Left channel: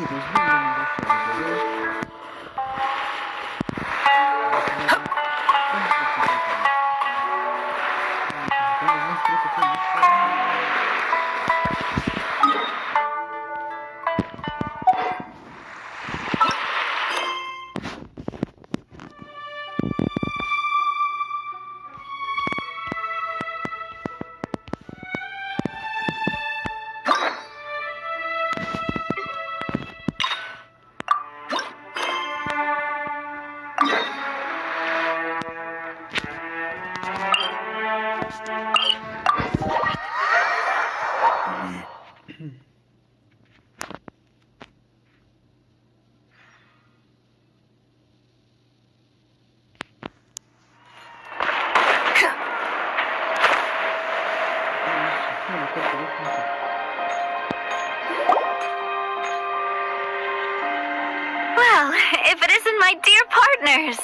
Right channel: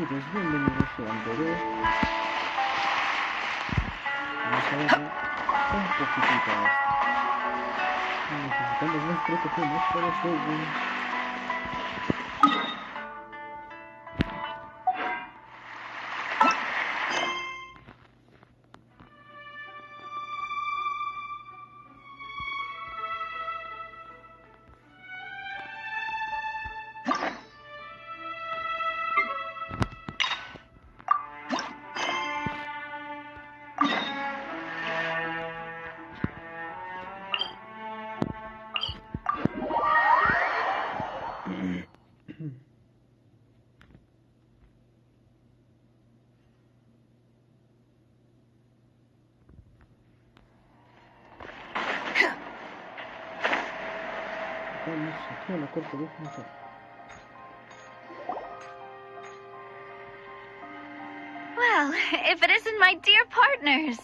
Bienvenidos a un video. Vamos a ver cuántos necesitamos. Necesitamos más protocolos para hacer. Well, if it isn't my dear partners.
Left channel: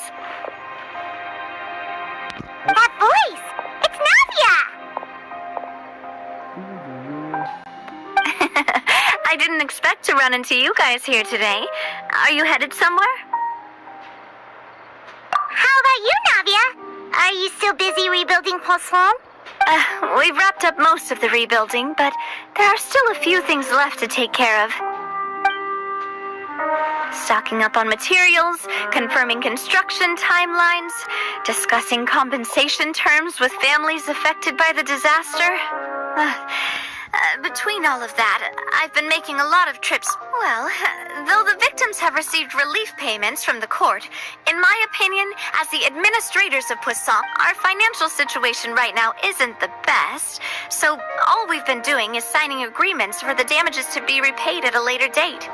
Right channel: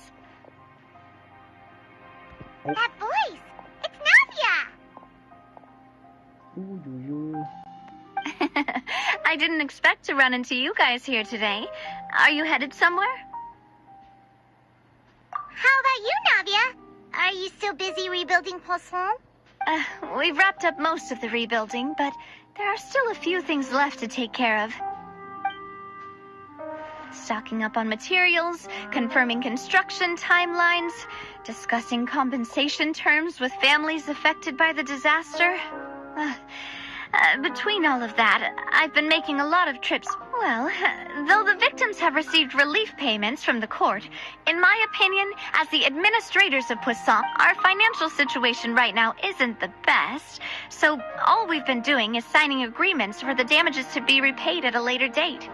That voice! It's Navia! I didn't expect to run into you guys here today. Are you headed somewhere? How about you, Navia? Are you still busy rebuilding Misión? We've wrapped up most of the rebuilding, but there are still a few things left to take care of. Stocking up on materials, confirming construction timelines, discussing compensation terms with families affected by the disaster. Between all of that, I've been making a lot of trips. Well, though the victims have received relief payments from the court, in my opinion, as the administrators of Misión, our financial situation right now isn't the best. So all we've been doing is signing agreements for the damages to be repaid at a later date.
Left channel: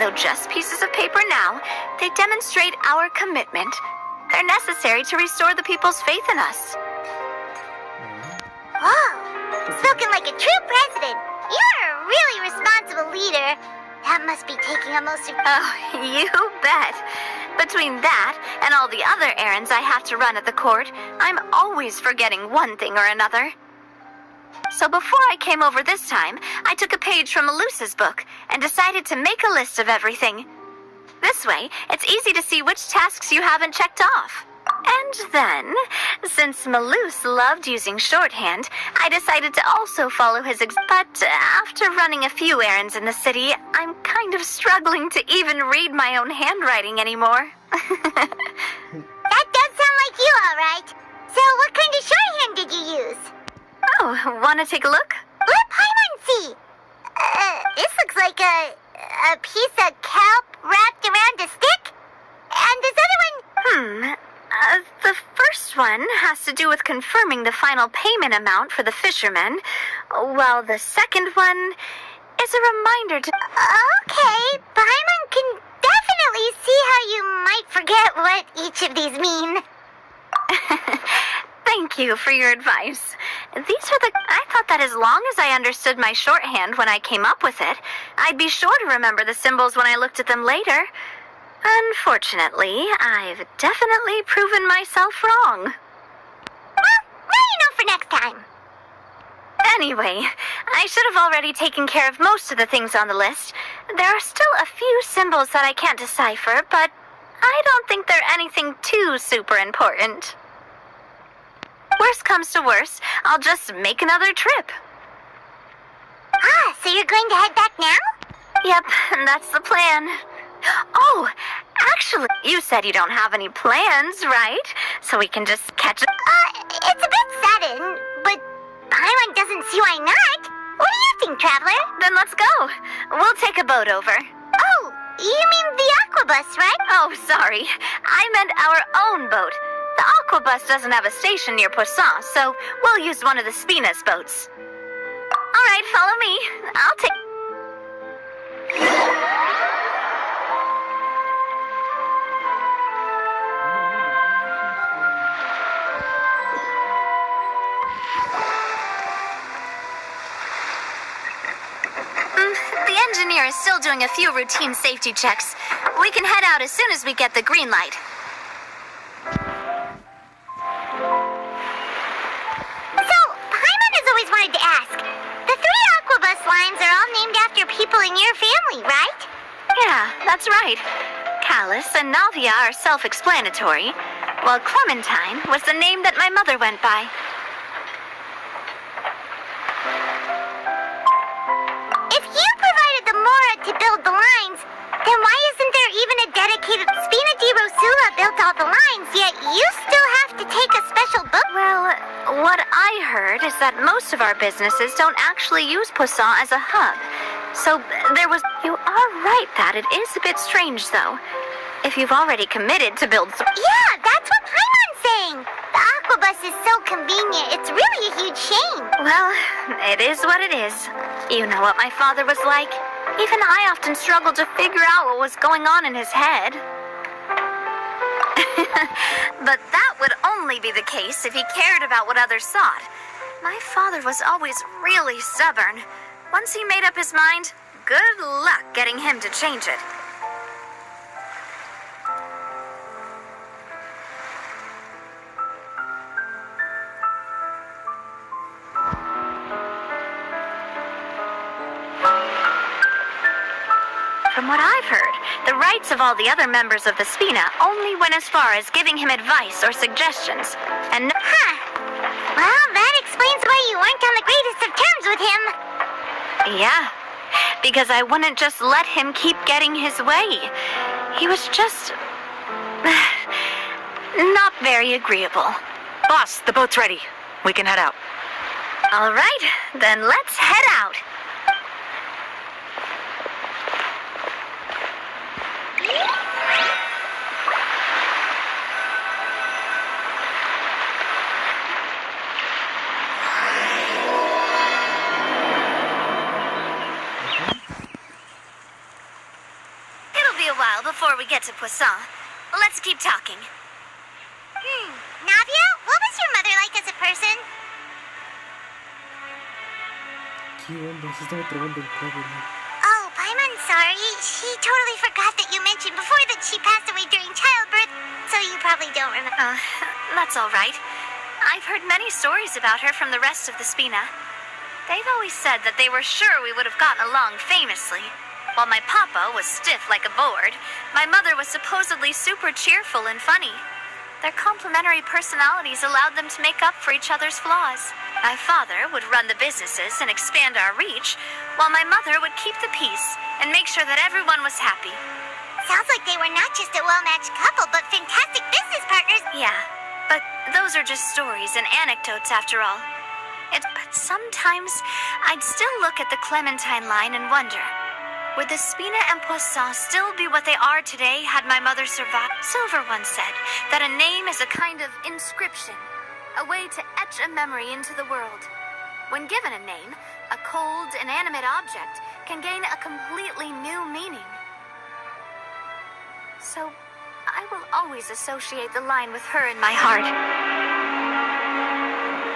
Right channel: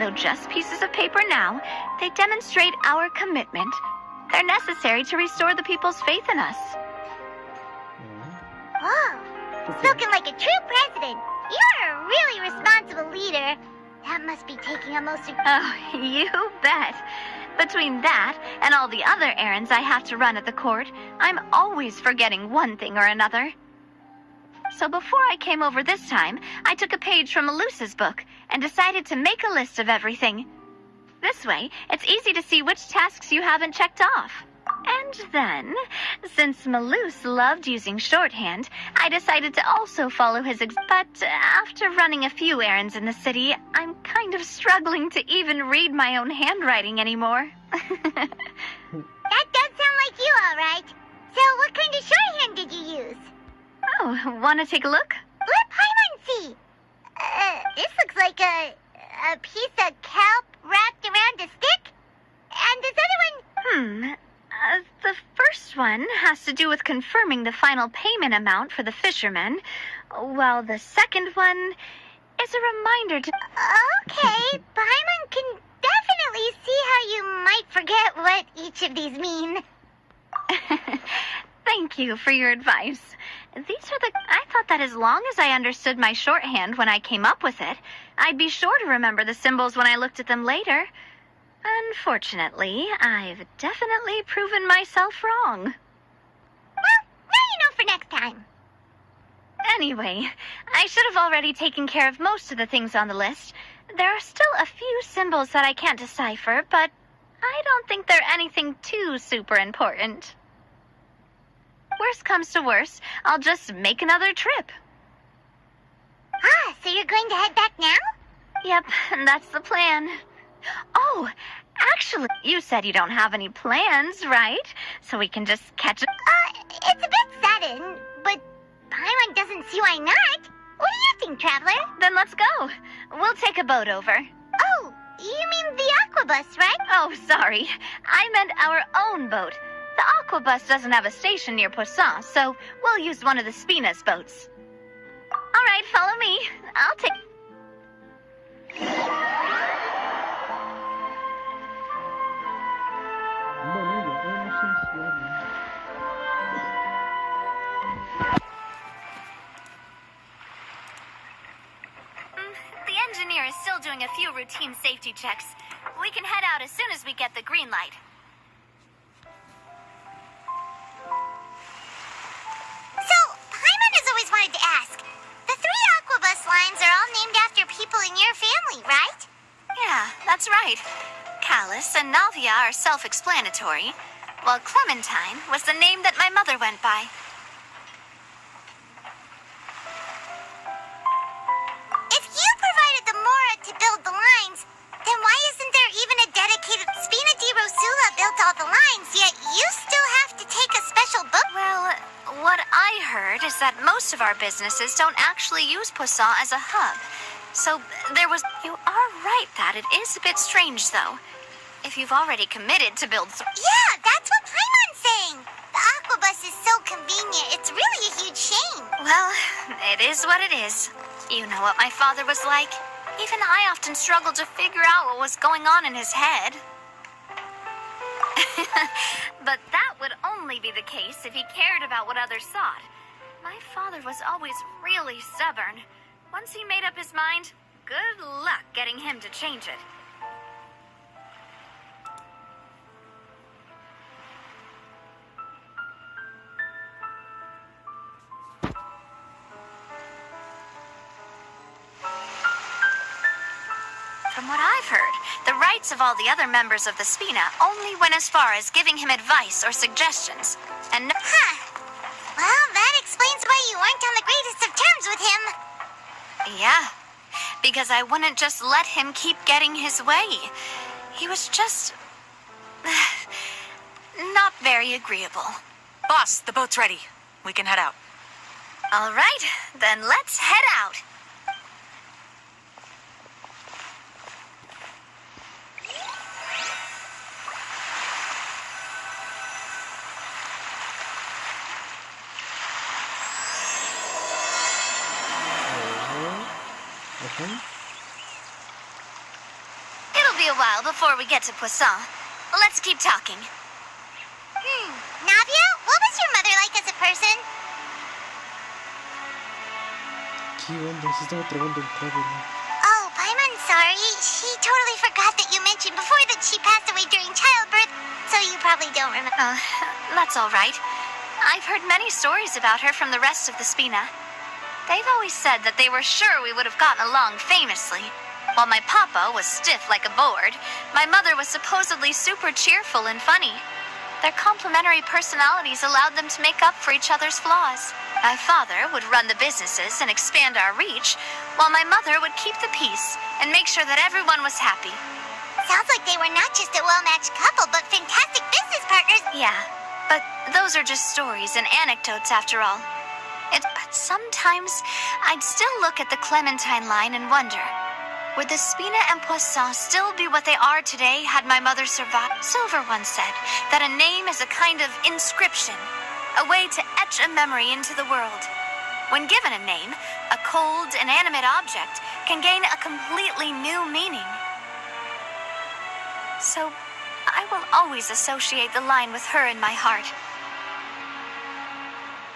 Though just pieces of paper now, they demonstrate our commitment. They're necessary to restore the people's faith in us. Whoa! Spoken like a true president. You're a really responsible leader. That must be taking a most Oh, you bet. Between that and all the other errands I have to run at the court, I'm always forgetting one thing or another. So before I came over this time, I took a page from Melusa's book and decided to make a list of everything. This way, it's easy to see which tasks you haven't checked off. And then, since Melus loved using shorthand, I decided to also follow his But after running a few errands in the city, I'm kind of struggling to even read my own handwriting anymore. That does sound like you, all right. So what kind of shorthand did you use? Oh, want to take a look? Let Paimon see. This looks like a piece of kelp wrapped around a stick. And this other one... The first one has to do with confirming the final payment amount for the fishermen, while the second one is a reminder to... Okay, Paimon can definitely see how you might forget what each of these mean. Thank you for your advice. I thought that as long as I understood my shorthand when I came up with it, I'd be sure to remember the symbols when I looked at them later. Unfortunately, I've definitely proven myself wrong. Well, now you know for next time. Anyway, I should have already taken care of most of the things on the list. There are still a few symbols that I can't decipher, but I don't think they're anything too super important. Worst comes to worst, I'll just make another trip. Ah, so you're going to head back now? Yep, that's the plan. Oh, actually, you said you don't have any plans, right? So we can just catch it. It's a bit sudden, but Paimon doesn't see why not. What do you think, Traveler? Then let's go. We'll take a boat over. Oh, you mean the aquabus, right? Oh, sorry. I meant our own boat. The aquabus doesn't have a station near Misión, so we'll use one of the Spina's boats. All right, follow me. I'll take... The engineer is still doing a few routine safety checks. We can head out as soon as we get the green light. So, Paimon has always wanted to ask. The 3 aquabus lines are all named after people in your family, right? Yeah, that's right. Callus and Navia are self-explanatory, while Clementine was the name that my mother went by. If you provided the Mora to build the lines, then why isn't there even a dedicated Spina di Rosula built all the lines, yet you still have to take a special book? Well, what I heard is that most of our businesses don't actually use Poisson as a hub. So there was... You are right that it is a bit strange, though. If you've already committed to build... Yeah, that's what Paimon's saying. The Aquabus is so convenient, it's really a huge shame. Well, it is what it is. You know what my father was like. Even I often struggled to figure out what was going on in his head. But that would only be the case if he cared about what others thought. My father was always really stubborn. Once he made up his mind, good luck getting him to change it. From what I've heard, the rights of all the other members of the Spina only went as far as giving him advice or suggestions. And Well, that explains why you weren't on the greatest of terms with him. yeah, because I wouldn't just let him keep getting his way. He was just... not very agreeable. Boss, the boat's ready. We can head out. All right, then let's head out. It'll be a while before we get to Poisson. Let's keep talking. Navia, what was your mother like as a person? ¿Qué onda? Se estaba trabando el cable, ¿no? Oh, Paimon, sorry. She totally forgot that you mentioned before that she passed away during childbirth, so you probably don't remember. That's all right. I've heard many stories about her from the rest of the Spina. They've always said that they were sure we would have gotten along famously. While my papa was stiff like a board, my mother was supposedly super cheerful and funny. Their complementary personalities allowed them to make up for each other's flaws. My father would run the businesses and expand our reach, while my mother would keep the peace and make sure that everyone was happy. Sounds like they were not just a well-matched couple, but fantastic business partners. Yeah, but those are just stories and anecdotes after all. But sometimes I'd still look at the Clementine line and wonder, would the Spina and Poisson still be what they are today had my mother survived? Silver once said that a name is a kind of inscription, a way to etch a memory into the world. When given a name, a cold, inanimate object can gain a completely new meaning. So, I will always associate the line with her in my heart.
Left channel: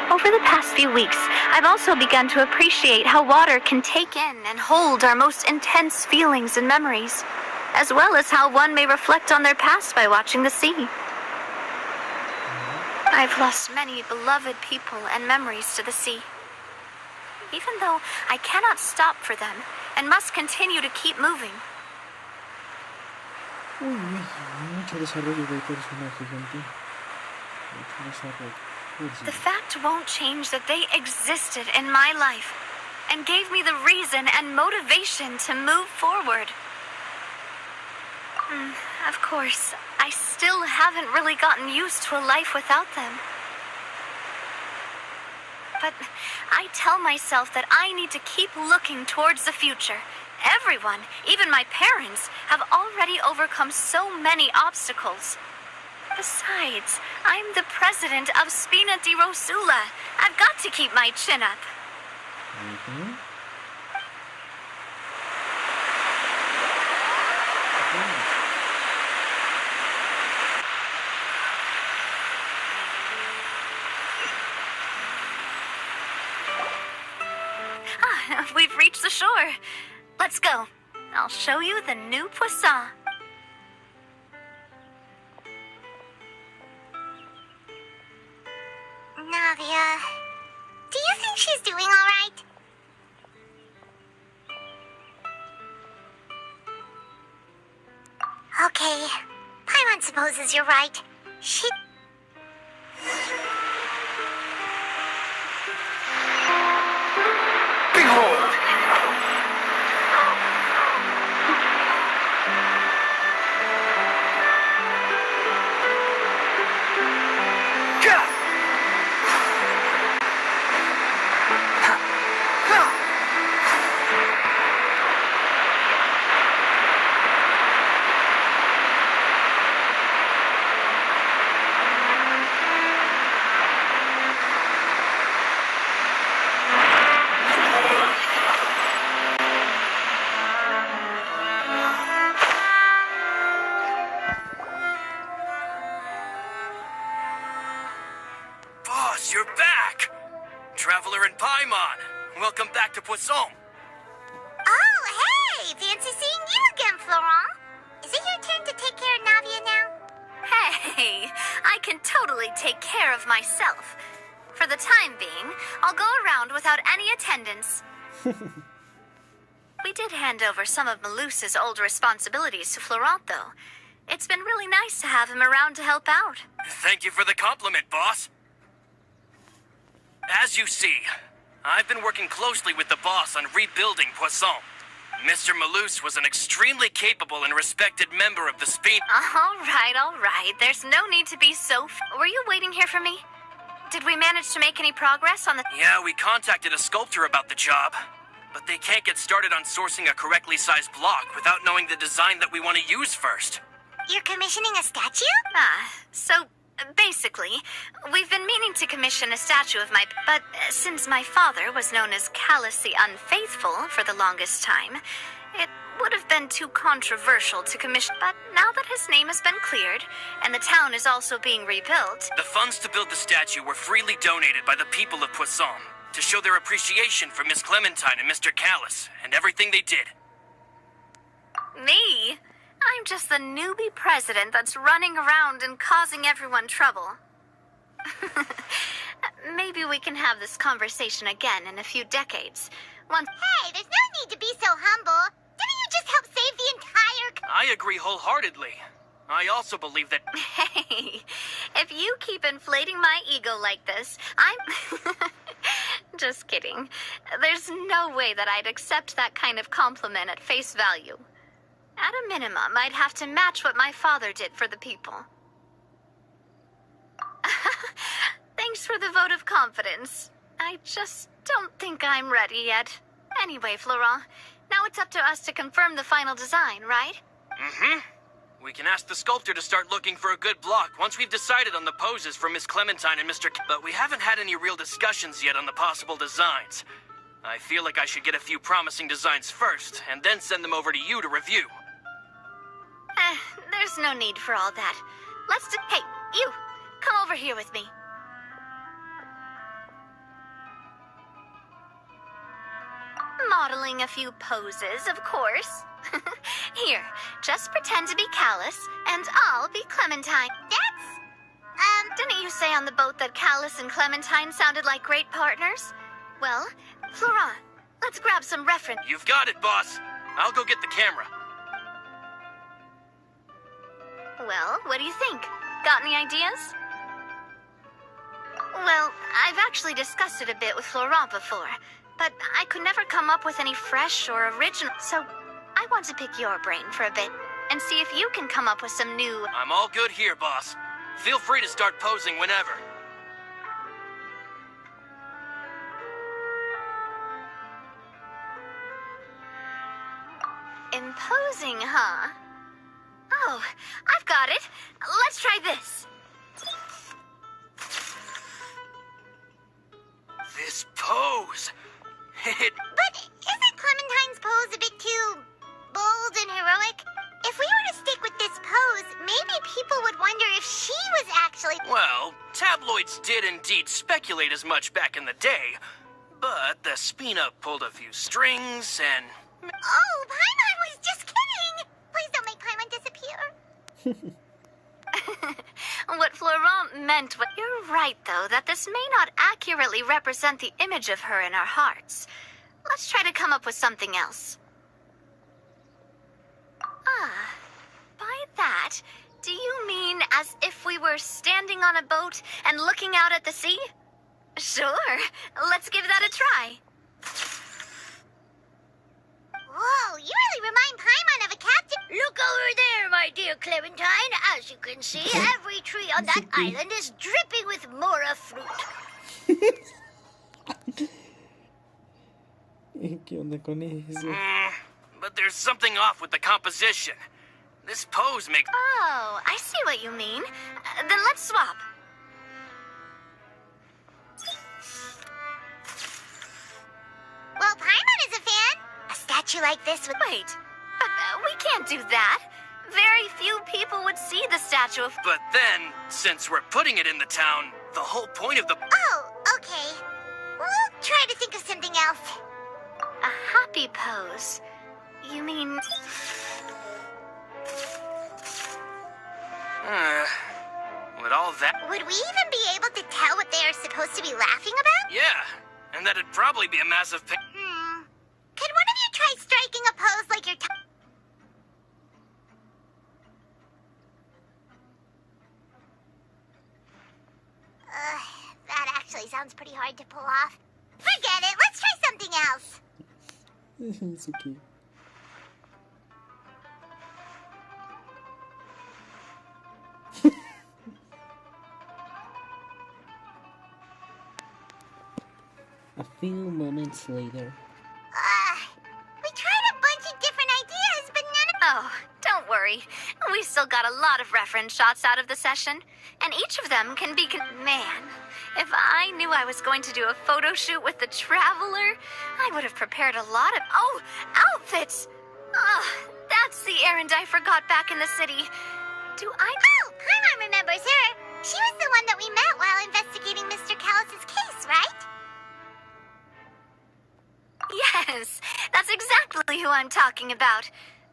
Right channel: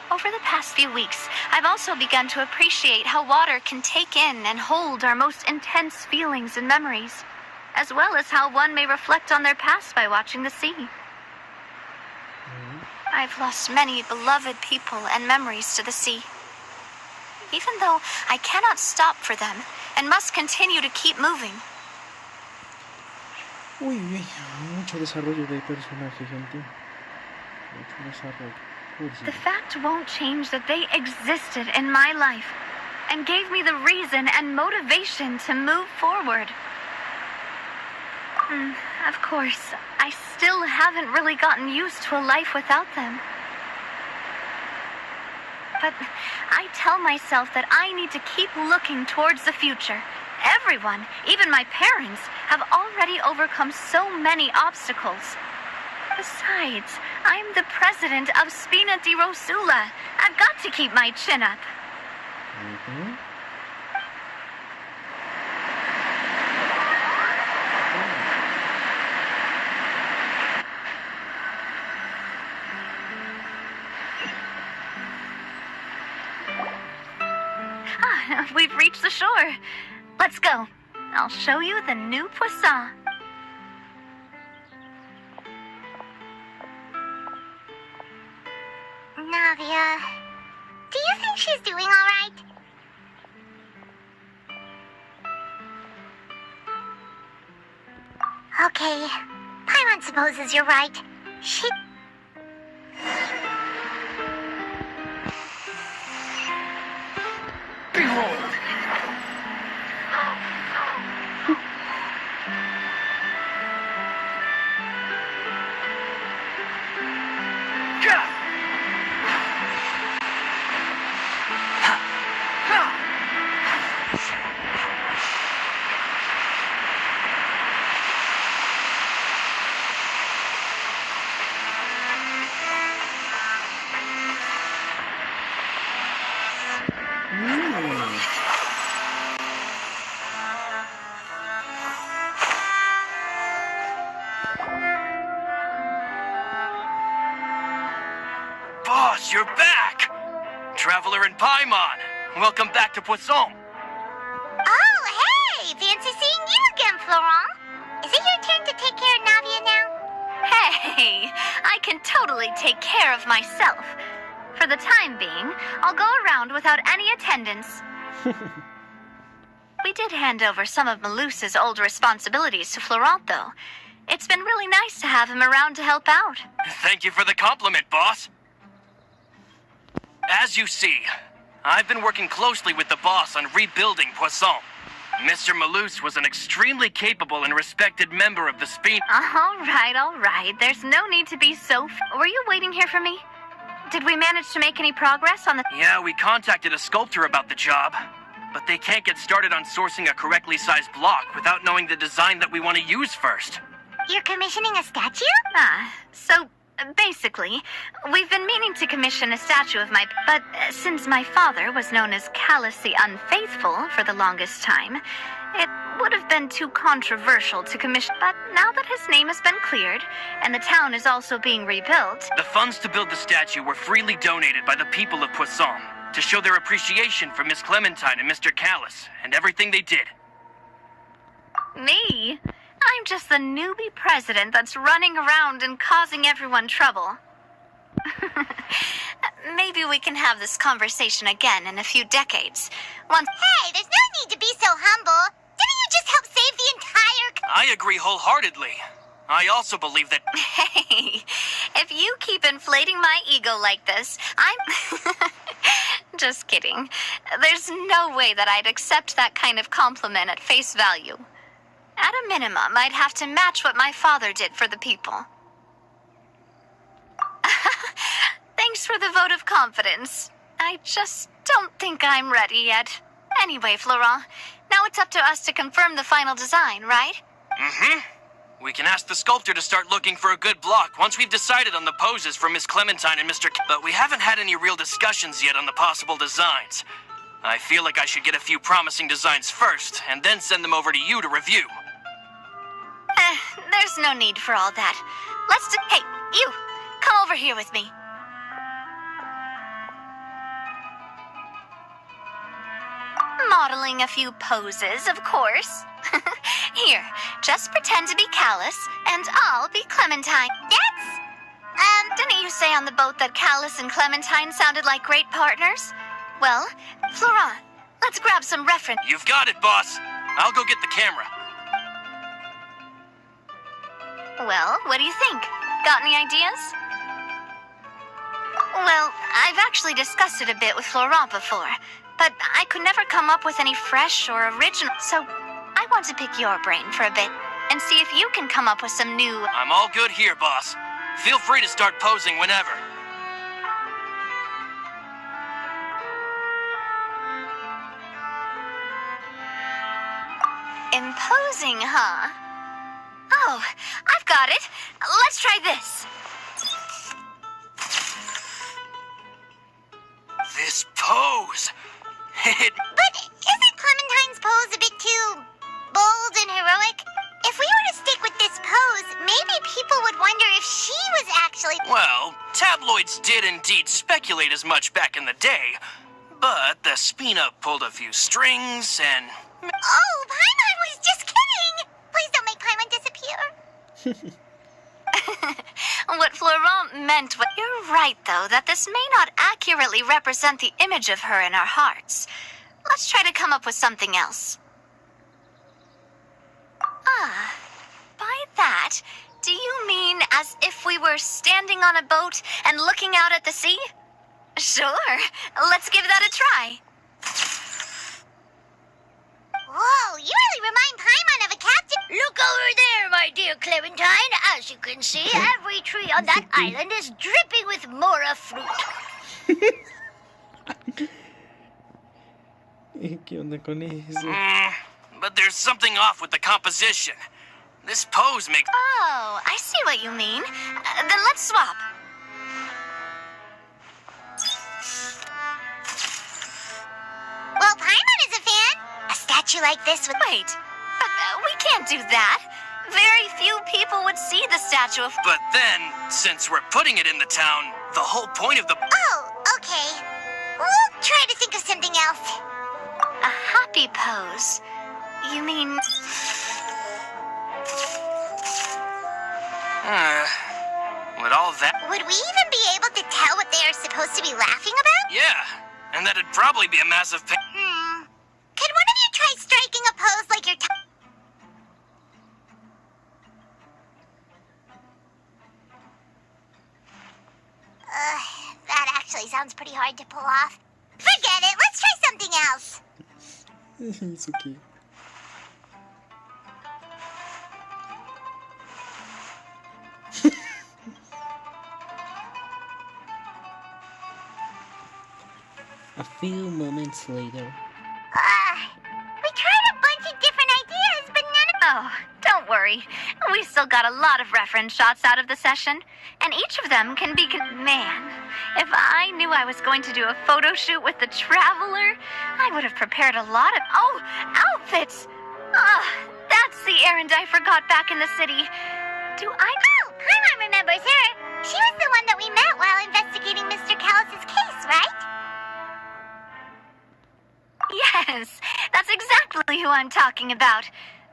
Over the past few weeks, I've also begun to appreciate how water can take in and hold our most intense feelings and memories, as well as how one may reflect on their past by watching the sea. I've lost many beloved people and memories to the sea. Even though I cannot stop for them and must continue to keep moving. Uy, mucho desarrollo de personaje, gente. Mucho desarrollo. The fact won't change that they existed in my life and gave me the reason and motivation to move forward. Of course, I still haven't really gotten used to a life without them. But I tell myself that I need to keep looking towards the future. Everyone, even my parents, have already overcome so many obstacles. Besides, I'm the president of Spina di Rosula. I've got to keep my chin up. We've reached the shore. Let's go. I'll show you the new Poisson. Navia, do you think she's doing all right? Okay. Paimon supposes you're right. She... Behold! Boss, you're back! Traveler and Paimon, welcome back to Poisson. Oh, hey! Fancy seeing you again, Florent. Is it your turn to take care of Navia now? Hey, I can totally take care of myself. For the time being, I'll go around without any attendance. We did hand over some of Malus's old responsibilities to Florent, though. It's been really nice to have him around to help out. Thank you for the compliment, boss. As you see, I've been working closely with the boss on rebuilding Poisson. Mr. Malus was an extremely capable and respected member of the Speen. All right. There's no need to be so... Were you waiting here for me? Did we manage to make any progress on the... Yeah, we contacted a sculptor about the job, but they can't get started on sourcing a correctly sized block without knowing the design that we want to use first. You're commissioning a statue? So basically, we've been meaning to commission a statue of but since my father was known as Callus the Unfaithful for the longest time, it would have been too controversial to commission. But now that his name has been cleared, and the town is also being rebuilt... The funds to build the statue were freely donated by the people of Poisson to show their appreciation for Miss Clementine and Mr. Callus and everything they did. Me? I'm just the newbie president that's running around and causing everyone trouble. Maybe we can have this conversation again in a few decades. Once... Hey, there's no need to be so humble. Didn't you just help save the entire... I agree wholeheartedly. I also believe that... Hey, if you keep inflating my ego like this, I'm... Just kidding. There's no way that I'd accept that kind of compliment at face value. At a minimum, I'd have to match what my father did for the people. Thanks for the vote of confidence. I just don't think I'm ready yet. Anyway, Florent, now it's up to us to confirm the final design, right? Mm-hmm. We can ask the sculptor to start looking for a good block once we've decided on the poses for Miss Clementine and Mr. But we haven't had any real discussions yet on the possible designs. I feel like I should get a few promising designs first, and then send them over to you to review. There's no need for all that. Hey, you! Come over here with me. Modeling a few poses, of course. Here, just pretend to be Callus, and I'll be Clementine. Didn't you say on the boat that Callus and Clementine sounded like great partners? Well, Florent, let's grab some reference. You've got it, boss. I'll go get the camera. Well, what do you think? Got any ideas? Well, I've actually discussed it a bit with Florent before, but I could never come up with any fresh or original, so I want to pick your brain for a bit and see if you can come up with some new... I'm all good here, boss. Feel free to start posing whenever. Imposing, huh? Oh, I've got it. Let's try this. This pose. But isn't Clementine's pose a bit too bold and heroic? If we were to stick with this pose, maybe people would wonder if she was actually... Well, tabloids did indeed speculate as much back in the day, but the Spina pulled a few strings and... Oh, Paimon was just kidding! Please don't make Paimon disappear. What Florent meant was... You're right, though, that this may not accurately represent the image of her in our hearts. Let's try to come up with something else. By that, do you mean as if we were standing on a boat and looking out at the sea? Sure, let's give that a try. Whoa, you really remind Paimon of a captain. Look over there, my dear Clementine. As you can see, every tree on that island is dripping with mora fruit. ¿Qué onda con eso? But there's something off with the composition. This pose makes... Oh, I see what you mean. Then let's swap. Well, Paimon is a fan. A statue like this would... Wait, but we can't do that. Very few people would see the statue of... But then, since we're putting it in the town, the whole point of the... Oh, okay. We'll try to think of something else. A happy pose. You mean... With all that... Would we even be able to tell what they are supposed to be laughing about? Yeah, and that'd probably be a massive pain. Could one of you try striking a pose like you're... that actually sounds pretty hard to pull off. Forget it, let's try something else. It's okay. A few moments later. We tried a bunch of different ideas, but none of... Oh, don't worry. We still got a lot of reference shots out of the session, and each of them can be... Man, if I knew I was going to do a photo shoot with the Traveler, I would have prepared a lot of... Oh, outfits! That's the errand I forgot back in the city. Do I... Oh, Paimon remembers her. She was the one that we met while investigating Mr. Callus's case, right? Yes, that's exactly who I'm talking about.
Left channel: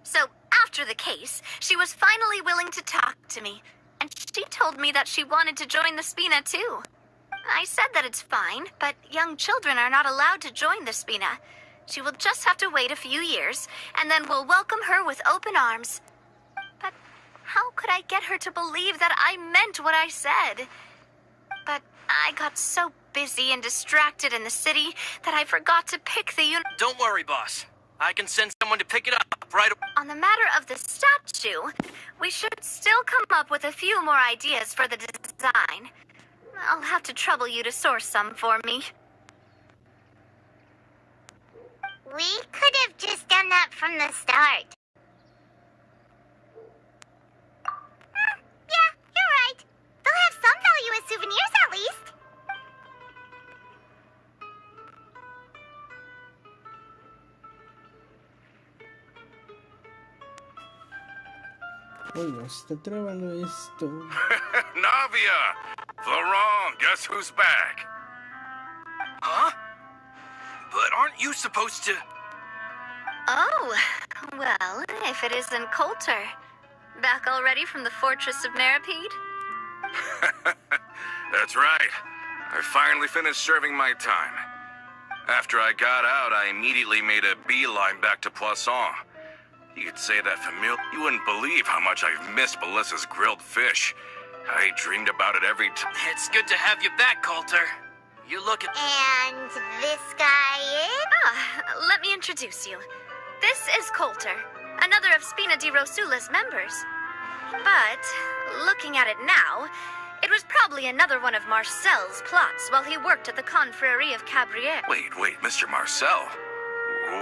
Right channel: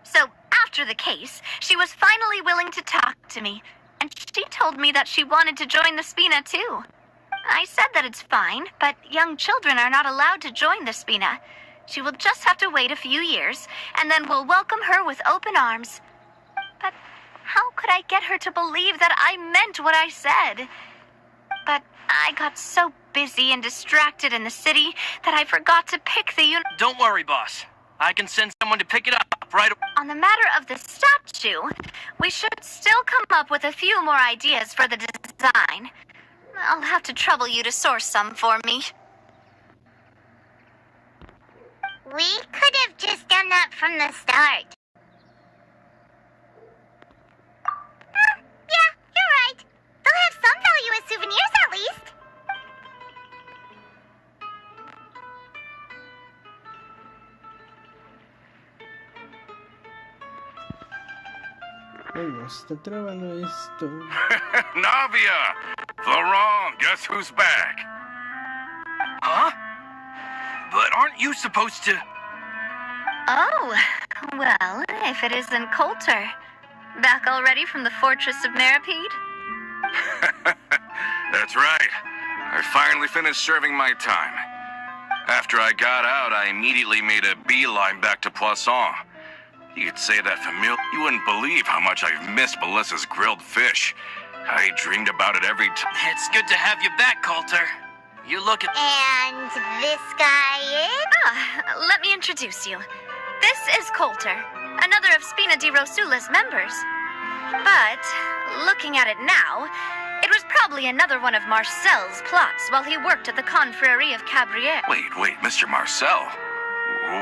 So, after the case, she was finally willing to talk to me, and she told me that she wanted to join the Spina too. I said that it's fine, but young children are not allowed to join the Spina. She will just have to wait a few years, and then we'll welcome her with open arms. But how could I get her to believe that I meant what I said? But I got so busy and distracted in the city that I forgot to pick the Don't worry, boss. I can send someone to pick it up right away. On the matter of the statue, we should still come up with a few more ideas for the design. I'll have to trouble you to source some for me. We could have just done that from the start. Yeah, you're right. They'll have some value as souvenirs at least. Oiga, se está trabando esto. Navia! Laurent, guess who's back? Huh? But aren't you supposed to... Oh, well, if it isn't Coulter. Back already from the Fortress of Meripede? That's right. I finally finished serving my time. After I got out, I immediately made a beeline back to Poisson. You'd say that familiar. You wouldn't believe how much I've missed Melissa's grilled fish. I dreamed about it every time. It's good to have you back, Coulter. You look at... And this guy is... Let me introduce you. This is Coulter, another of Spina di Rosula's members. But, looking at it now, it was probably another one of Marcel's plots while he worked at the Confrérie of Cabrières. Wait, Mr. Marcel.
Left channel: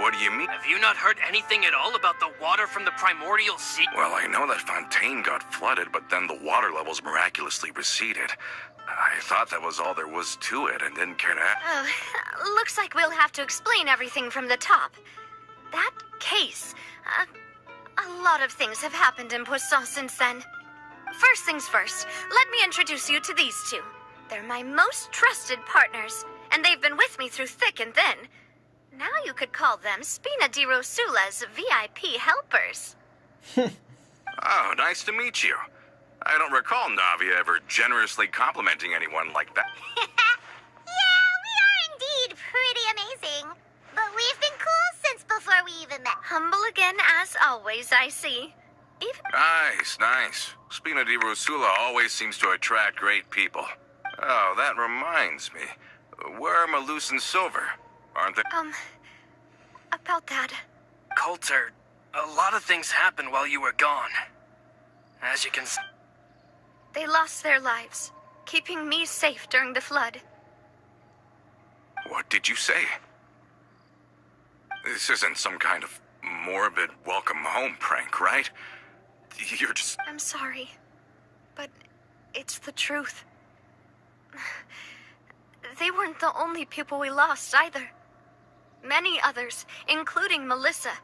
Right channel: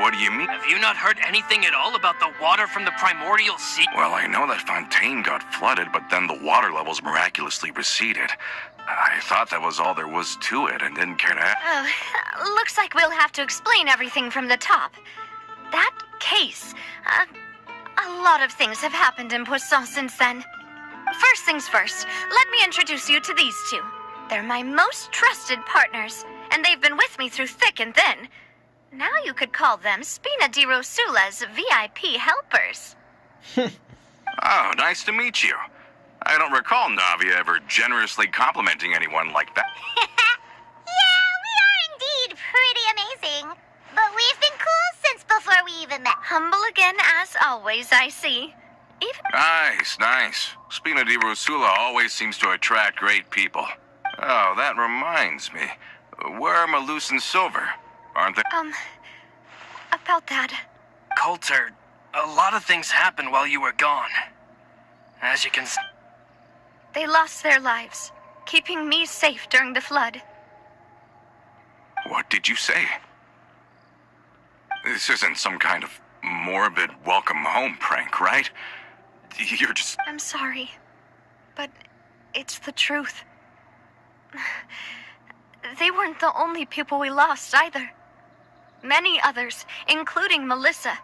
What do you mean? Have you not heard anything at all about the water from the primordial sea? Well, I know that Fontaine got flooded, but then the water levels miraculously receded. I thought that was all there was to it and didn't care to... Oh, looks like we'll have to explain everything from the top. That case, a lot of things have happened in Poisson since then. First things first, let me introduce you to these two. They're my most trusted partners, and they've been with me through thick and thin. Now you could call them Spina di Rosula's VIP helpers. Oh, nice to meet you. I don't recall Navia ever generously complimenting anyone like that. Yeah, we are indeed pretty amazing. But we've been cool since before we even met. Humble again as always, I see. Even... Nice, nice. Spina di Rosula always seems to attract great people. Oh, that reminds me. Where are Malus and Silver? Aren't they? About that. Coulter, a lot of things happened while you were gone. As you can see. They lost their lives, keeping me safe during the flood. What did you say? This isn't some kind of morbid welcome home prank, right? You're just... I'm sorry, but it's the truth. They weren't the only people we lost either. Many others, including Melissa,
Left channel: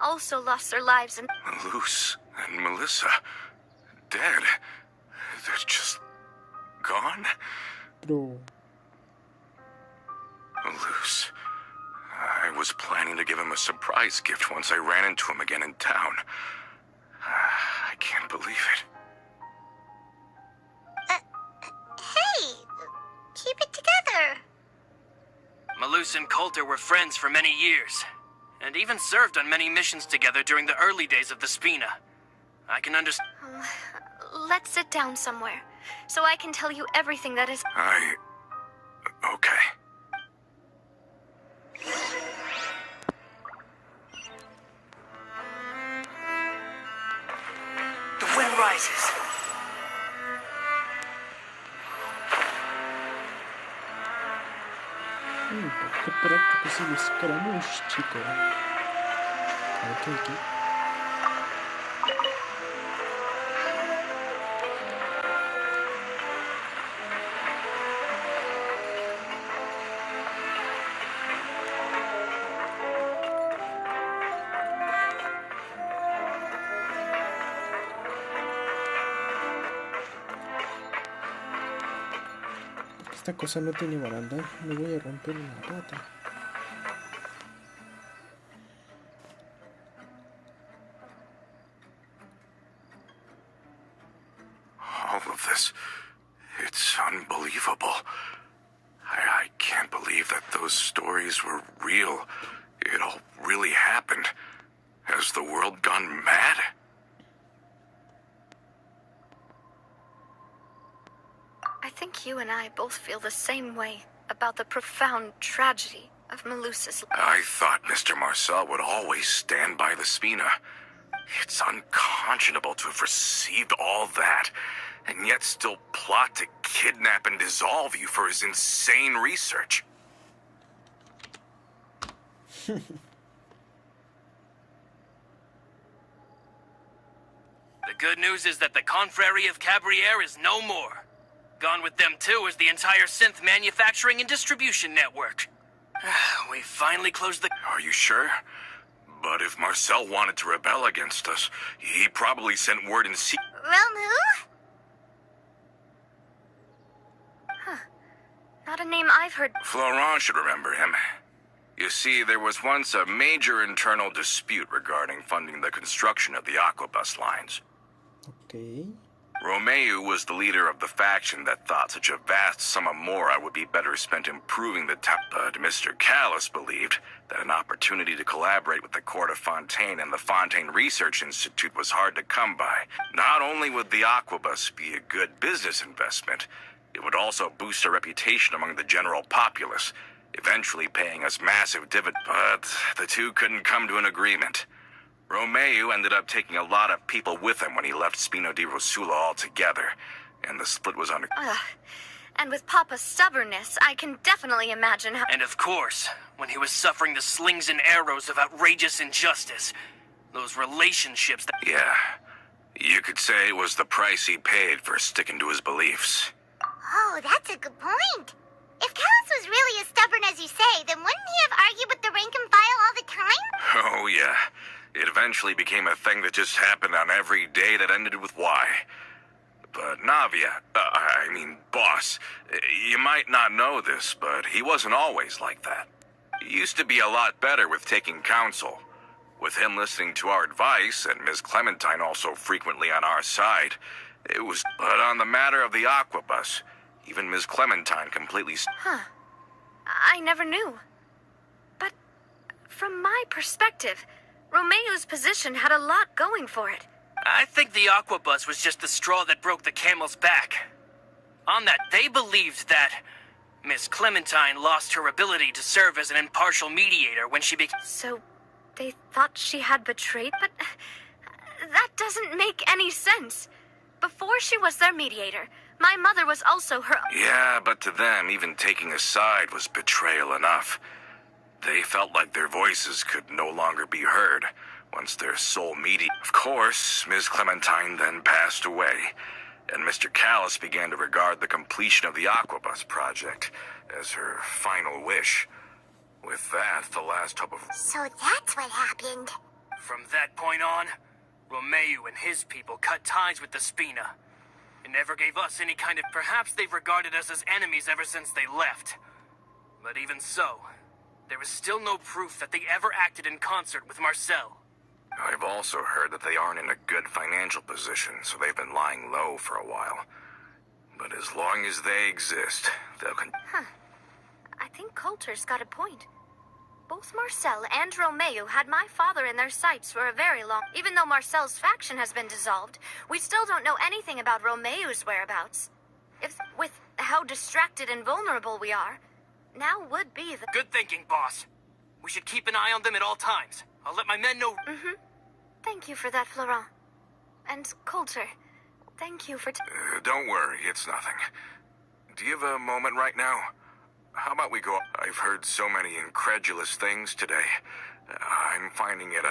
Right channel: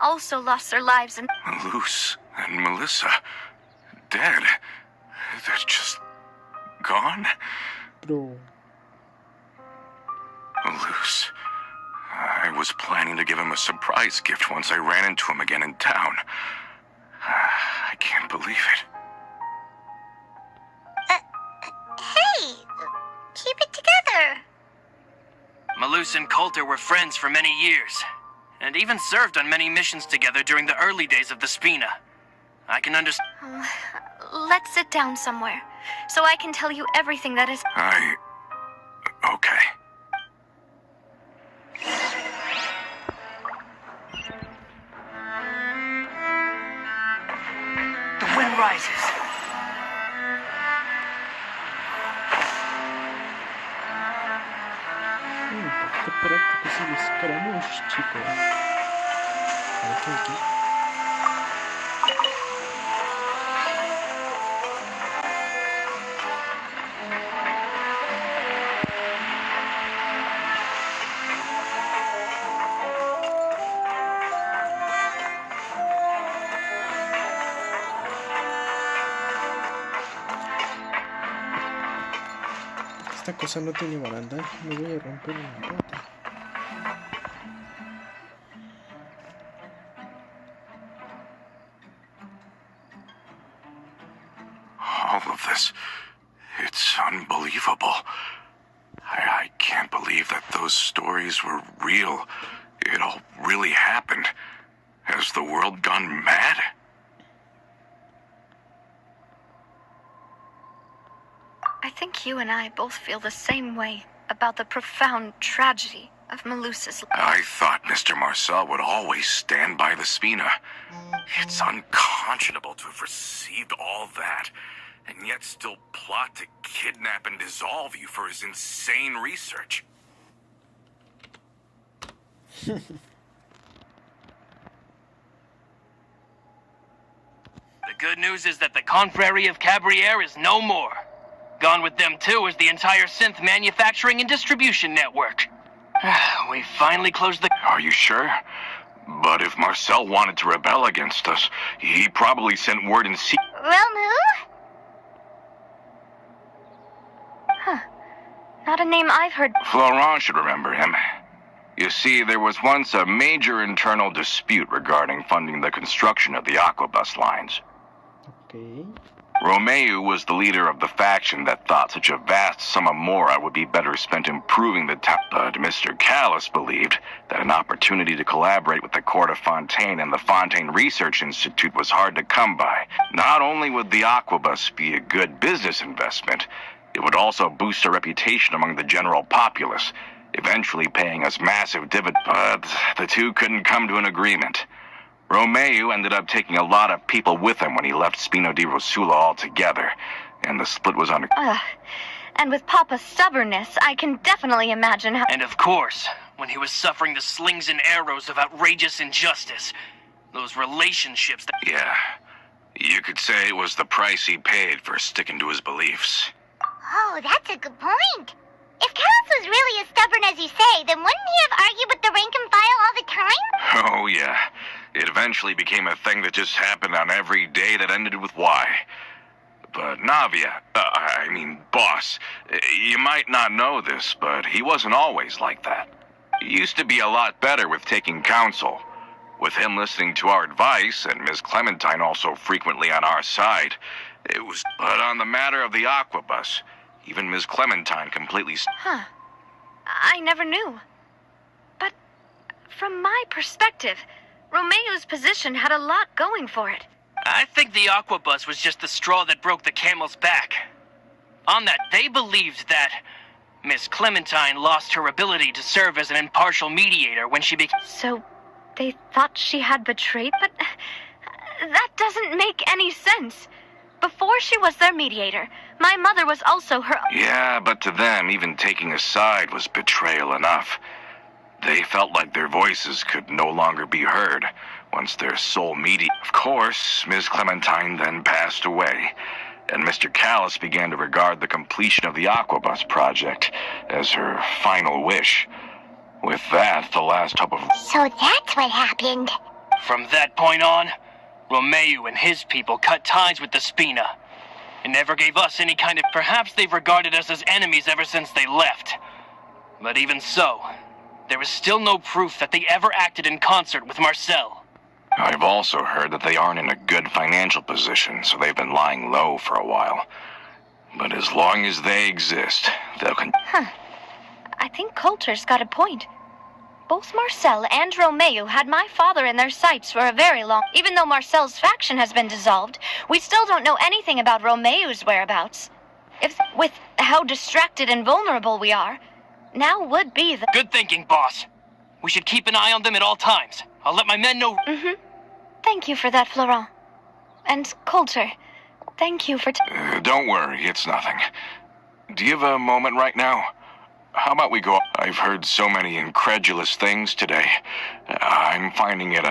also lost their lives in... Malus and Melissa, dead. They're just gone? Bro. Malus. I was planning to give him a surprise gift once I ran into him again in town. I can't believe it. Hey, keep it together. Malus and Coulter were friends for many years, and even served on many missions together during the early days of the Spina. I can understand. Let's sit down somewhere, so I can tell you everything that is... Okay. The wind rises. Qué práctico es el escaramouche, chico. A ver, ¿qué hay aquí? Esta cosa no tiene baranda, me voy a romper una pata. All of this, it's unbelievable. I can't believe that those stories were real. It all really happened. Has the world gone mad? I think you and I both feel the same way about the profound tragedy of Melusa's life. I thought Mr. Marcel would always stand by the Spina. It's unconscionable to have received all that, and yet still plot to kidnap and dissolve you for his insane research. The good news is that the Confrérie of Cabriere is no more. Gone with them, too, is the entire synth manufacturing and distribution network. We finally closed the... Are you sure? But if Marcel wanted to rebel against us, he probably sent word in secret. Romu? Not a name I've heard. Florent should remember him. You see, there was once a major internal dispute regarding funding the construction of the Aquabus lines. Okay. Romeu was the leader of the faction that thought such a vast sum of mora would be better spent improving the town. But Mr. Callis believed that an opportunity to collaborate with the Court of Fontaine and the Fontaine Research Institute was hard to come by. Not only would the Aquabus be a good business investment, it would also boost our reputation among the general populace, eventually paying us massive dividends. But the two couldn't come to an agreement. Romeu ended up taking a lot of people with him when he left Spina di Rosula altogether, and the split was under... And with Papa's stubbornness, I can definitely imagine how... And of course, when he was suffering the slings and arrows of outrageous injustice, those relationships that... Yeah, you could say it was the price he paid for sticking to his beliefs. Oh, that's a good point. If Callis was really as stubborn as you say, then wouldn't he have argued with the rank and file all the time? Oh, yeah. It eventually became a thing that just happened on every day that ended with Y. But Navia, boss, you might not know this, but he wasn't always like that. He used to be a lot better with taking counsel. With him listening to our advice, and Ms. Clementine also frequently on our side, it was... But on the matter of the Aquabus, even Ms. Clementine completely... I never knew. But from my perspective, Romeu's position had a lot going for it. I think the Aquabus was just the straw that broke the camel's back. On that, they believed that Miss Clementine lost her ability to serve as an impartial mediator when she became... So, they thought she had betrayed, but that doesn't make any sense. Before she was their mediator, my mother was also her... Yeah, but to them, even taking a side was betrayal enough. They felt like their voices could no longer be heard once their sole mediator... Of course, Ms. Clementine then passed away, and Mr. Callis began to regard the completion of the Aquabus project as her final wish. With that, the last hope of... So that's what happened. From that point on, Romeo and his people cut ties with the Spina. It never gave us any kind of... Perhaps they've regarded us as enemies ever since they left. But even so, there is still no proof that they ever acted in concert with Marcel. I've also heard that they aren't in a good financial position, so they've been lying low for a while. But as long as they exist, they'll I think Coulter's got a point. Both Marcel and Romeo had my father in their sights for a very long... Even though Marcel's faction has been dissolved, we still don't know anything about Romeo's whereabouts. With how distracted and vulnerable we are, now would be the... Good thinking, boss. We should keep an eye on them at all times. I'll let my men know... Thank you for that, Florent. And Coulter, thank you for... Don't worry, it's nothing. Do you have a moment right now? How about we go... I've heard so many incredulous things today. I'm finding it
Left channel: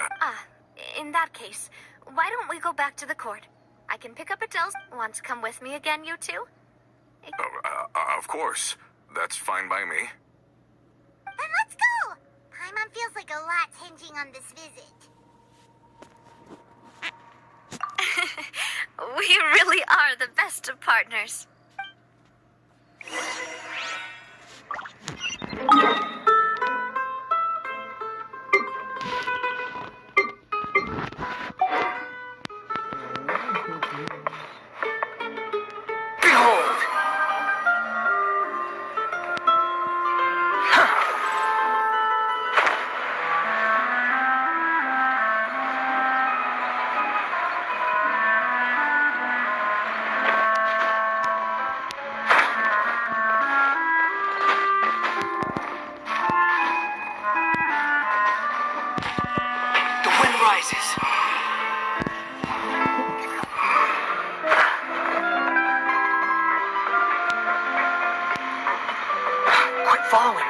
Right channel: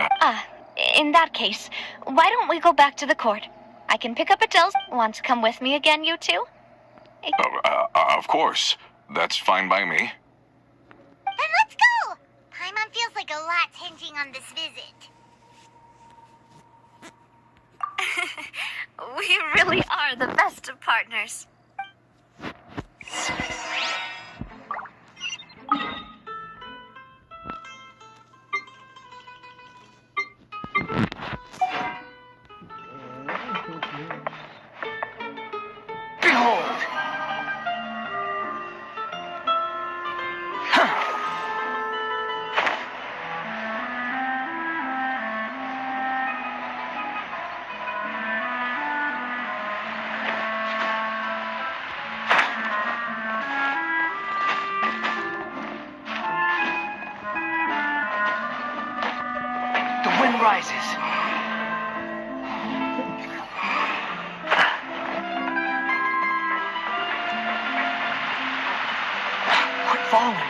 in that case, why don't we go back to the court? I can pick up Adele's... Want to come with me again, you two? Of course. That's fine by me. Then let's go! Paimon feels like a lot's hinging on this visit. We really are the best of partners. Behold! The wind rises. Quit following me.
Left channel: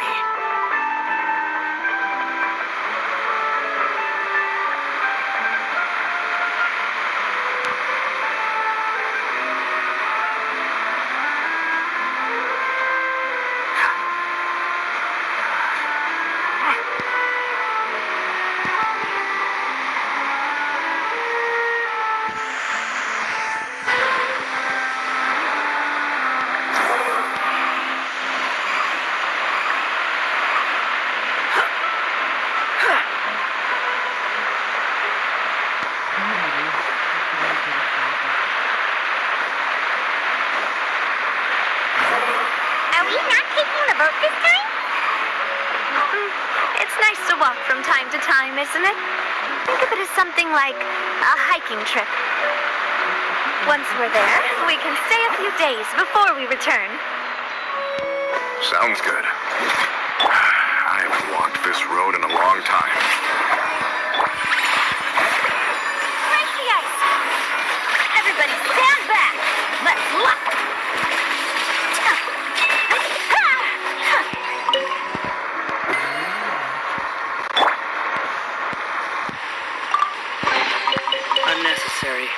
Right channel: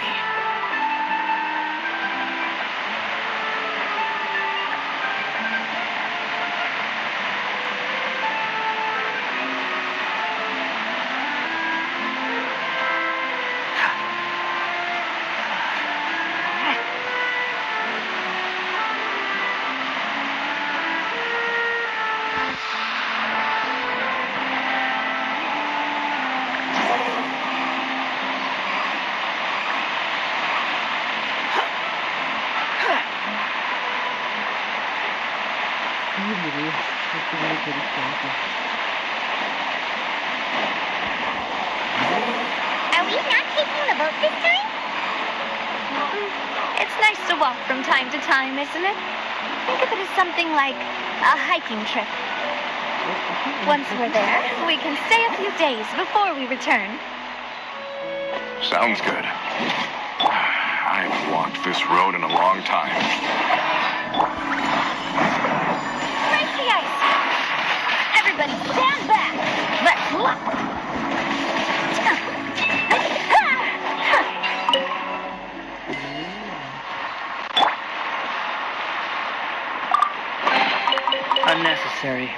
Are we not taking the boat this time? It's nice to walk from time to time, isn't it? Think of it as something like a hiking trip. Once we're there, we can stay a few days before we return. Sounds good. I haven't walked this road in a long time. Break the ice! Everybody stand back! Let's look! Unnecessary.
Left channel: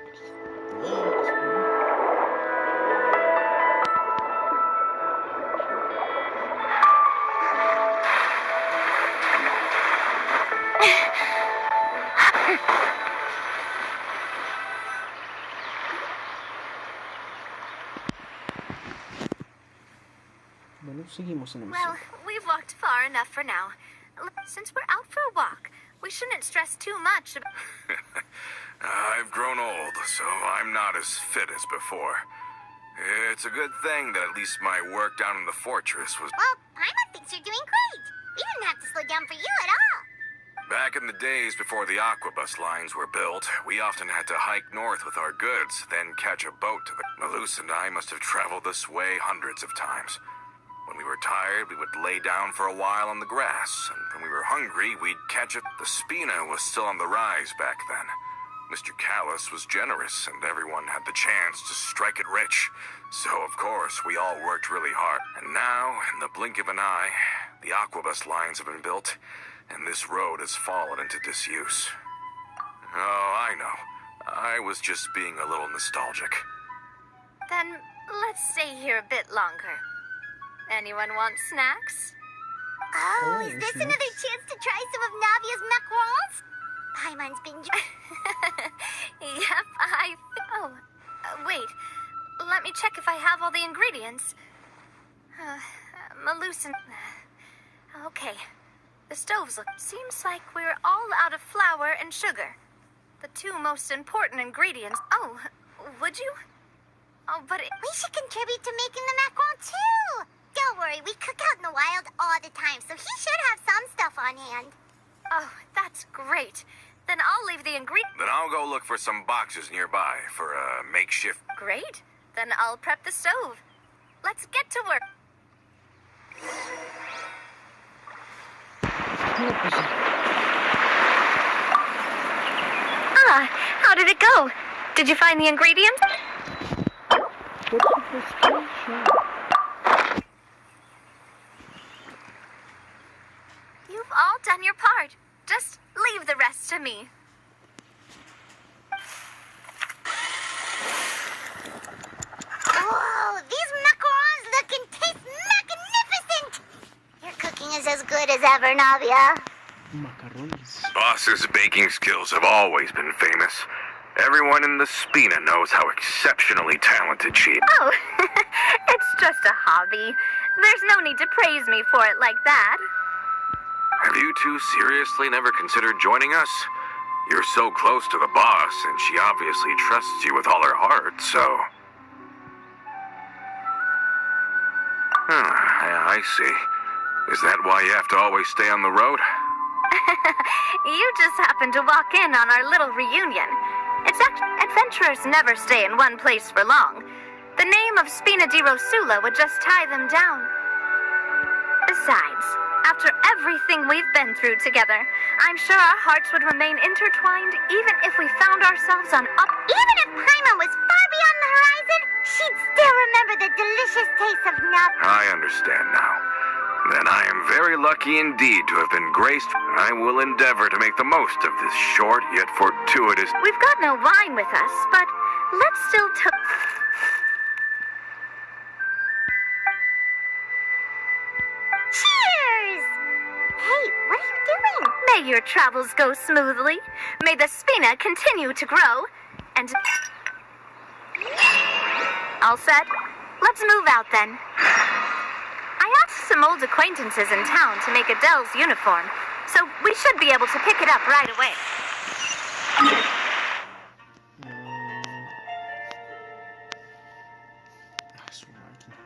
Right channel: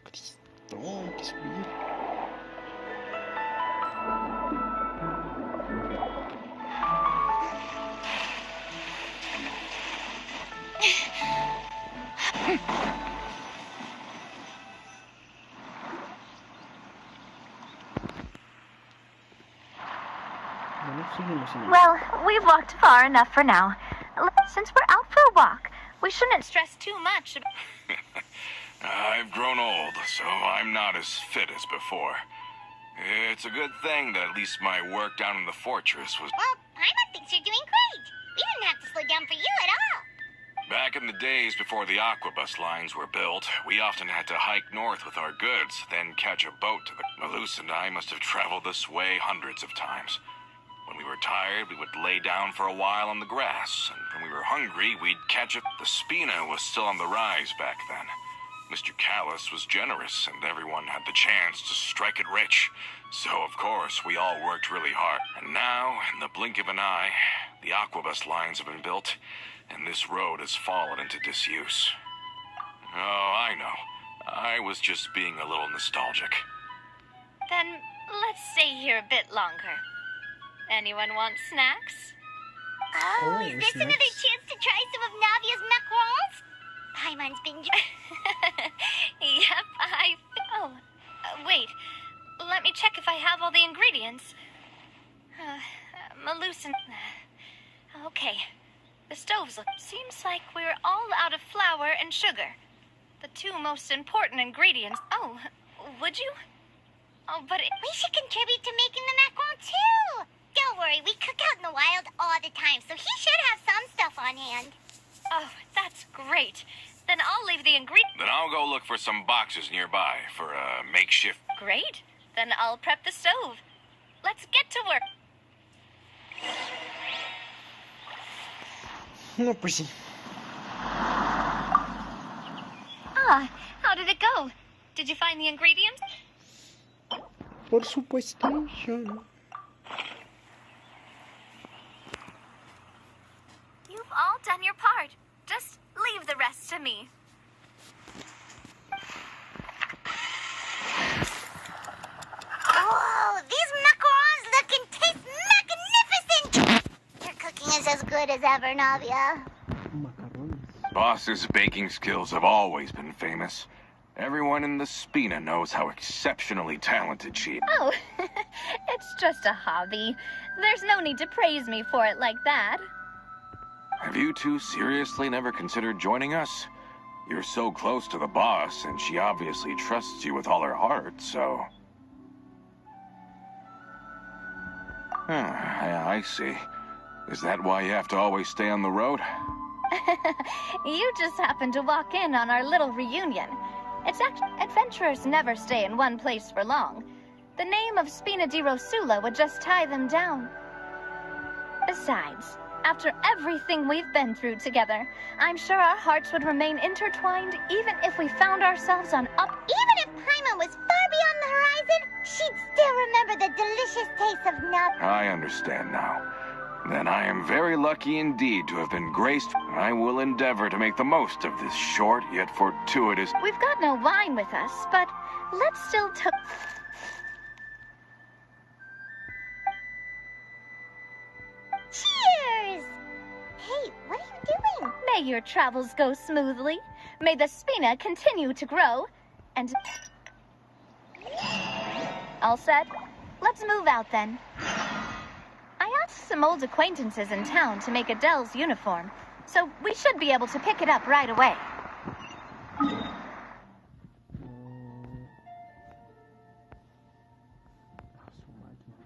Oh, qué seguridad. Bueno, seguimos en el... Well, we've walked far enough for now. Since we're out for a walk, we shouldn't stress too much. I've grown old, so I'm not as fit as before. It's a good thing that at least my work down in the fortress was... Well, Paimon thinks you're doing great. We didn't have to slow down for you at all. Back in the days before the aquabus lines were built, we often had to hike north with our goods, then catch a boat to the... Malus and I must have traveled this way hundreds of times. When we were tired, we would lay down for a while on the grass, and when we were hungry, we'd catch it. The Spina was still on the rise back then. Mr. Callus was generous, and everyone had the chance to strike it rich. So, of course, we all worked really hard. And now, in the blink of an eye, the aquabus lines have been built, and this road has fallen into disuse. Oh, I know. I was just being a little nostalgic. Then let's stay here a bit longer. Anyone want snacks? Oh, Oh, is this snacks. another chance to try some of Navia's macarons? Paimon's been... Yep, wait. Let me check if I have all the ingredients. Malucin... Okay. The stoves look... Seems like we're all out of flour and sugar. The two most important ingredients. Oh, would you? Oh, but We should contribute to making the macaron, too. Don't worry, we cook out in the wild all the time, so he should have some stuff on hand. Oh, that's great. Then I'll leave the ingredients. Then I'll go look for some boxes nearby for a makeshift... Great. Then I'll prep the stove. Let's get to work. No, pues sí. How did it go? Did you find the ingredients? Por supuesto. You've all done your part. Just leave the rest to me. Whoa, these macarons look and taste magnificent! Your cooking is as good as ever, Navia. Macarrones. Boss's baking skills have always been famous. Everyone in the Spina knows how exceptionally talented she is. Oh, it's just a hobby. There's no need to praise me for it like that. Have you two seriously never considered joining us? You're so close to the boss, and she obviously trusts you with all her heart, so... I see. Is that why you have to always stay on the road? You just happened to walk in on our little reunion. Adventurers never stay in one place for long. The name of Spina di Rosula would just tie them down. Besides, after everything we've been through together, I'm sure our hearts would remain intertwined even if we found ourselves on up... Even if Paimon was far beyond the horizon, she'd still remember the delicious taste of Navia. I understand now. Then I am very lucky indeed to have been graced. I will endeavor to make the most of this short yet fortuitous... We've got no wine with us, but let's still Cheers! Hey, what are you doing? May your travels go smoothly. May the Spina continue to grow. And... All set? Let's move out then. I asked some old acquaintances in town to make Adele's uniform, so we should be able to pick it up right away. Su máquina.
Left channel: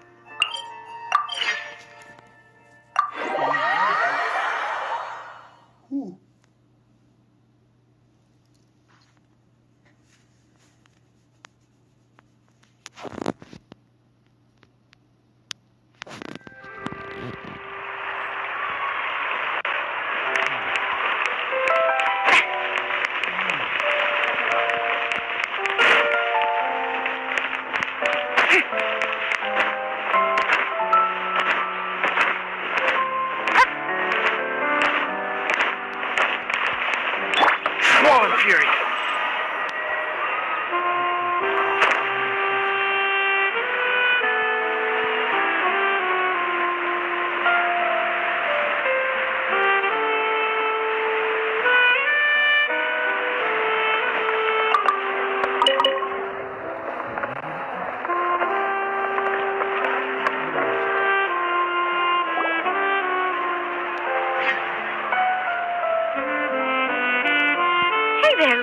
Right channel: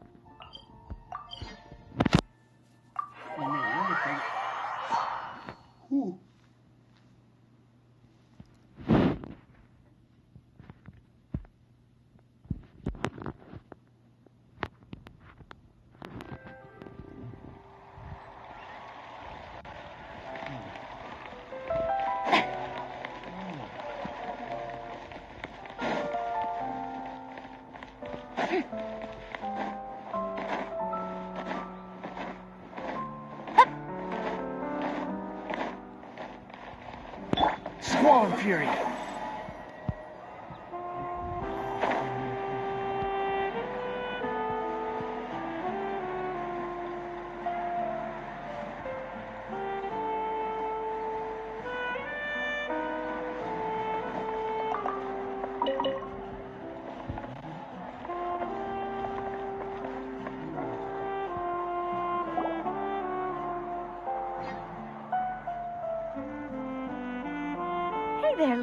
Swollen Fury.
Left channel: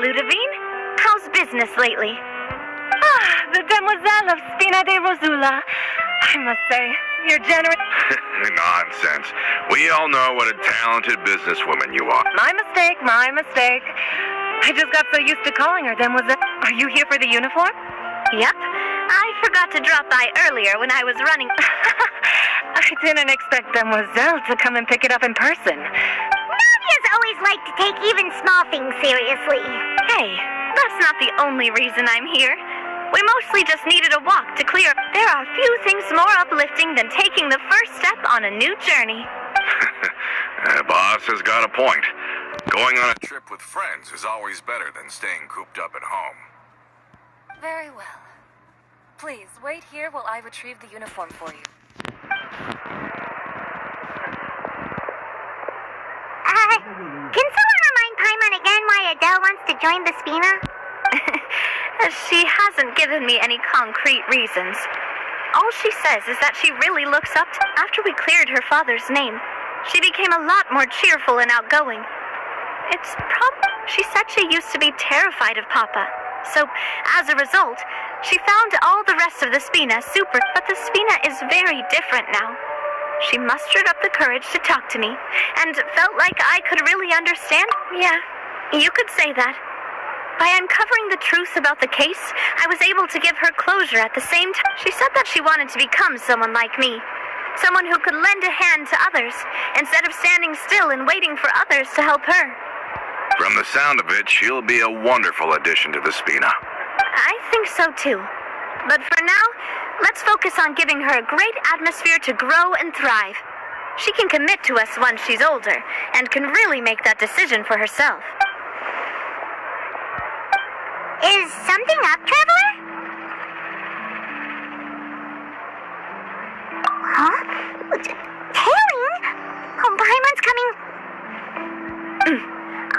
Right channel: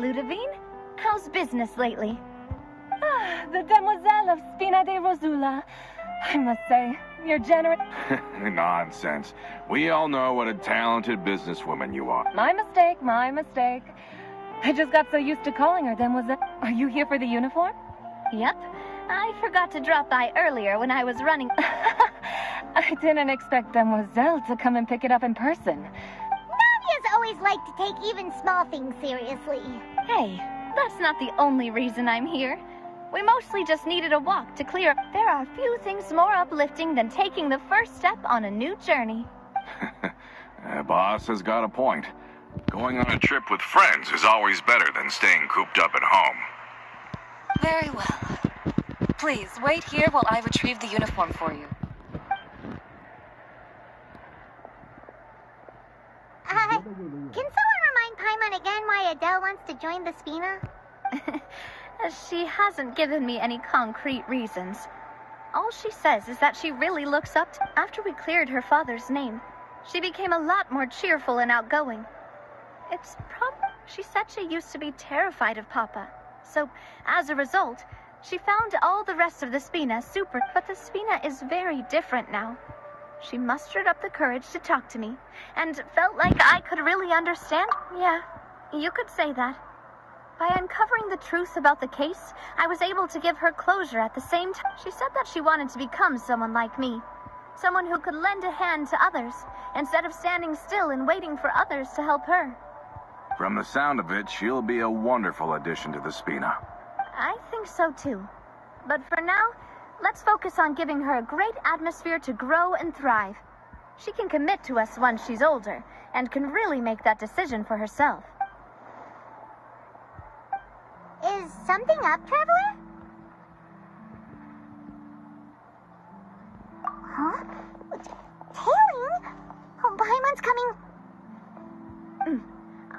Ludovine. How's business lately? The demoiselle of Spina de Rosula. I must say, you're generous. Nonsense. We all know what a talented businesswoman you are. My mistake. I just got so used to calling her demoiselle. Are you here for the uniform? Yep. I forgot to drop by earlier when I was running. I didn't expect demoiselle to come and pick it up in person. Navia's always liked to take even small things seriously. Hey, that's not the only reason I'm here. We mostly just needed a walk to clear. There are few things more uplifting than taking the first step on a new journey. Boss has got a point. Going on a trip with friends is always better than staying cooped up at home. Very well. Please, wait here while I retrieve the uniform for you. Can someone remind Paimon again why Adele wants to join the Spina? She hasn't given me any concrete reasons. All she says is that she really looks up to... After we cleared her father's name, she became a lot more cheerful and outgoing. She said she used to be terrified of Papa. So, as a result, she found all the rest of the Spina super... But the Spina is very different now. She mustered up the courage to talk to me, and felt like I could really understand. Yeah, you could say that. By uncovering the truth about the case, I was able to give her closure at the same time. She said that she wanted to become someone like me. Someone who could lend a hand to others, instead of standing still and waiting for others to help her. From the sound of it, she'll be a wonderful addition to the Spina. I think so too. But for now, let's focus on giving her a great atmosphere to grow and thrive. She can commit to us once she's older, and can really make that decision for herself. Is something up, Traveler? Huh? Tailing? Oh, Paimon's coming.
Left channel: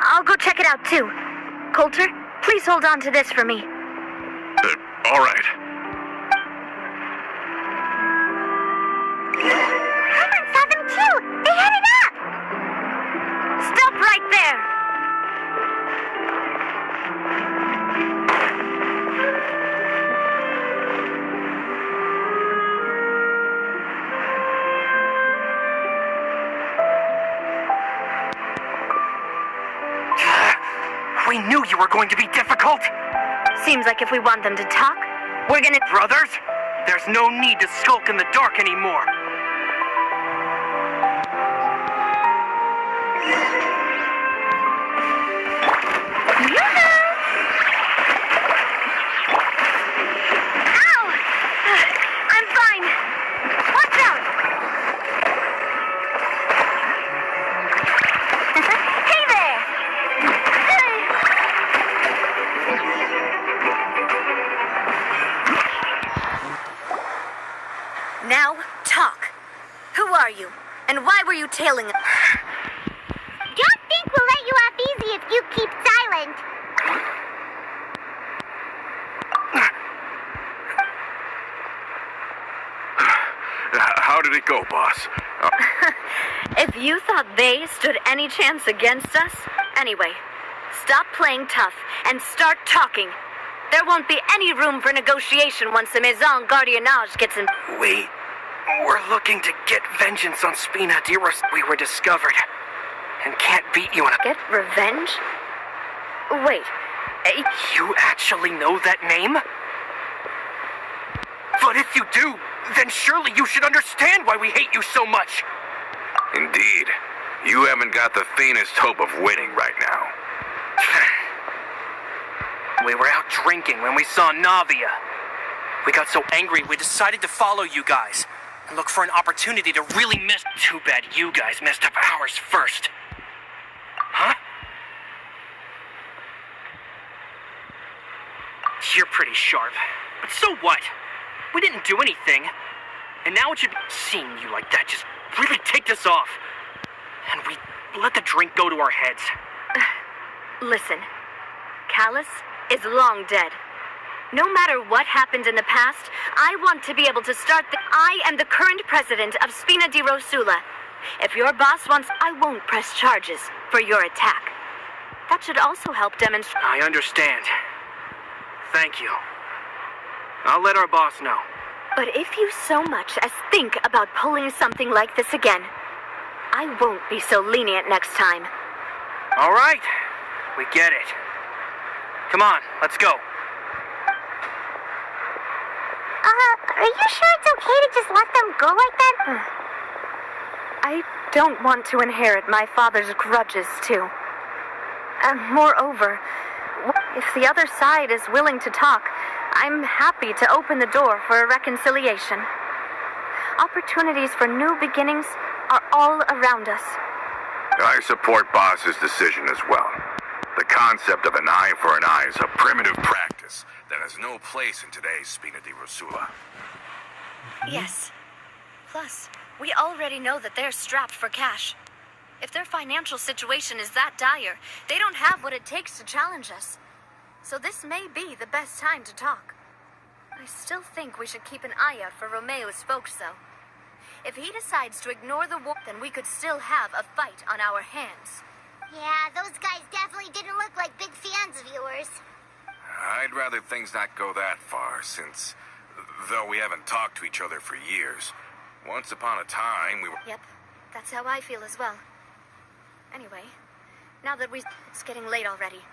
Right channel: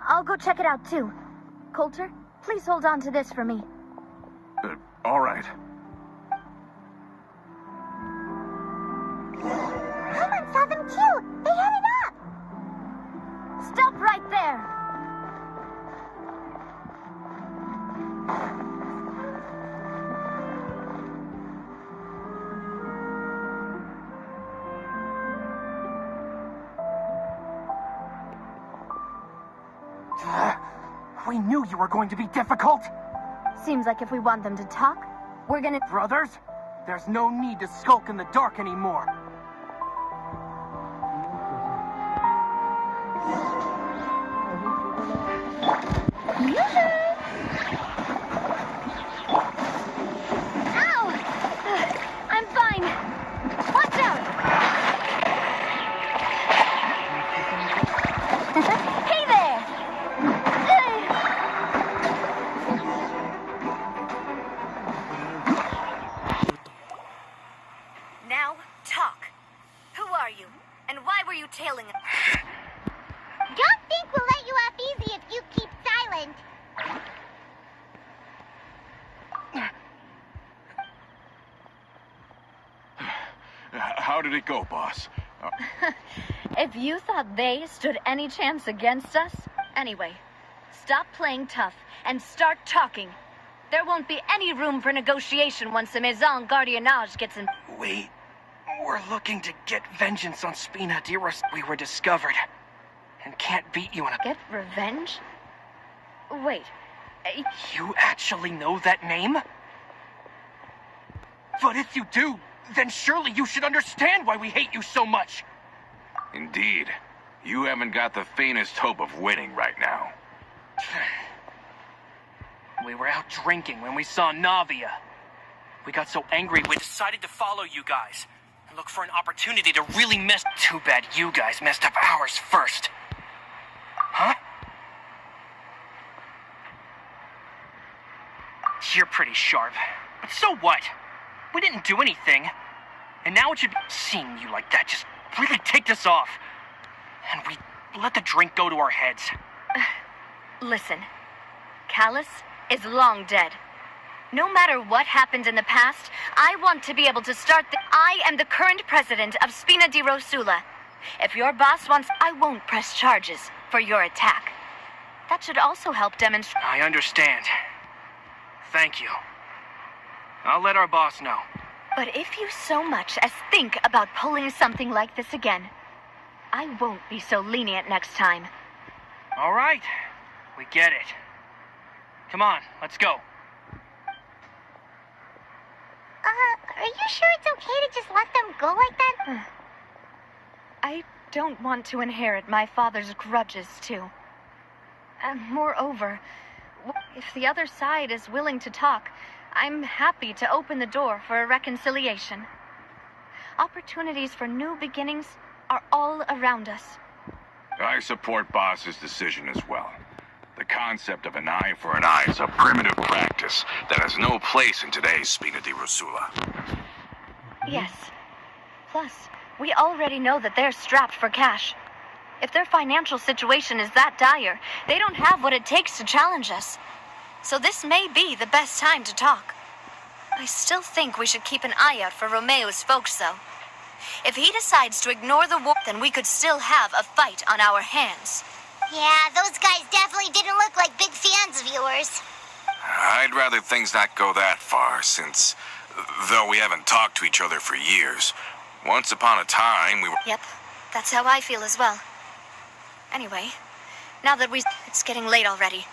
I'll go check it out too. Coulter, please hold on to this for me. All right. Paimon saw them too. They headed up. Stop right there! We knew you were going to be difficult. Seems like if we want them to talk, we're gonna... Brothers, there's no need to skulk in the dark anymore. Ow! I'm fine. Watch out! Hey there! Now, talk. Who are you? And why were you tailing us? Don't think we'll let you off easy if you keep silent. How did it go, boss? If you thought they stood any chance against us, anyway, stop playing tough and start talking. There won't be any room for negotiation once the Maison Gardiennage gets in. We're looking to get vengeance on Spina de Rosula. We were discovered and can't beat you in a... Get revenge? Wait, You actually know that name? But if you do, then surely you should understand why we hate you so much. Indeed. You haven't got the faintest hope of winning right now. We were out drinking when we saw Navia. We got so angry we decided to follow you guys and look for an opportunity to really mess... Too bad you guys messed up ours first. Huh? You're pretty sharp. But so what? We didn't do anything. And now it should be... Seeing you like that just really ticked us off. And we let the drink go to our heads. listen. Callus is long dead. No matter what happened in the past, I want to be able to start I am the current president of Spina di Rosula. If your boss wants... I won't press charges for your attack. That should also help demonstrate. I understand. Thank you. I'll let our boss know. But if you so much as think about pulling something like this again, I won't be so lenient next time. All right. We get it. Come on, let's go. Are you sure it's okay to just let them go like that? I don't want to inherit my father's grudges, too. Moreover, if the other side is willing to talk, I'm happy to open the door for a reconciliation. Opportunities for new beginnings are all around us. I support Boss's decision as well. The concept of an eye for an eye is a primitive practice that has no place in today's Spina di Rosula. Yes. Plus, we already know that they're strapped for cash. If their financial situation is that dire, they don't have what it takes to challenge us. So this may be the best time to talk. I still think we should keep an eye out for Romeo's folks, though. If he decides to ignore the war, then we could still have a fight on our hands. Yeah, those guys definitely didn't look like big fans of yours. I'd rather things not go that far, since, though we haven't talked to each other for years, once upon a time we were... Yep, that's how I feel as well. Anyway, now that it's getting late already.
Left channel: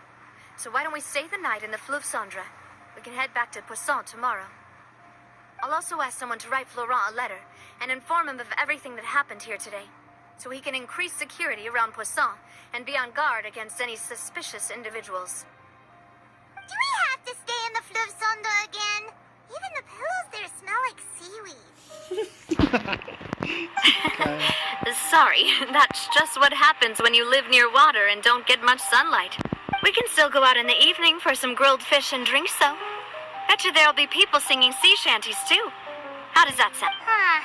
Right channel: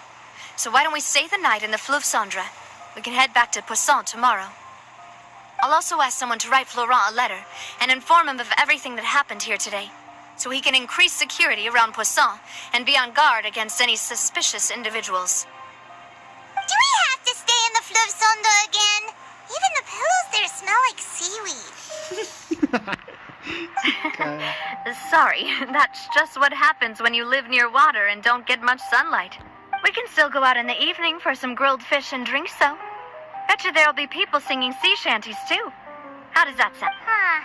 So why don't we stay the night in the Fleuve Cendre? We can head back to Poisson tomorrow. I'll also ask someone to write Florent a letter and inform him of everything that happened here today, so he can increase security around Poisson and be on guard against any suspicious individuals. Do we have to stay in the Fleuve Cendre again? Even the pillows there smell like seaweed. Sorry, that's just what happens when you live near water and don't get much sunlight. We can still go out in the evening for some grilled fish and drinks, though. Bet you there'll be people singing sea shanties, too. How does that sound? Huh.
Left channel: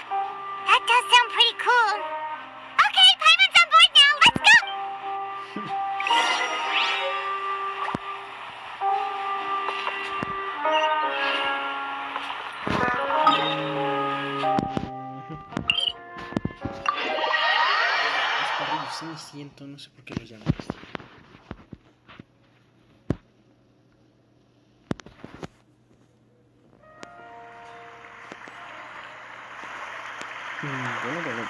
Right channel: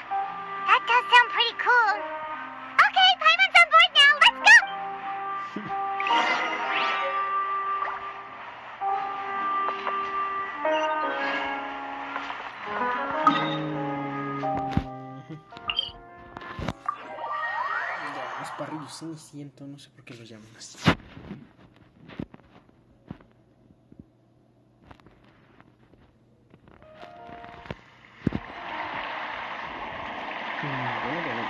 That does sound pretty cool. Okay, Paimon's on board now. Let's go! Los parrillos cenicientos, no sé por qué los llaman así. Bueno.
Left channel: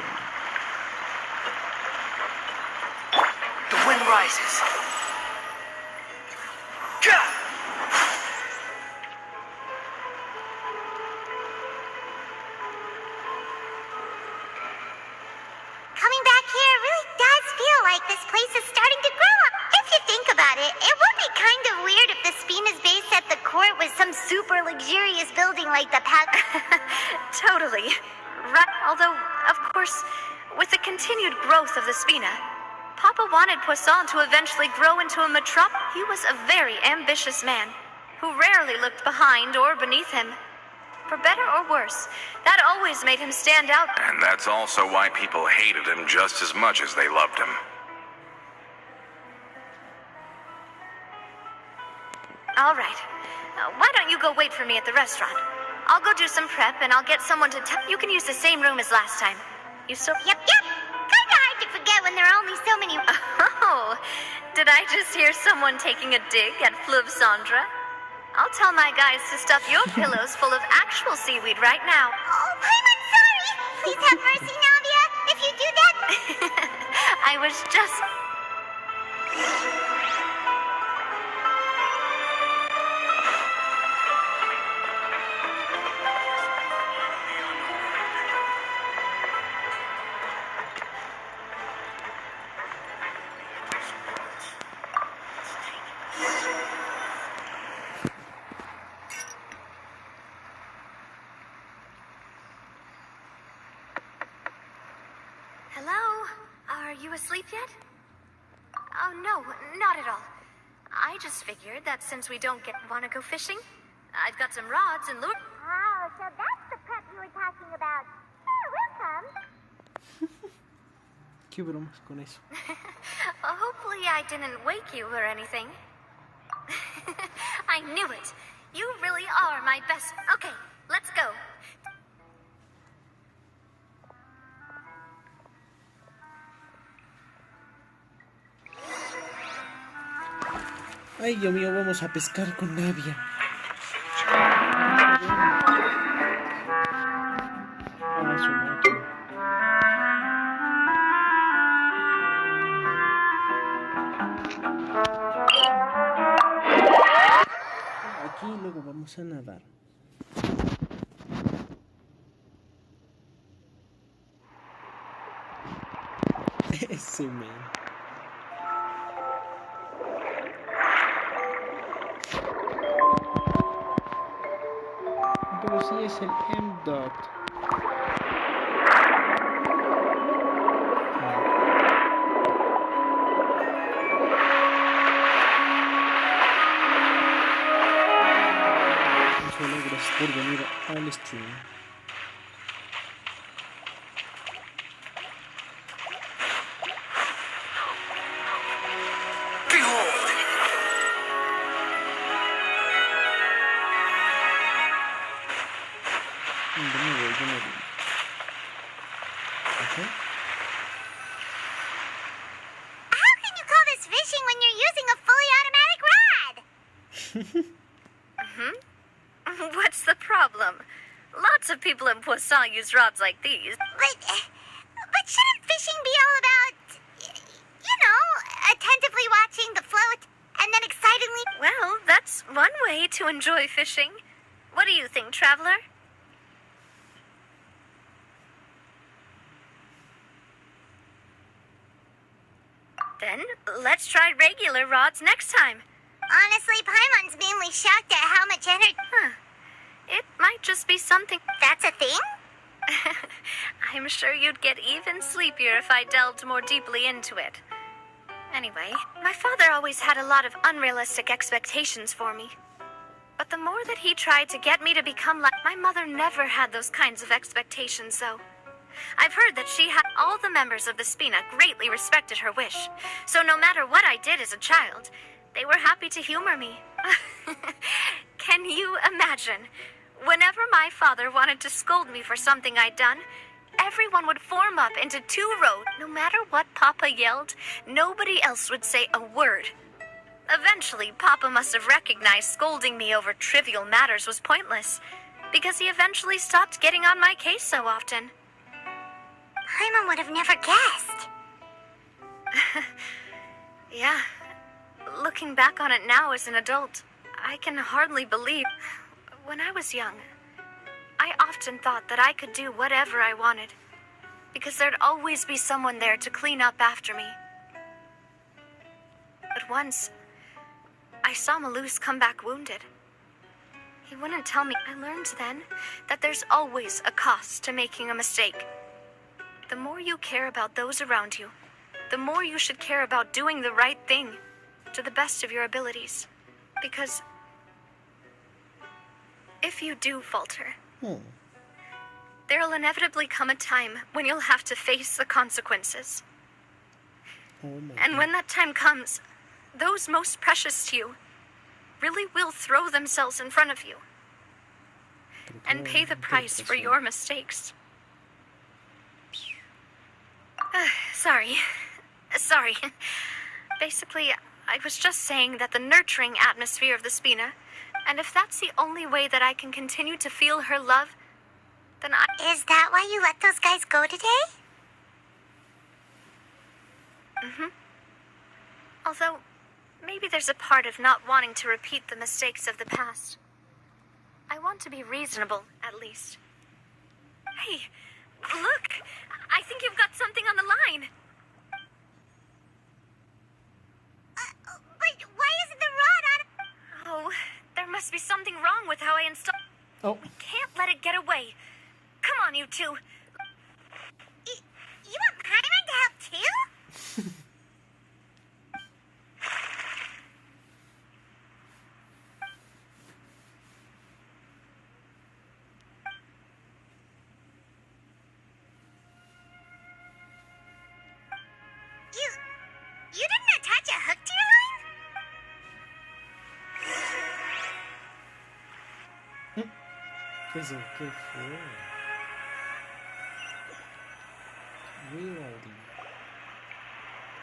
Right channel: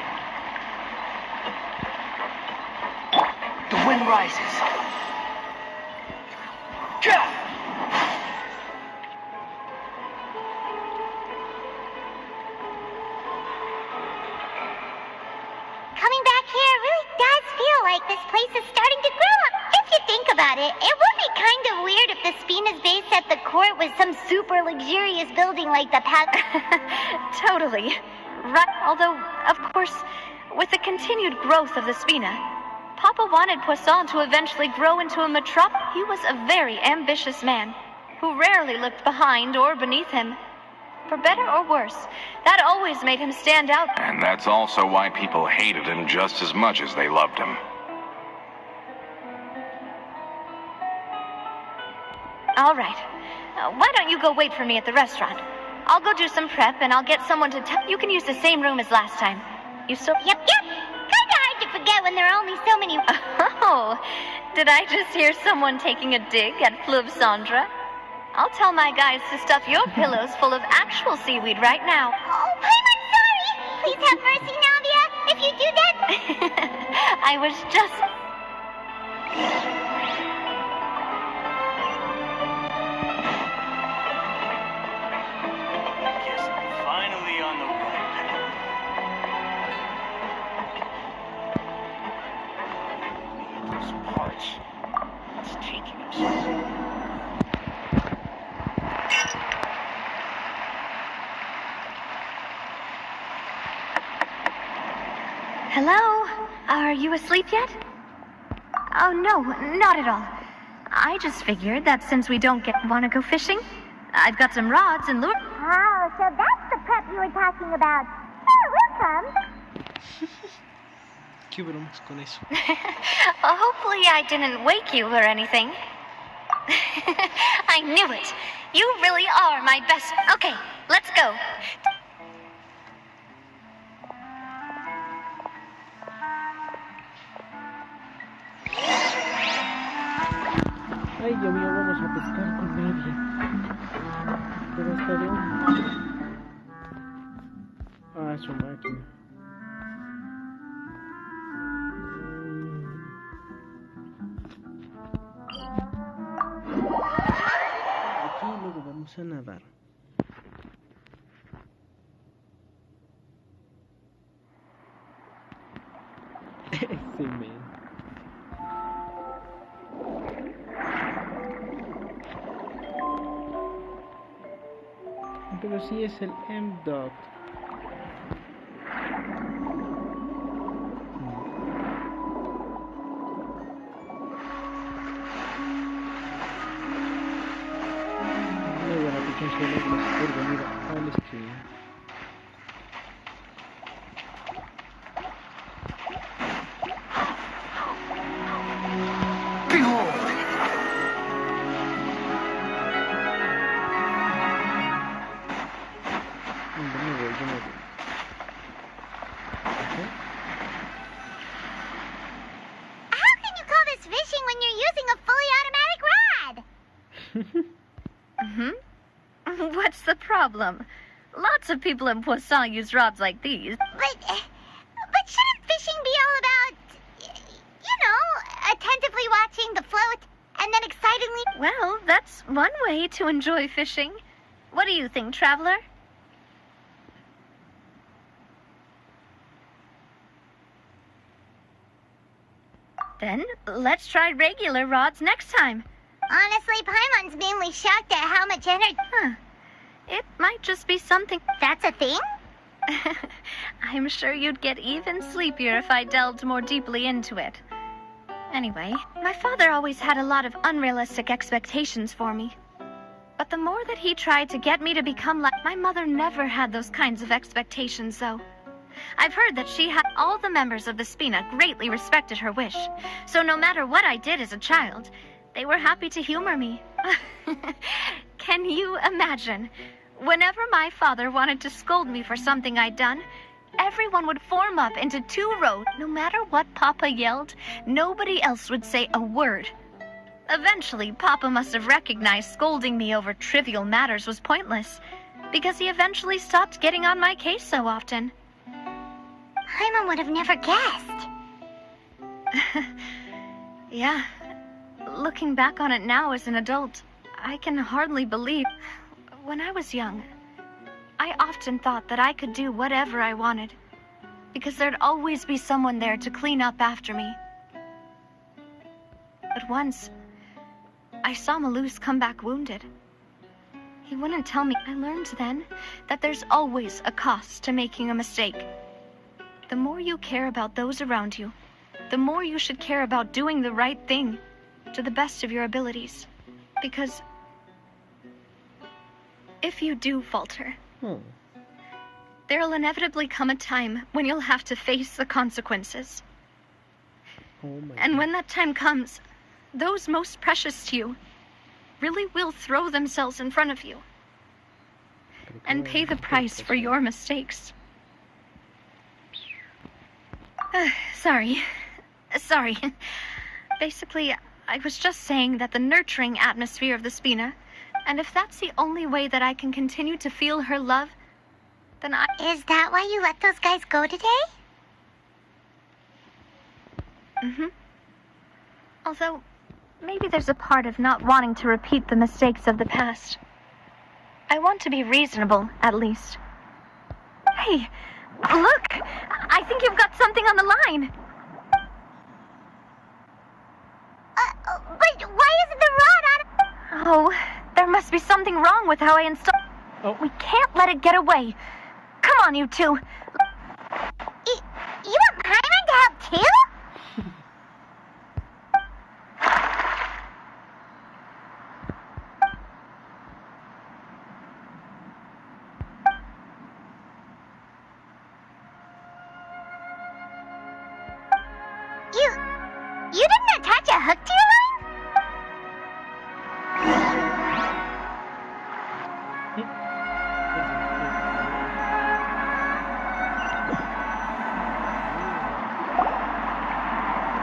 The wind rises. Coming back here really does feel like this place is starting to grow up. If you think about it, it would be kind of weird if the Spina's base at the court was some super luxurious building like the Totally. Right. Although, of course, with the continued growth of the Spina, Papa wanted Poisson to eventually grow into a metropolis. He was a very ambitious man, who rarely looked behind or beneath him. For better or worse, that always made him stand out. And that's also why people hated him just as much as they loved him. All right. Why don't you go wait for me at the restaurant? I'll go do some prep, and I'll get someone to tell you can use the same room as last time. You still... Yep. Kinda hard to forget when there are only so many... Oh, did I just hear someone taking a dig at Fleuve Cendre? I'll tell my guys to stuff your pillows full of actual seaweed right now. Oh, Paimon, sorry! Please have mercy, Navia, if you do that. I was just... Finally on the road. This watch. It's taking us. Hello? Are you asleep yet? Oh, no, not at all. I just figured that since we don't want to go fishing, I've got some rods and lure. Oh, so that's the prep you were talking about. Sure, we'll come. ¿Qué bromas con eso? Well, hopefully I didn't wake you or anything. I knew it. You really are my best. Okay, let's go. Ay, Dios mío, vamos a pescar con Navia. Ah, su máquina. Aquí luego vamos a nadar. Ese man. Pero sí es el M-Dot. Gracias por venir al stream. How can you call this fishing when you're using a fully automatic rod? What's the problem? Lots of people in Poisson use rods like these. But shouldn't fishing be all about, attentively watching the float and then excitedly... Well, that's one way to enjoy fishing. What do you think, traveler? Then, let's try regular rods next time. Honestly, Paimon's mainly shocked at how much energy... It might just be something... That's a thing? I'm sure you'd get even sleepier if I delved more deeply into it. Anyway, my father always had a lot of unrealistic expectations for me. But the more that he tried to get me to become like... My mother never had those kinds of expectations, though. I've heard that she had... All the members of the Spina greatly respected her wish. So no matter what I did as a child, they were happy to humor me. Can you imagine? Whenever my father wanted to scold me for something I'd done, everyone would form up into 2 rows. No matter what Papa yelled, nobody else would say a word. Eventually, Papa must have recognized scolding me over trivial matters was pointless, because he eventually stopped getting on my case so often. Paimon would have never guessed. Yeah. Looking back on it now as an adult, I can hardly believe... When I was young, I often thought that I could do whatever I wanted, because there'd always be someone there to clean up after me. But once, I saw Malus come back wounded. He wouldn't tell me. I learned then that there's always a cost to making a mistake. The more you care about those around you, the more you should care about doing the right thing to the best of your abilities. Because if you do falter, there'll inevitably come a time when you'll have to face the consequences. And when that time comes, those most precious to you really will throw themselves in front of you and pay the price for your mistakes. Sorry. Basically, I was just saying that the nurturing atmosphere of the Spina, and if that's the only way that I can continue to feel her love, then I... Is that why you let those guys go today? Although, maybe there's a part of not wanting to repeat the mistakes of the past. I want to be reasonable, at least. Hey, look! I think you've got something on the line! But why isn't the rod on... Oh, there must be something wrong with how I installed... Oh. We can't let it get away. Come on, you two. You want Paimon to help too? You didn't attach a hook to your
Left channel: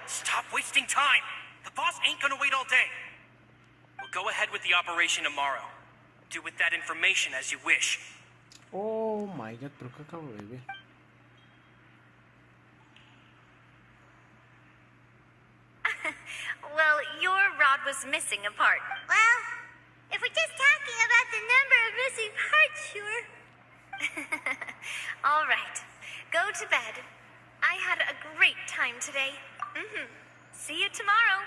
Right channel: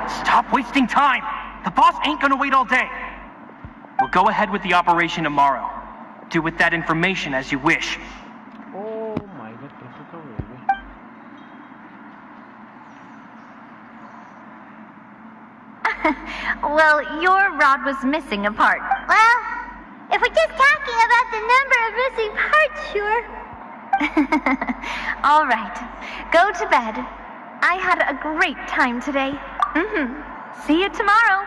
Stop wasting time! The boss ain't gonna wait all day! We'll go ahead with the operation tomorrow. Do with that information as you wish. Oh my god, pero qué acabo de ver. Well, your rod was missing a part. Well, if we're just talking about the number of missing parts, sure. All right, go to bed. I had a great time today. See you tomorrow.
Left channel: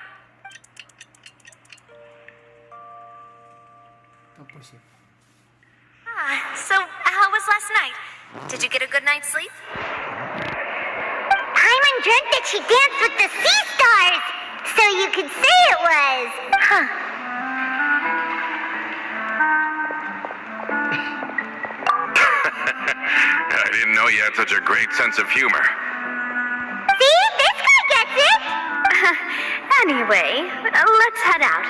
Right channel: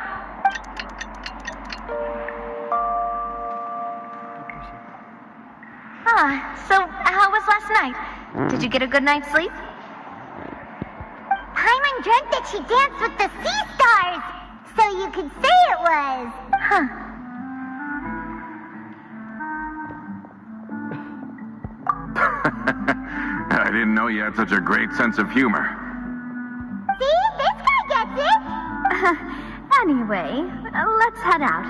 So how was last night? Did you get a good night's sleep? Paimon dreamt that she danced with the sea stars, so you could say it was. Huh. I didn't know you had such a great sense of humor. See? This guy gets it! Anyway, let's head out.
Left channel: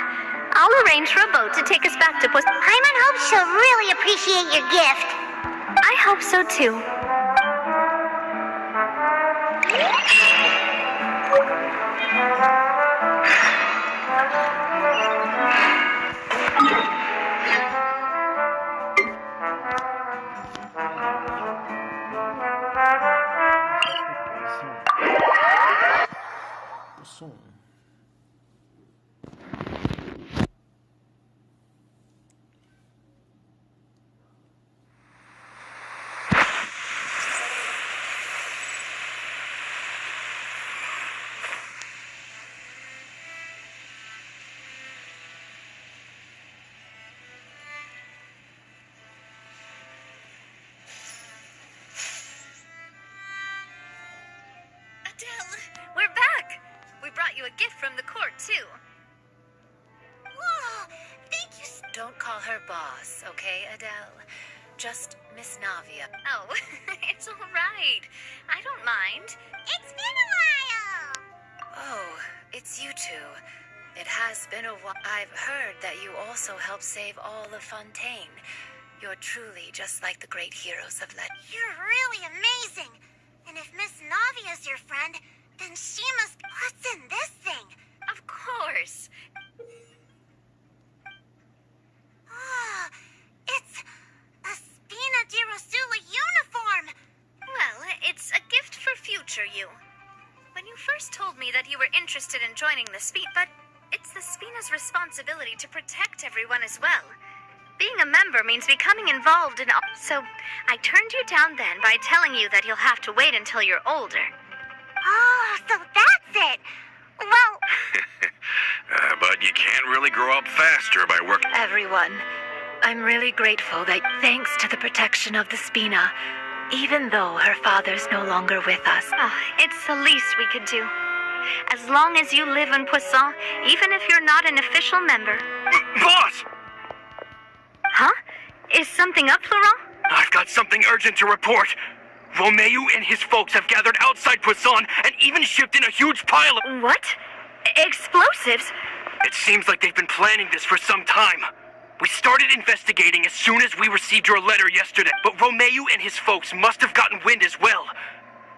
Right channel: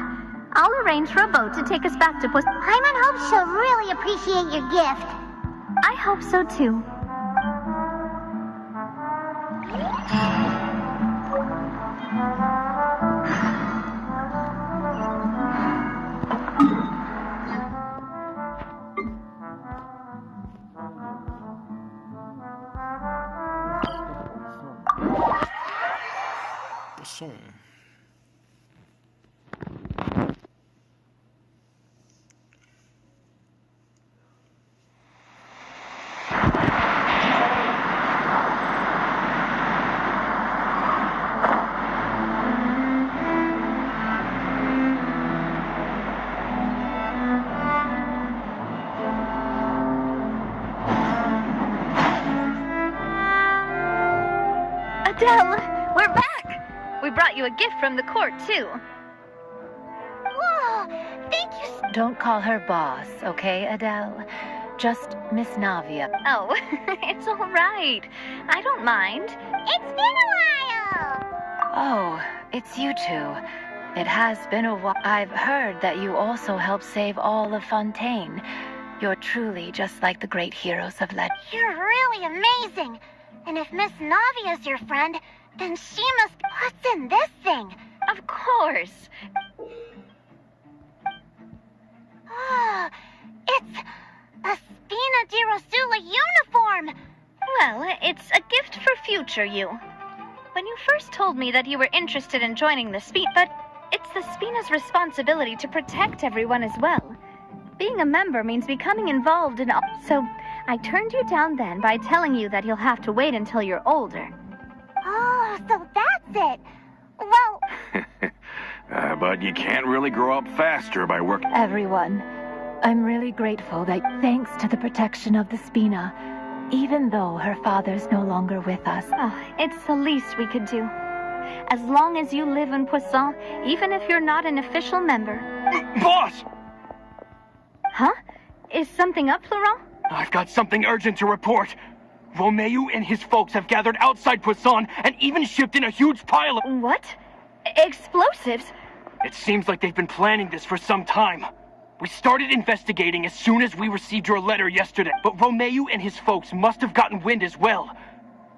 I'll arrange for a boat to take us back to Paimon hopes she'll really appreciate your gift. I hope so too. Pozón. Adele, we're back! We brought you a gift from the court, too. Whoa, thank you Don't call her boss, okay, Adele? Just Miss Navia. Oh, it's all right. I don't mind. It's been a while! Oh, it's you two. It has been a while. I've heard that you also helped save all of Fontaine. You're truly just like the great heroes of legend. You're really amazing. And if Miss Navia's your friend, then she must... What's in this thing? Of course. Ah, it's a Spina di Rosula uniform! Well, it's a gift for future you. When you first told me that you were interested in joining the Spina, but it's the Spina's responsibility to protect everyone as well. Being a member means becoming involved in all. So I turned you down then by telling you that you'll have to wait until you're older. Oh, so that's it! Well... But you can't really grow up faster by working. Everyone, I'm really grateful that thanks to the protection of the Spina, even though her father's no longer with us. It's the least we could do. As long as you live in Poisson, even if you're not an official member. Boss! Huh? Is something up, Florent? I've got something urgent to report. Romeu and his folks have gathered outside Poisson and even shipped in a huge pile of... What? Explosives? It seems like they've been planning this for some time. We started investigating as soon as we received your letter yesterday, but Romeu and his folks must have gotten wind as well.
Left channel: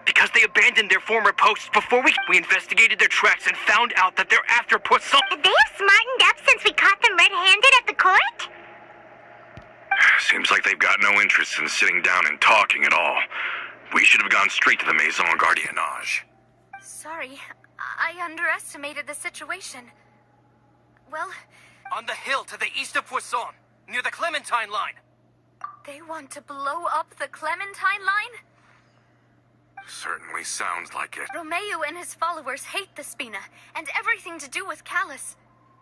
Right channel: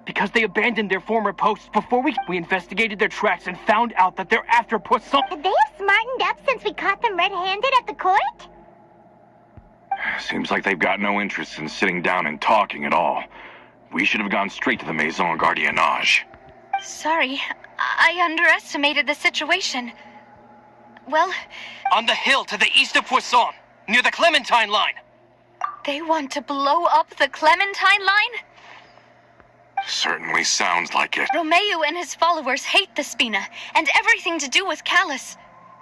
Because they abandoned their former posts before we investigated their tracks and found out that they're after Poisson. They have smartened up since we caught them red-handed at the court? Seems like they've got no interest in sitting down and talking at all. We should have gone straight to the Maison Gardiennage. Sorry, I underestimated the situation. Well, On the hill to the east of Poisson, near the Clementine line. they want to blow up the Clementine line? Certainly sounds like it. Romeu and his followers hate the Spina and everything to do with Callus.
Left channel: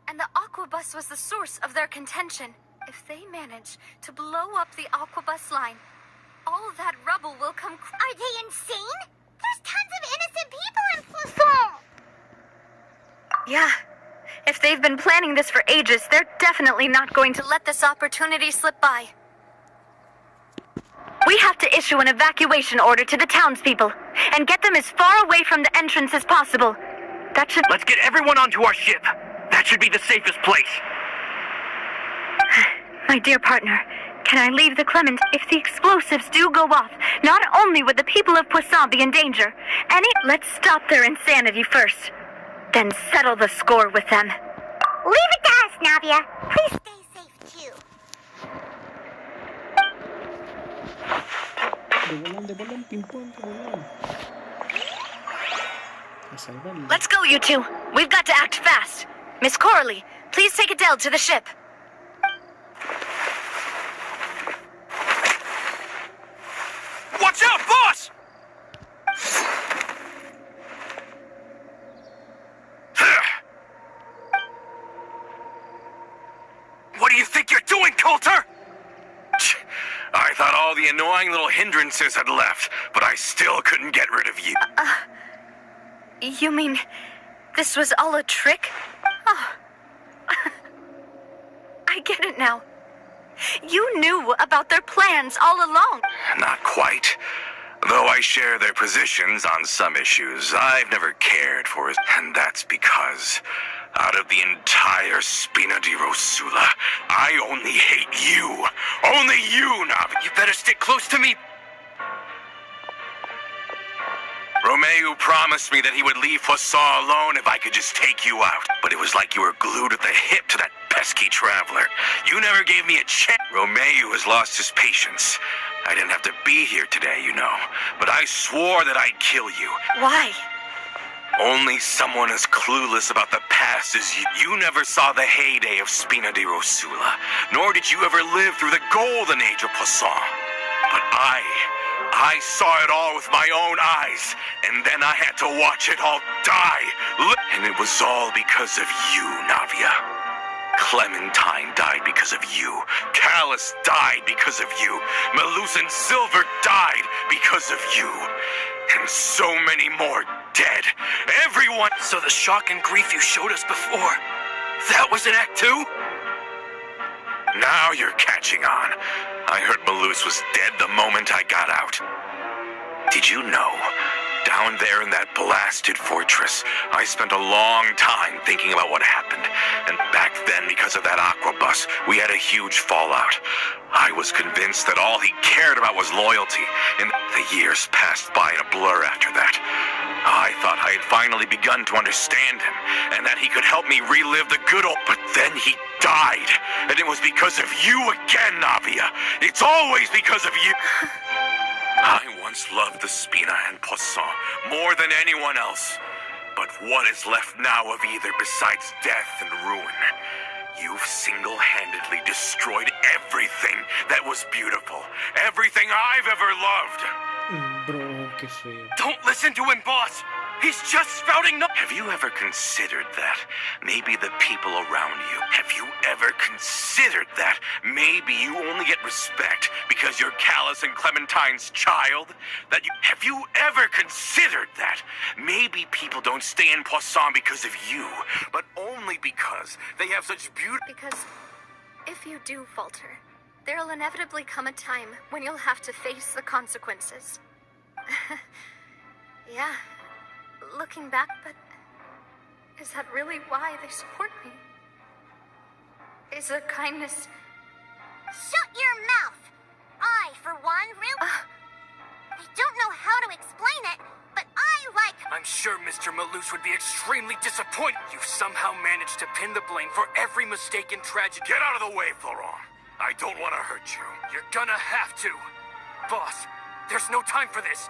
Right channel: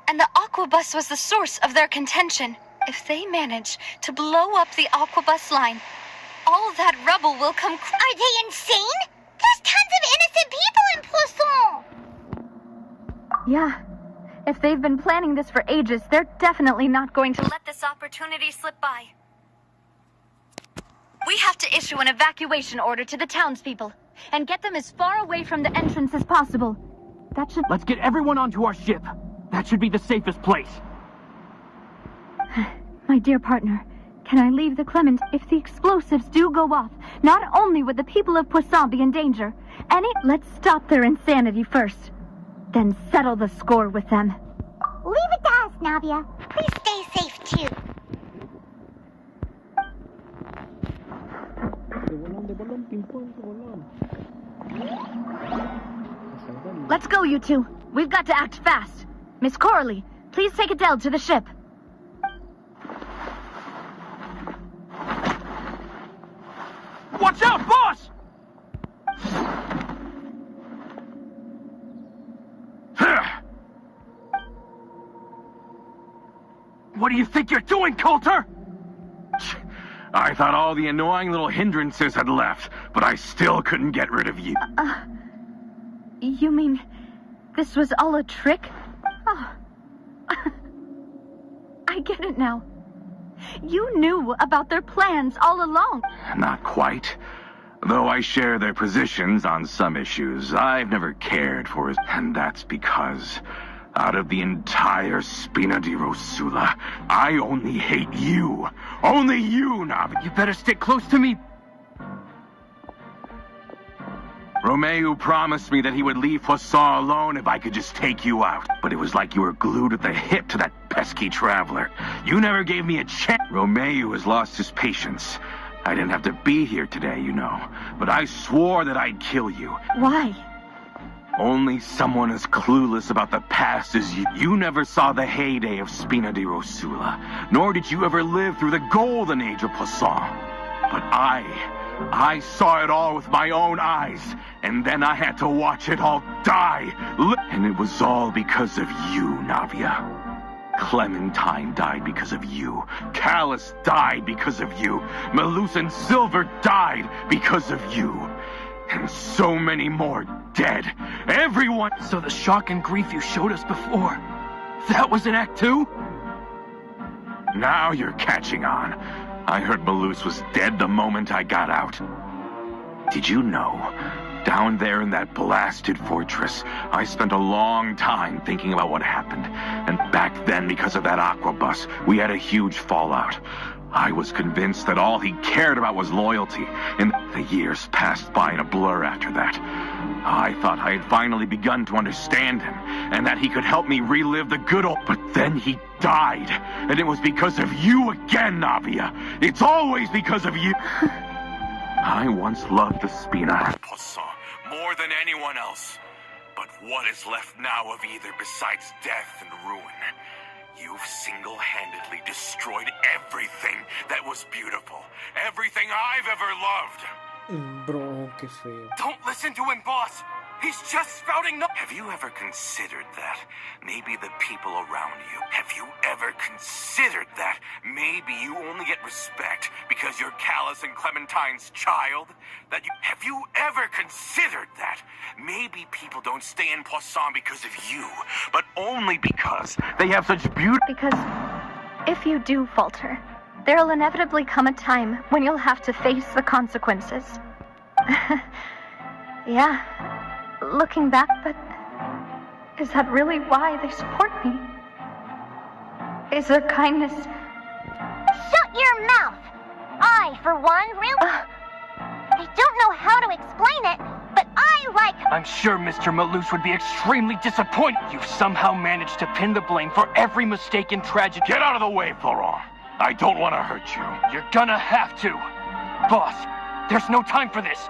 And the Aquabus was the source of their contention. If they manage to blow up the Aquabus line, all of that rubble will come... Are they insane? There's tons of innocent people in Poisson! Yeah. If they've been planning this for ages, they're definitely not going to let this opportunity slip by. We have to issue an evacuation order to the townspeople and get them as far away from the entrance as possible. That should... Let's get everyone onto our ship. That should be the safest place. My dear partner, can I leave the Clement? If the explosives do go off, not only would the people of Poisson be in danger, let's stop their insanity first. Then settle the score with them. Leave it to us, Navia. Please stay safe too. De bolón, ping-pong, de bolón. A salvarlo. Let's go, you two. We've got to act fast. Miss Coralie, please take Adele to the ship. Watch out, boss! What do you think you're doing, Coulter? I thought all the annoying little hindrances had left, but I still couldn't get rid of you. You mean this was all a trick? Oh. I get it now. You knew about their plans all along. Not quite. Though I share their positions on some issues, I've never cared for it. And that's because, out of the entire Spina di Rosula, I only hate you. Only you, Navia. You better stick close to me. Romeo promised me that he would leave Poisson alone if I could just take you out. But it was like you were glued at the hip to that pesky traveler. You never gave me a chance. Romeo has lost his patience. I didn't have to be here today, you know. But I swore that I'd kill you. Why? Only someone as clueless about the past as you. You never saw the heyday of Spina di Rosula, nor did you ever live through the golden age of Poisson. But I saw it all with my own eyes, and then I had to watch it all die. And it was all because of you, Navia. Clementine died because of you. Callus died because of you. Melusan Silver died because of you. And so many more dead. Everyone. So the shock and grief you showed us before, that was in Act 2? Now you're catching on. I heard Melus was dead the moment I got out. Did you know? Down there in that blasted fortress, I spent a long time thinking about what happened. And back then, because of that aqua bus, we had a huge fallout. I was convinced that all he cared about was loyalty, and the years passed by in a blur after that. I thought I had finally begun to understand him, and that he could help me relive the good old... But then he died, and it was because of you again, Navia. It's always because of you. I once loved the Spina and Poisson more than anyone else. But what is left now of either besides death and ruin? You've single-handedly destroyed everything that was beautiful. Everything I've ever loved. Bro, qué feo. Don't listen to him, boss. He's just spouting no... Have you ever considered that? Maybe the people around you. Have you ever considered that? Maybe you only get respect because you're Callus and Clementine's child? That you... Have you ever considered that? Maybe people don't stay in Poisson because of you, but only because they have such beauty... Because if you do falter, there'll inevitably come a time when you'll have to face the consequences. Yeah. Looking back, but is that really why they support me? Is their kindness... Shut your mouth! I, for one, I don't know how to explain it, but I like... I'm sure Mr. Malus would be extremely disappointed. You've somehow managed to pin the blame for every mistake and tragedy. Get out of the way, Florent. I don't want to hurt you. You're gonna have to. Boss, there's no time for this.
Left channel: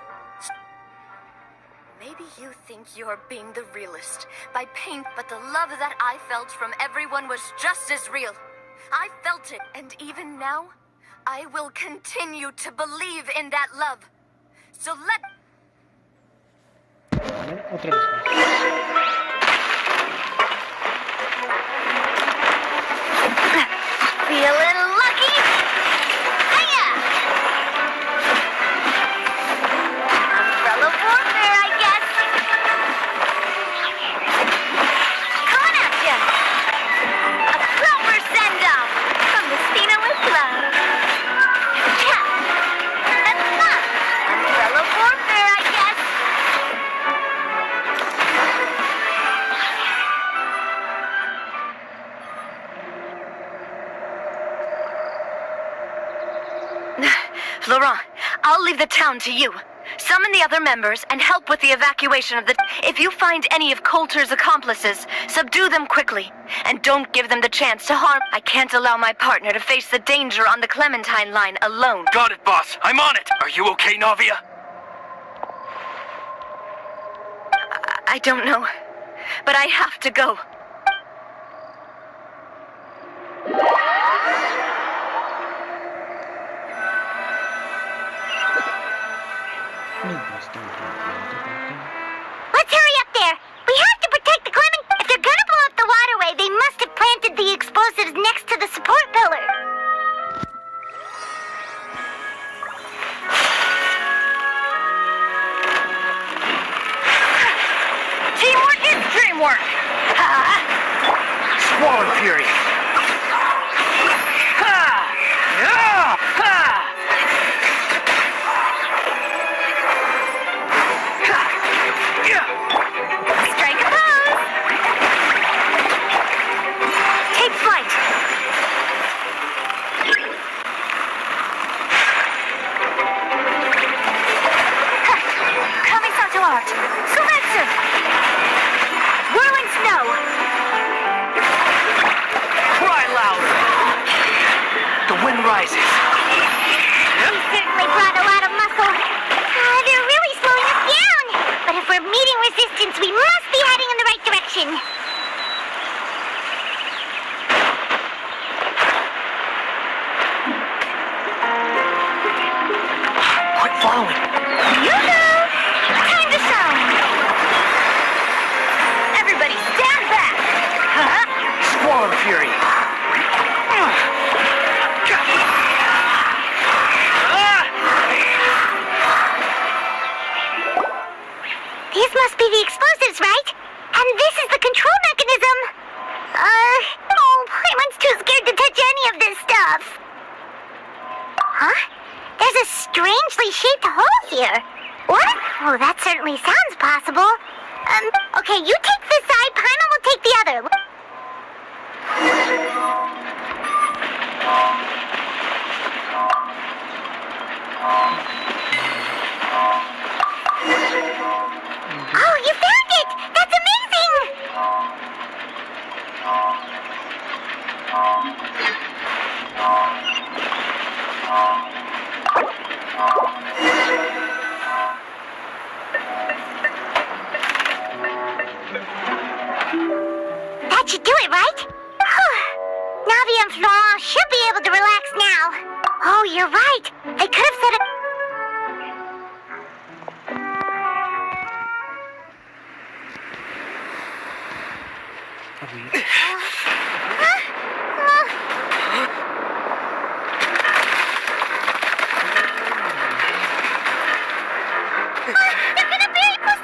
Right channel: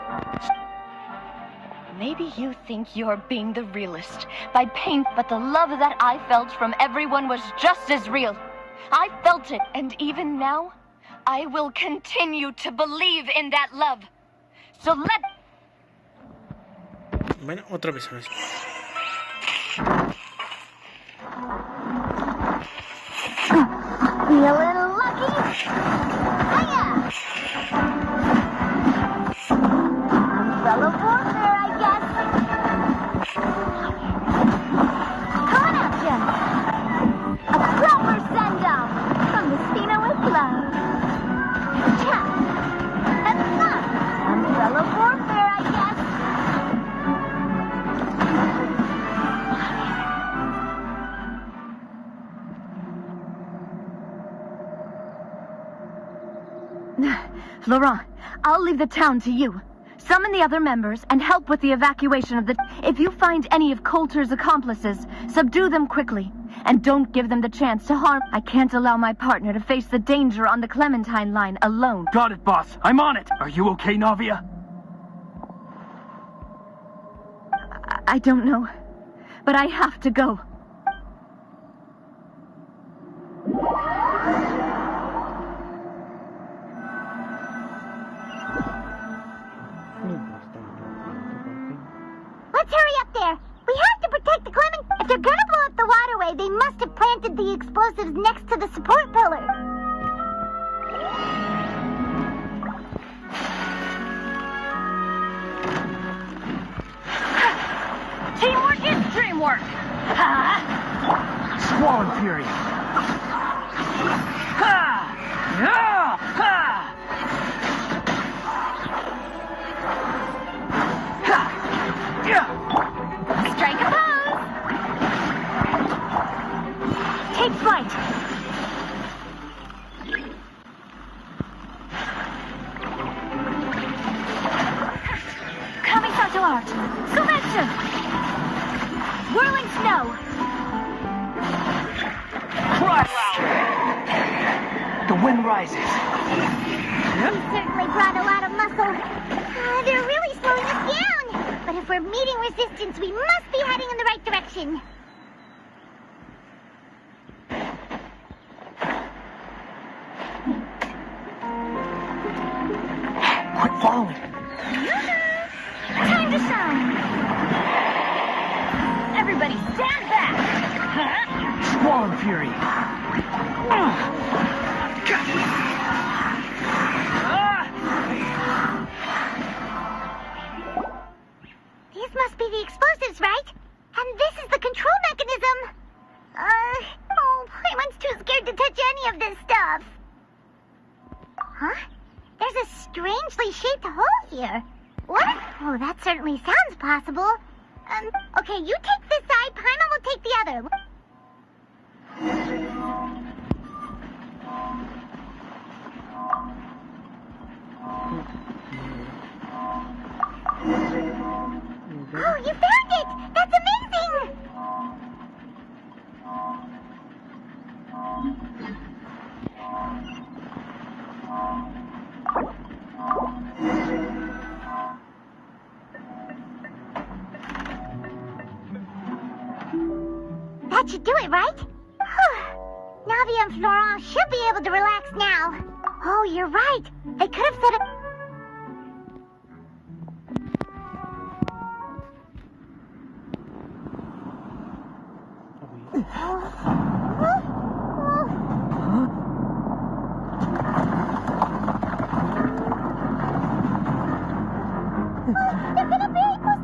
Maybe you think you're being the realist by pain, but the love that I felt from everyone was just as real. I felt it, and even now, I will continue to believe in that love. So let... Bueno, otra vez más. Feeling lucky? Hiya! Umbrella warfare, I guess. Coming at ya! A proper send-off from the Spina with love. Yeah, that's fun. Umbrella warfare, I guess. Laurent, I'll leave the town to you. Summon the other members and help with the evacuation of the... If you find any of Coulter's accomplices, subdue them quickly. And don't give them the chance to harm... I can't allow my partner to face the danger on the Clementine line alone. Got it, boss. I'm on it. Are you okay, Navia? I don't know, but I have to go. Let's hurry up there. We have to protect the Clement. If they're gonna blow up the waterway, they must have planted the explosives next to the support pillar. Teamwork is dreamwork! Squall and Fury. Strike a pose! Take flight! Kamisato art! Sumetsu! Whirling snow! Cry loud! The wind rises. We certainly brought a lot of muscle. They're really slowing us down. But if we're meeting resistance, we must be heading in the right direction. Quit following. Yoo-hoo! Time to shine! Everybody stand back! Squall and Fury. These must be the explosives, right? And this is the control mechanism. Playman's too scared to touch any of this stuff. Huh? There's a strangely shaped hole here. What? Oh, that certainly sounds possible. Okay, you take this side, Paimon will take the other. Oh, you found it! That's amazing! That should do it, right? Navia and Florent should be able to relax now. Oh, you're right. They could have said it. They're gonna bury us!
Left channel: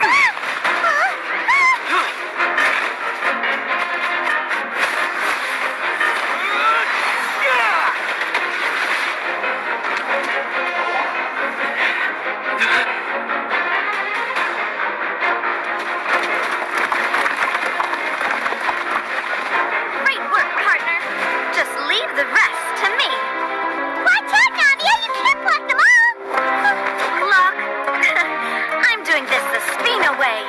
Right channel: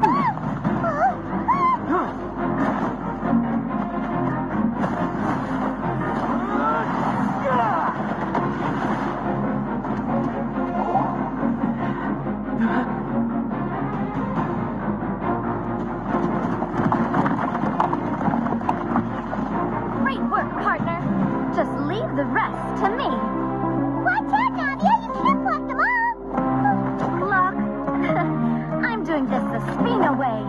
Great work, partner. Just leave the rest to me. Watch out, Navia! You can't block them all! Look, I'm doing this the Spina way.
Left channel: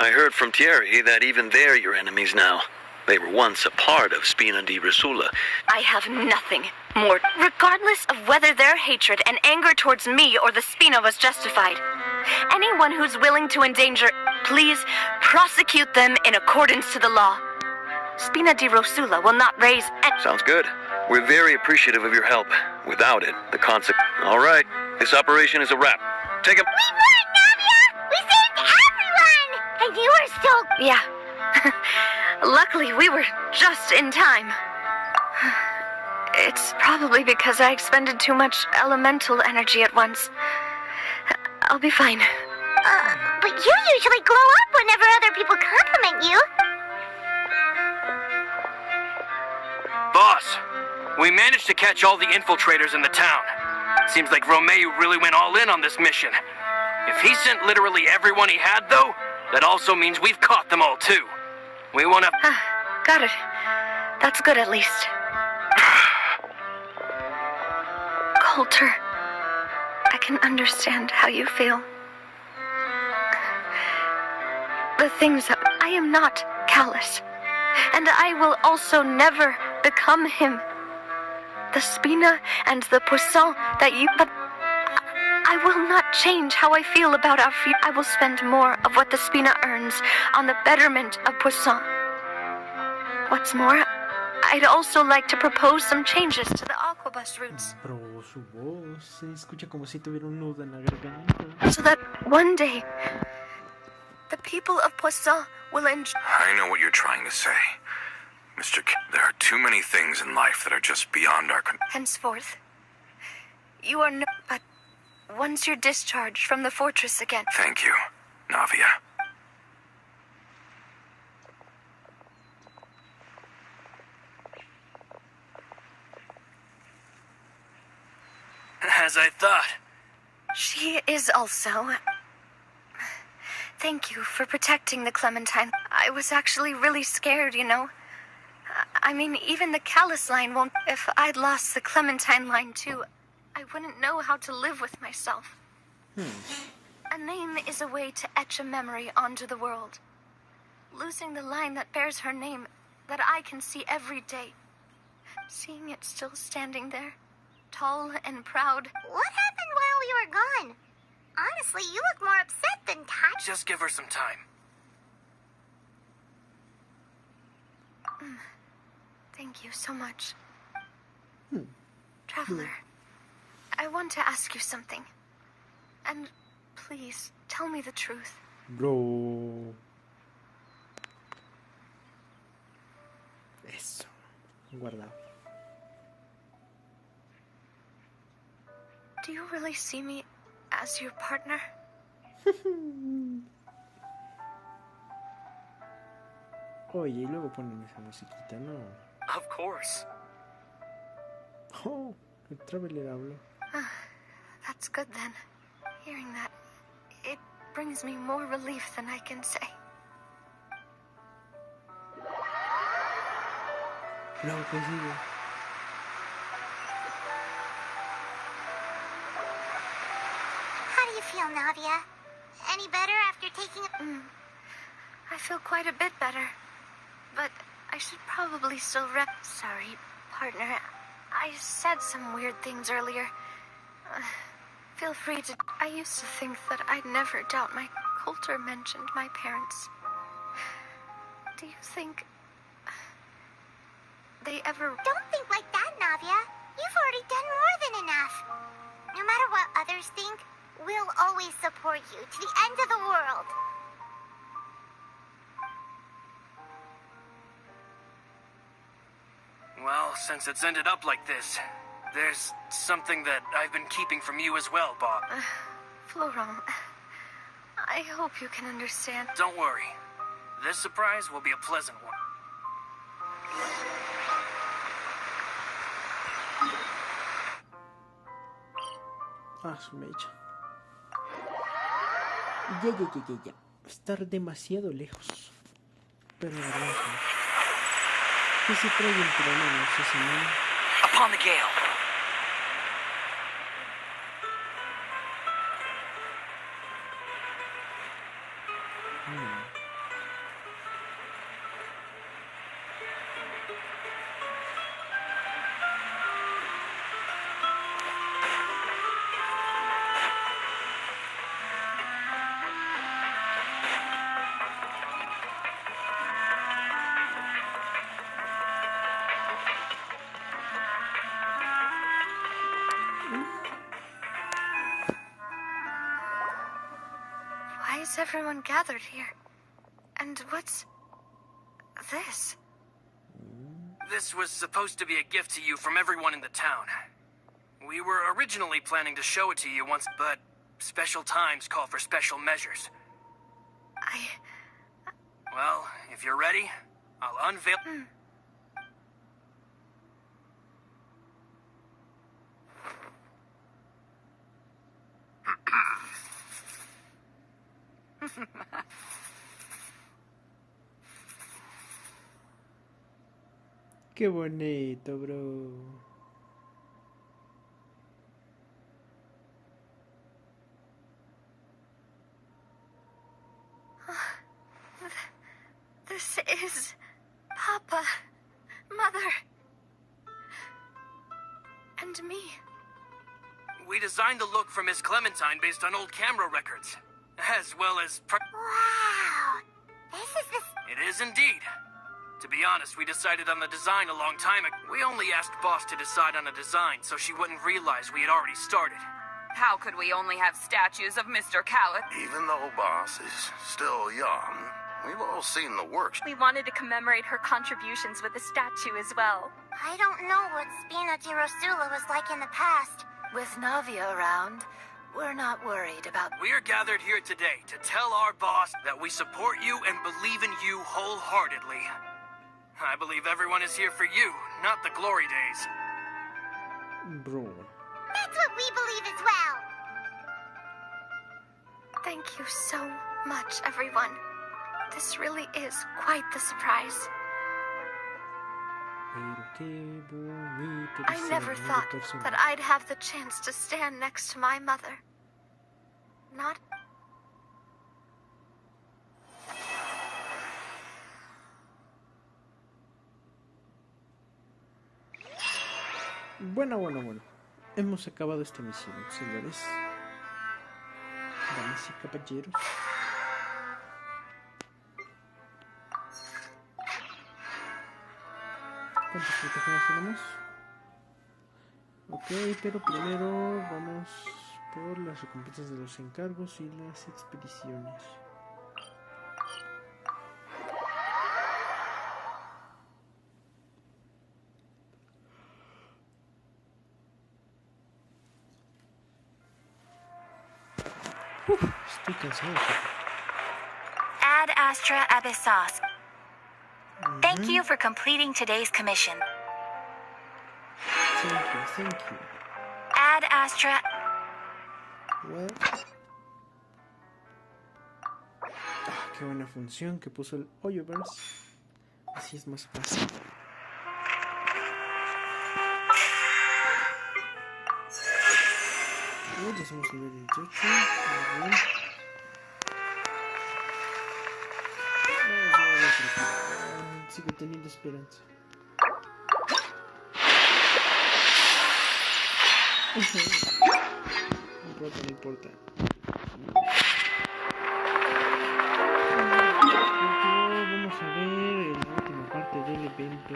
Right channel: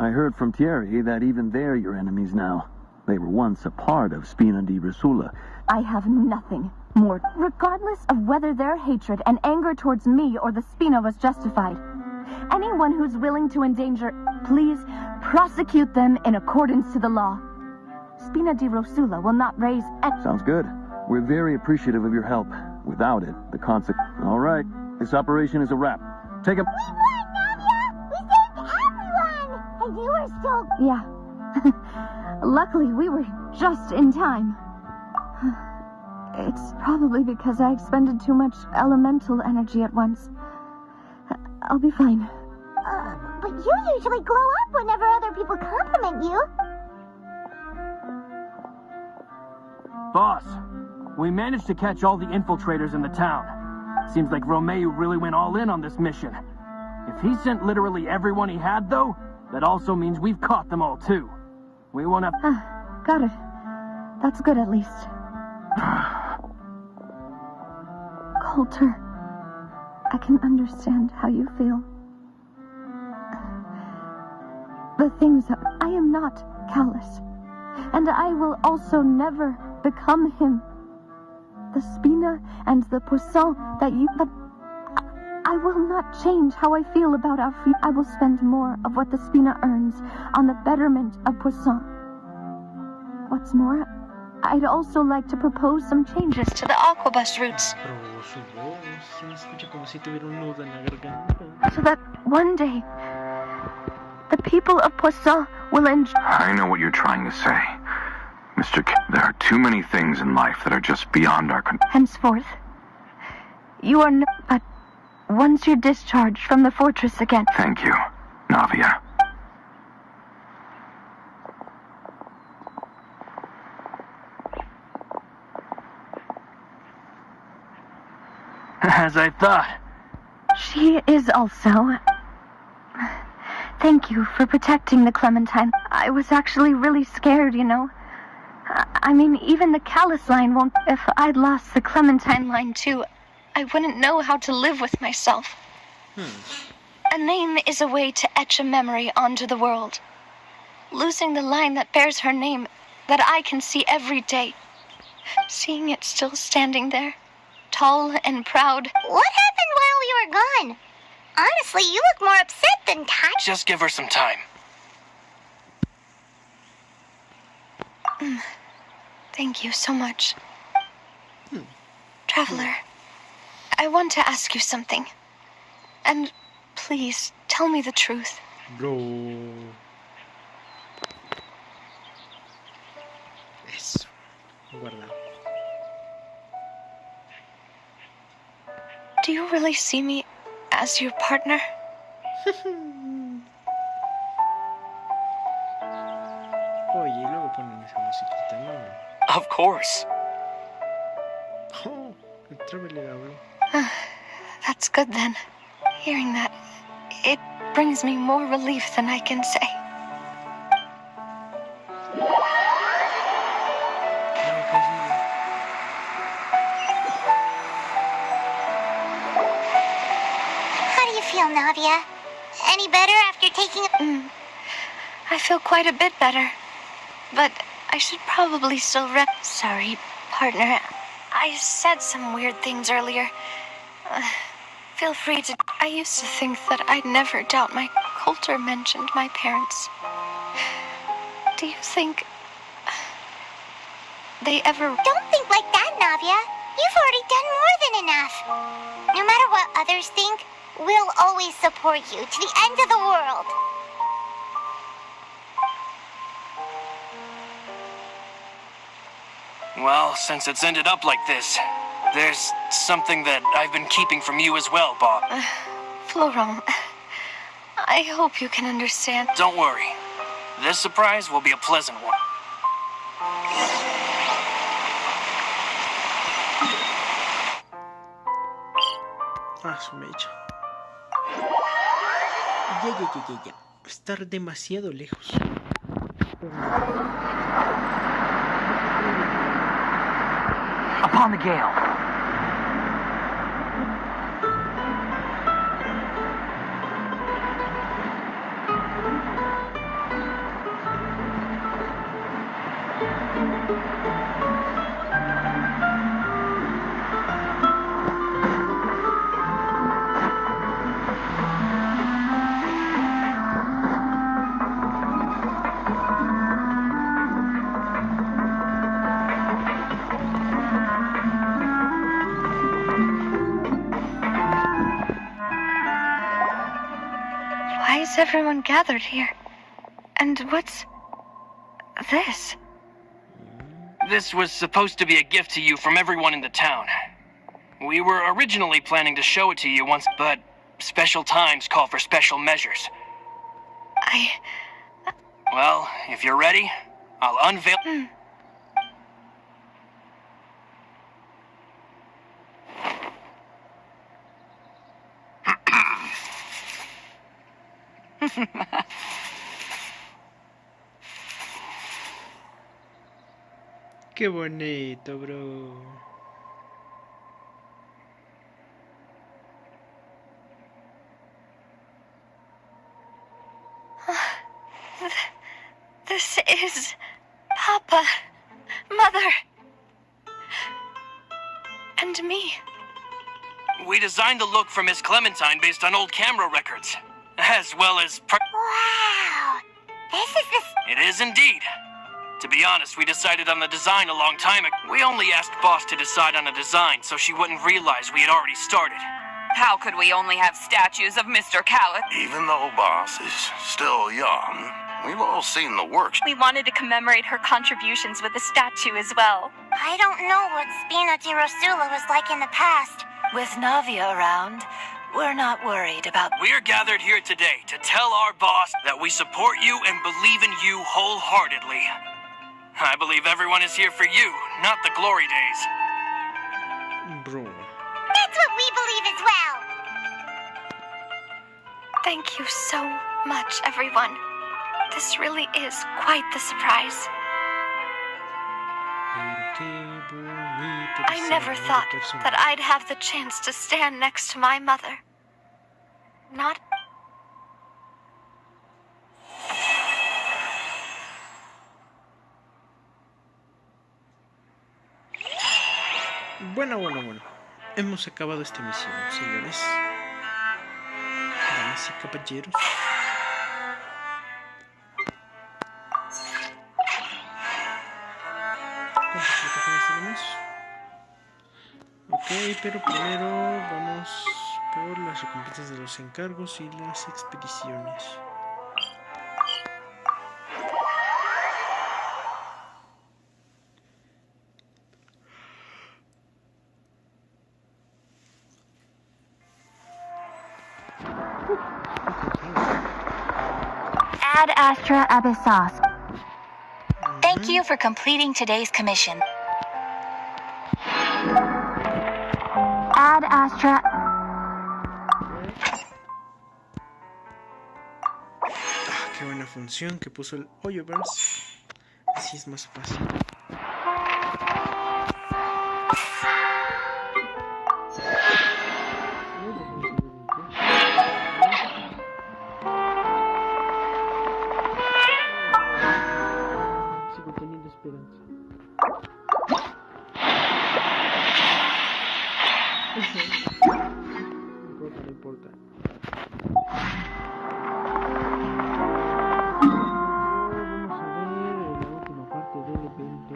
I heard from Thierry that even they're your enemies now. They were once a part of Spina di Rosula. I have nothing more. Regardless of whether their hatred and anger towards me or the Spina was justified, anyone who's willing to endanger, please prosecute them in accordance to the law. Spina di Rosula will not raise any... Sounds good. We're very appreciative of your help. Without it, the consequence... All right, this operation is a wrap. Take a... We won, Navia! We saved everyone! And you were still... Yeah. Luckily, we were just in time. It's probably because I expended too much elemental energy at once. I'll be fine. But you usually glow up whenever other people compliment you. Boss, we managed to catch all the infiltrators in the town. Seems like Romeo really went all in on this mission. If he sent literally everyone he had, though, that also means we've caught them all, too. We won't have... Got it. That's good, at least. Coulter, I can understand how you feel. The things that... I am not callous. And I will also never become him. The Spina and the Poisson that you... But I will not change how I feel about our future. I will spend more of what the Spina earns on the betterment of Poisson. What's more, I'd also like to propose some changes to the aquabus routes. Pero su voz se escucha como si tuviera un nudo en la garganta. So that one day, the people of Poisson will enjoy... I know what you're trying to say. Mr. There are too many things in life that are just beyond our control. Henceforth, you are no... But once you're discharged from the fortress again... Thank you, Navia. As I thought. She is also... Thank you for protecting the Clementine. I was actually really scared, you know. I mean, even the Callus line won't... If I'd lost the Clementine line, too, I wouldn't know how to live with myself. A name is a way to etch a memory onto the world. Losing the line that bears her name, that I can see every day. Seeing it still standing there, tall and proud. What happened while we were gone? Honestly, you look more upset than tired. Just give her some time. Thank you so much. Traveler, I want to ask you something. And please, tell me the truth. Bro. Eso. Guarda. Do you really see me as your partner? Oye, y luego ponen esa musiquita, ¿no? Of course. Oh, el traveler habló. That's good then. Hearing that, it brings me more relief than I can say. No, que sigue. How do you feel, Navia? Any better after taking a... I feel quite a bit better. But I should probably still Sorry, partner. I said some weird things earlier. Feel free to... I used to think that I'd never doubt my... Coulter mentioned my parents. Do you think... they ever... Don't think like that, Navia. You've already done more than enough. No matter what others think, we'll always support you to the end of the world. Well, since it's ended up like this, there's something that I've been keeping from you as well, Bob. Florent, I hope you can understand. Don't worry. This surprise will be a pleasant one. Ah, su mecha. Ya. Estar demasiado lejos. Pero no. ¿Qué se trae el problema, sí, señor? Upon the gale. is everyone gathered here? And what's this? This was supposed to be a gift to you from everyone in the town. We were originally planning to show it to you once, but special times call for special measures. Well, if you're ready, I'll unveil... Qué bonito, bro. This is Papa, Mother, and me. We designed the look for Miss Clementine based on old camera records, as well as... Wow! This is the... It is indeed. To be honest, we decided on the design a long time ago. We only asked Boss to decide on a design so she wouldn't realize we had already started. How could we only have statues of Mr. Callett? Even though Boss is still young, we've all seen the works. We wanted to commemorate her contributions with a statue as well. I don't know what Spina di Rosula was like in the past. With Navia around, we're not worried about... We're gathered here today to tell our boss that we support you and believe in you wholeheartedly. I believe everyone is here for you, not the glory days. Bro. That's what we believe as well. Thank you so much, everyone. This really is quite the surprise. I never thought that I'd have the chance to stand next to my mother. Not... Bueno. Hemos acabado esta misión, señores. Damas y caballeros. ¿Cuántas plataformas tenemos? Ok, pero primero vamos por las recompensas de los encargos y las expediciones. Estoy cansado. Ad Astra Abyssos. Thank you for completing today's commission. Ad Astra. Qué buena función que puso el Hoyoverse. Así es más fácil. Sigo teniendo esperanza. No importa. Vamos a ver la última parte del evento.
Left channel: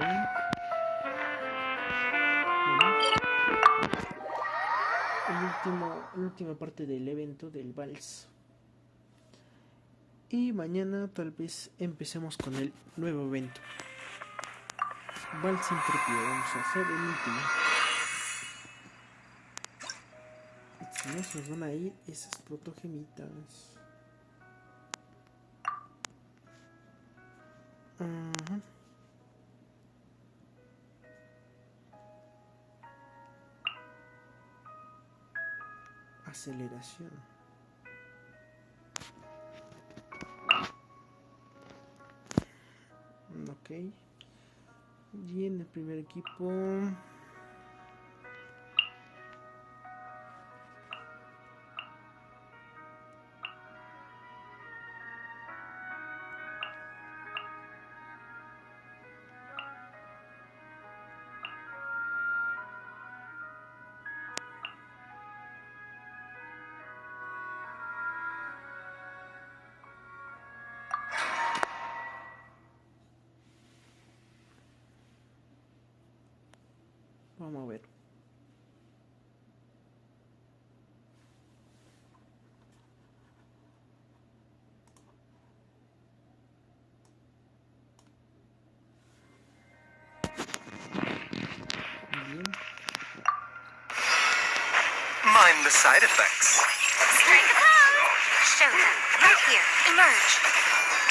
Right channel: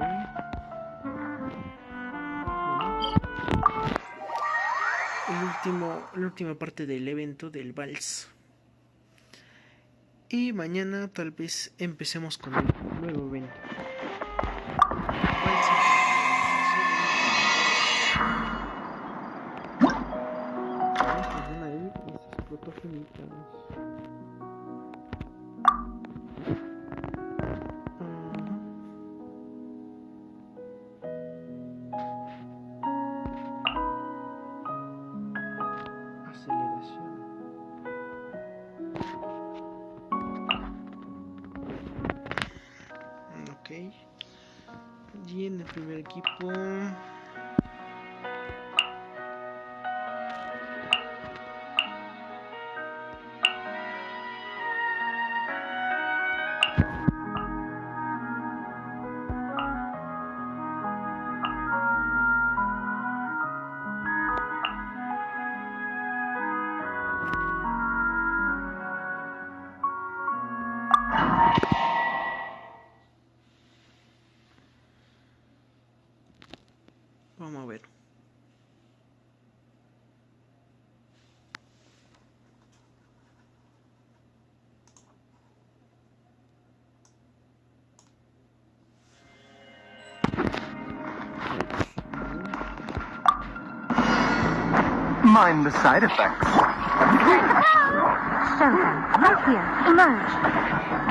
La última parte del evento del vals. Y mañana tal vez empecemos con el nuevo evento. Vals entropía. Vamos a hacer el último. Nos van a ir esas protogemitas. Aceleración. Ok. Y en el primer equipo. Vamos a ver. Mind the side effects. Show them. Right here. Emerge.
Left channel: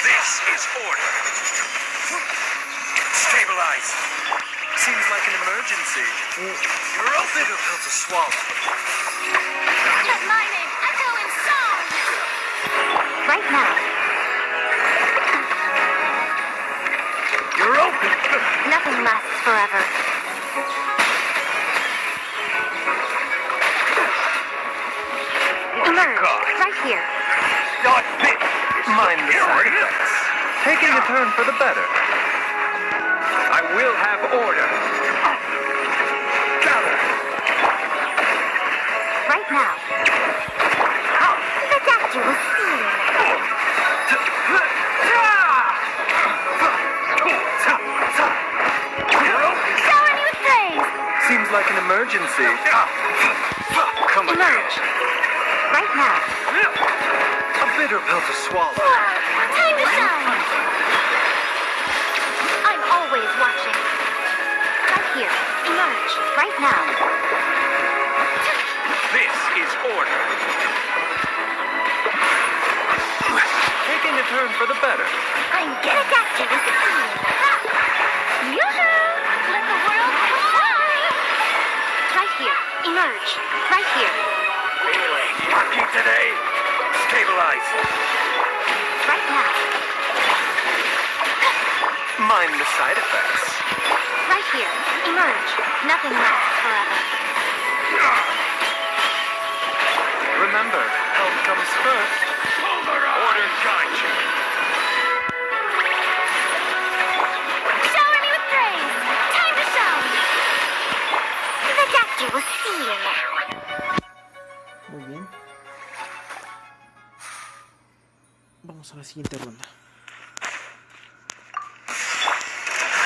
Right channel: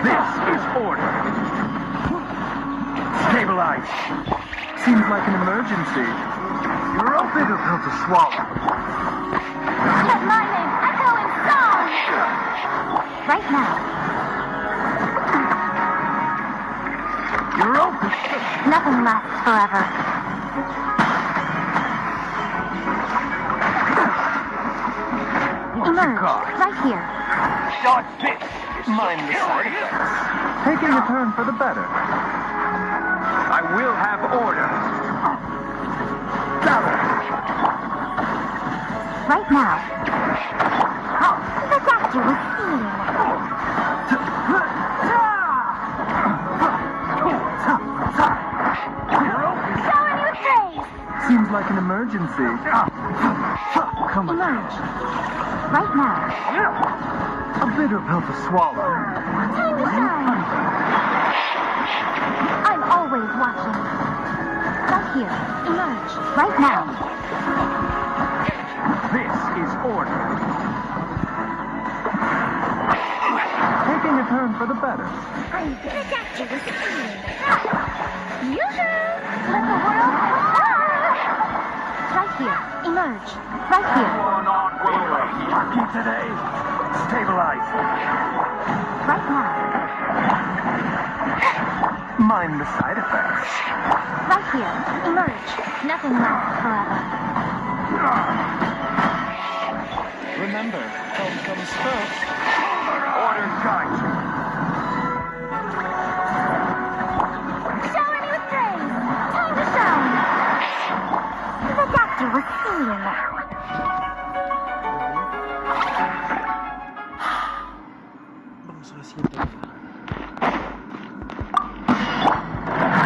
This is order. Stabilize. Seems like an emergency. You're a bitter pill to swallow. Get mine in. I'm going soon. Right now. You're open. Nothing lasts forever. Emerge. Right here. Dodge this. Mind the side effects. Taking a turn for the better. I will have order. Travel. Right now. The doctor will see you. Shower me with praise. Seems like an emergency. Come on. Emerge. Right now. A bitter pill to swallow. Time to shine. I'm always watching. Right here. Emerge. Right now. This is order. Taking a turn for the better. I'm gonna doctor with the feeling. Yoo-hoo! Let the world shine. Right here. Emerge. Right here. Turkey today. Stabilize. Right now. Mind the side effects. Right here. Emerge. Nothing lasts forever. Remember, health comes first. Order guide you. Shower me with praise. Time to shine. The doctor will see you now. Vamos a la siguiente ronda.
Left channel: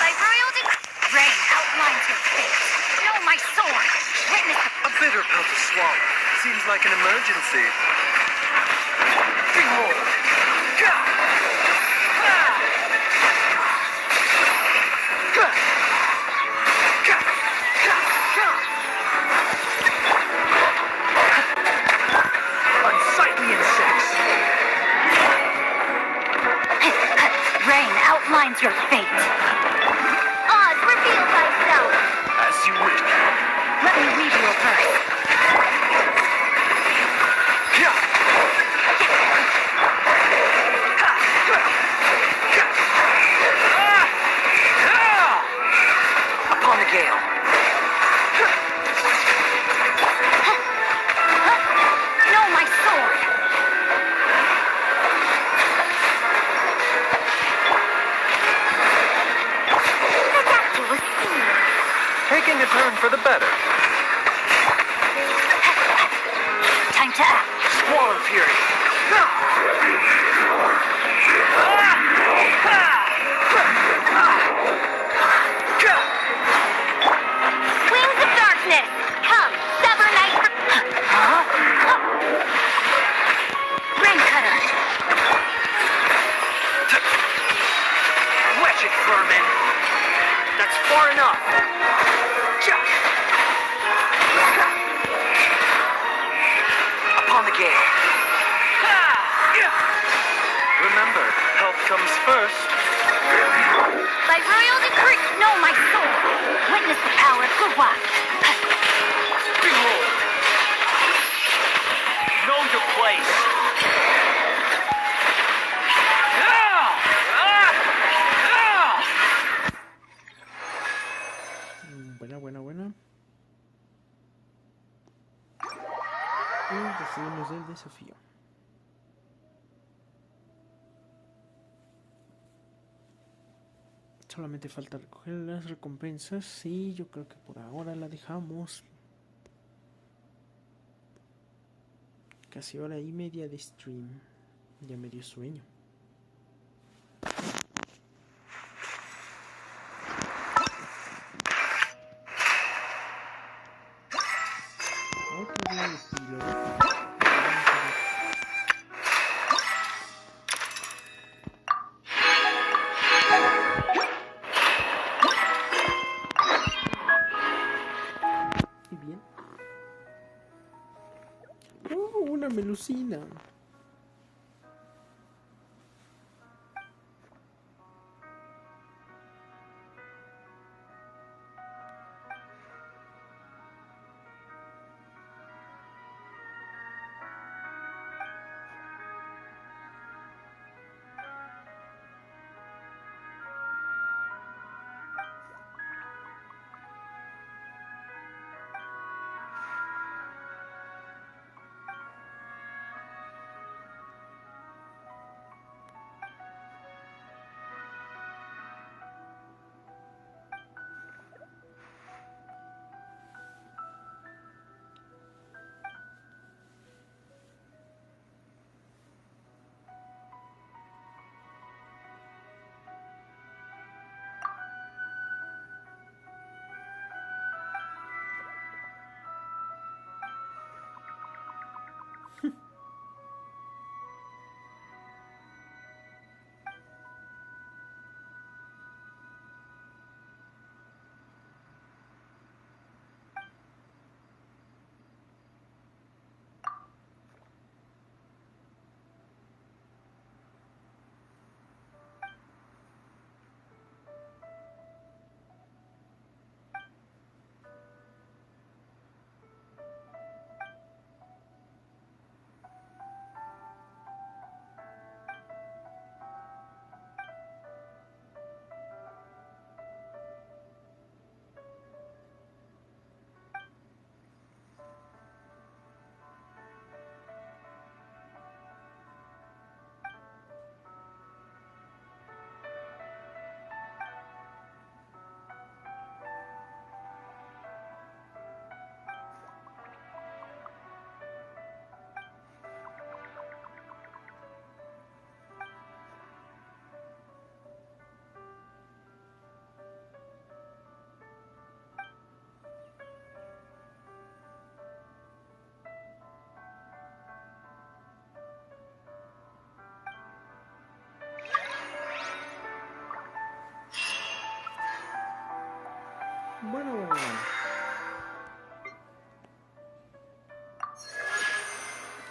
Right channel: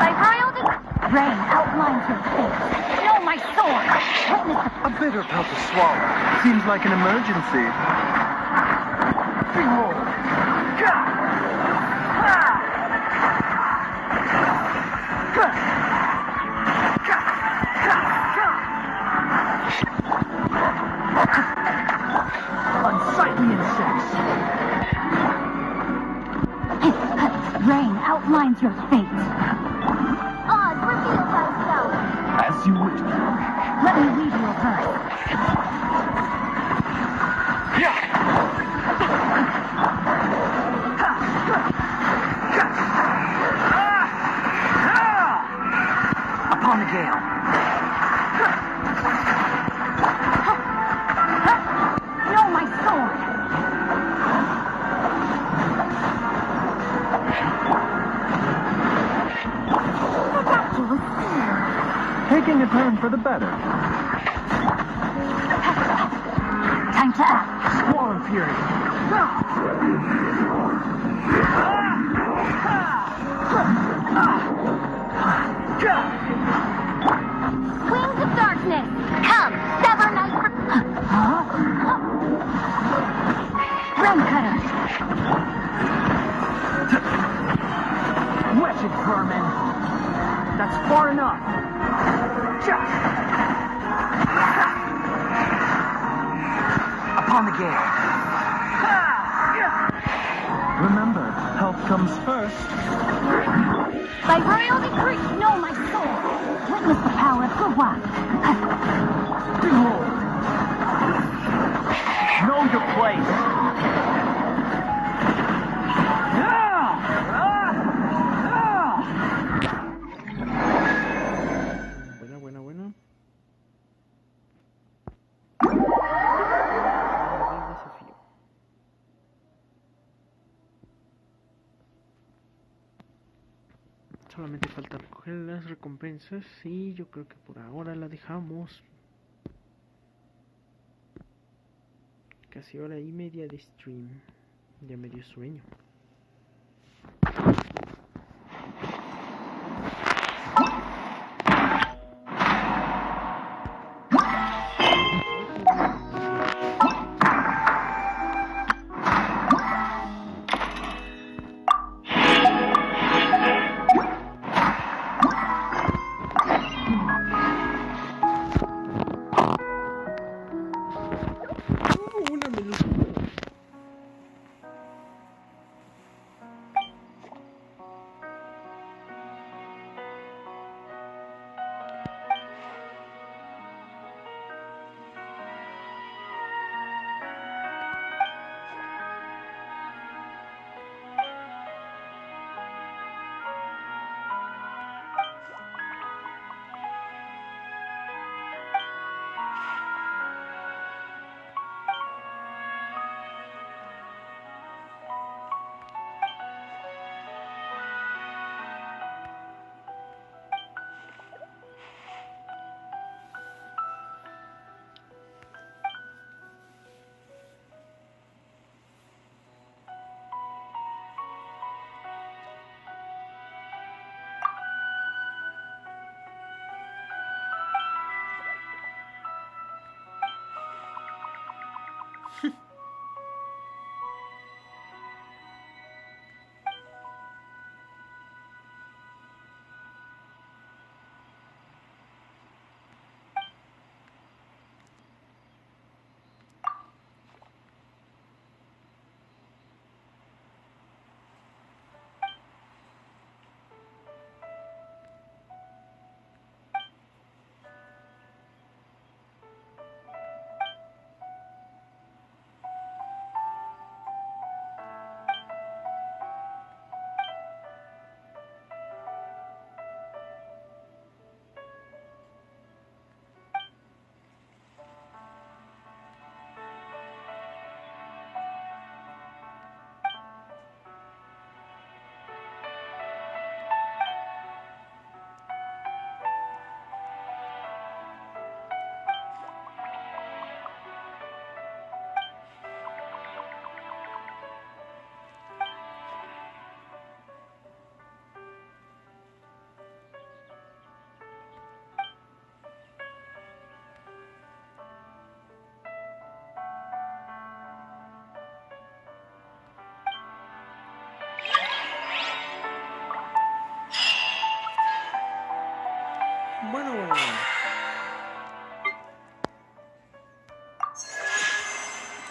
By royal decree, rain outlines your face. Know my sword. Witness A bitter pill to swallow. Seems like an emergency. Behold. Unsightly insects. Rain outlines your fate. Oz, reveal thyself. As you wish. Let me read you a verse. Upon the gale. Know my sword. The doctor will see you. Taking a turn for the better. Time to act. Squall and fury. Wings of darkness. Come, sever night. Rain cutter. Wretched vermin. That's far enough. Upon the gale. Remember, health comes first. By royal decree, know my soul. Witness the power of Gurwa. Behold. Know your place. Buena. Seguimos el desafío. Solamente falta recoger las recompensas y yo creo que por ahora la dejamos. Casi hora y media de stream. Ya me dio sueño.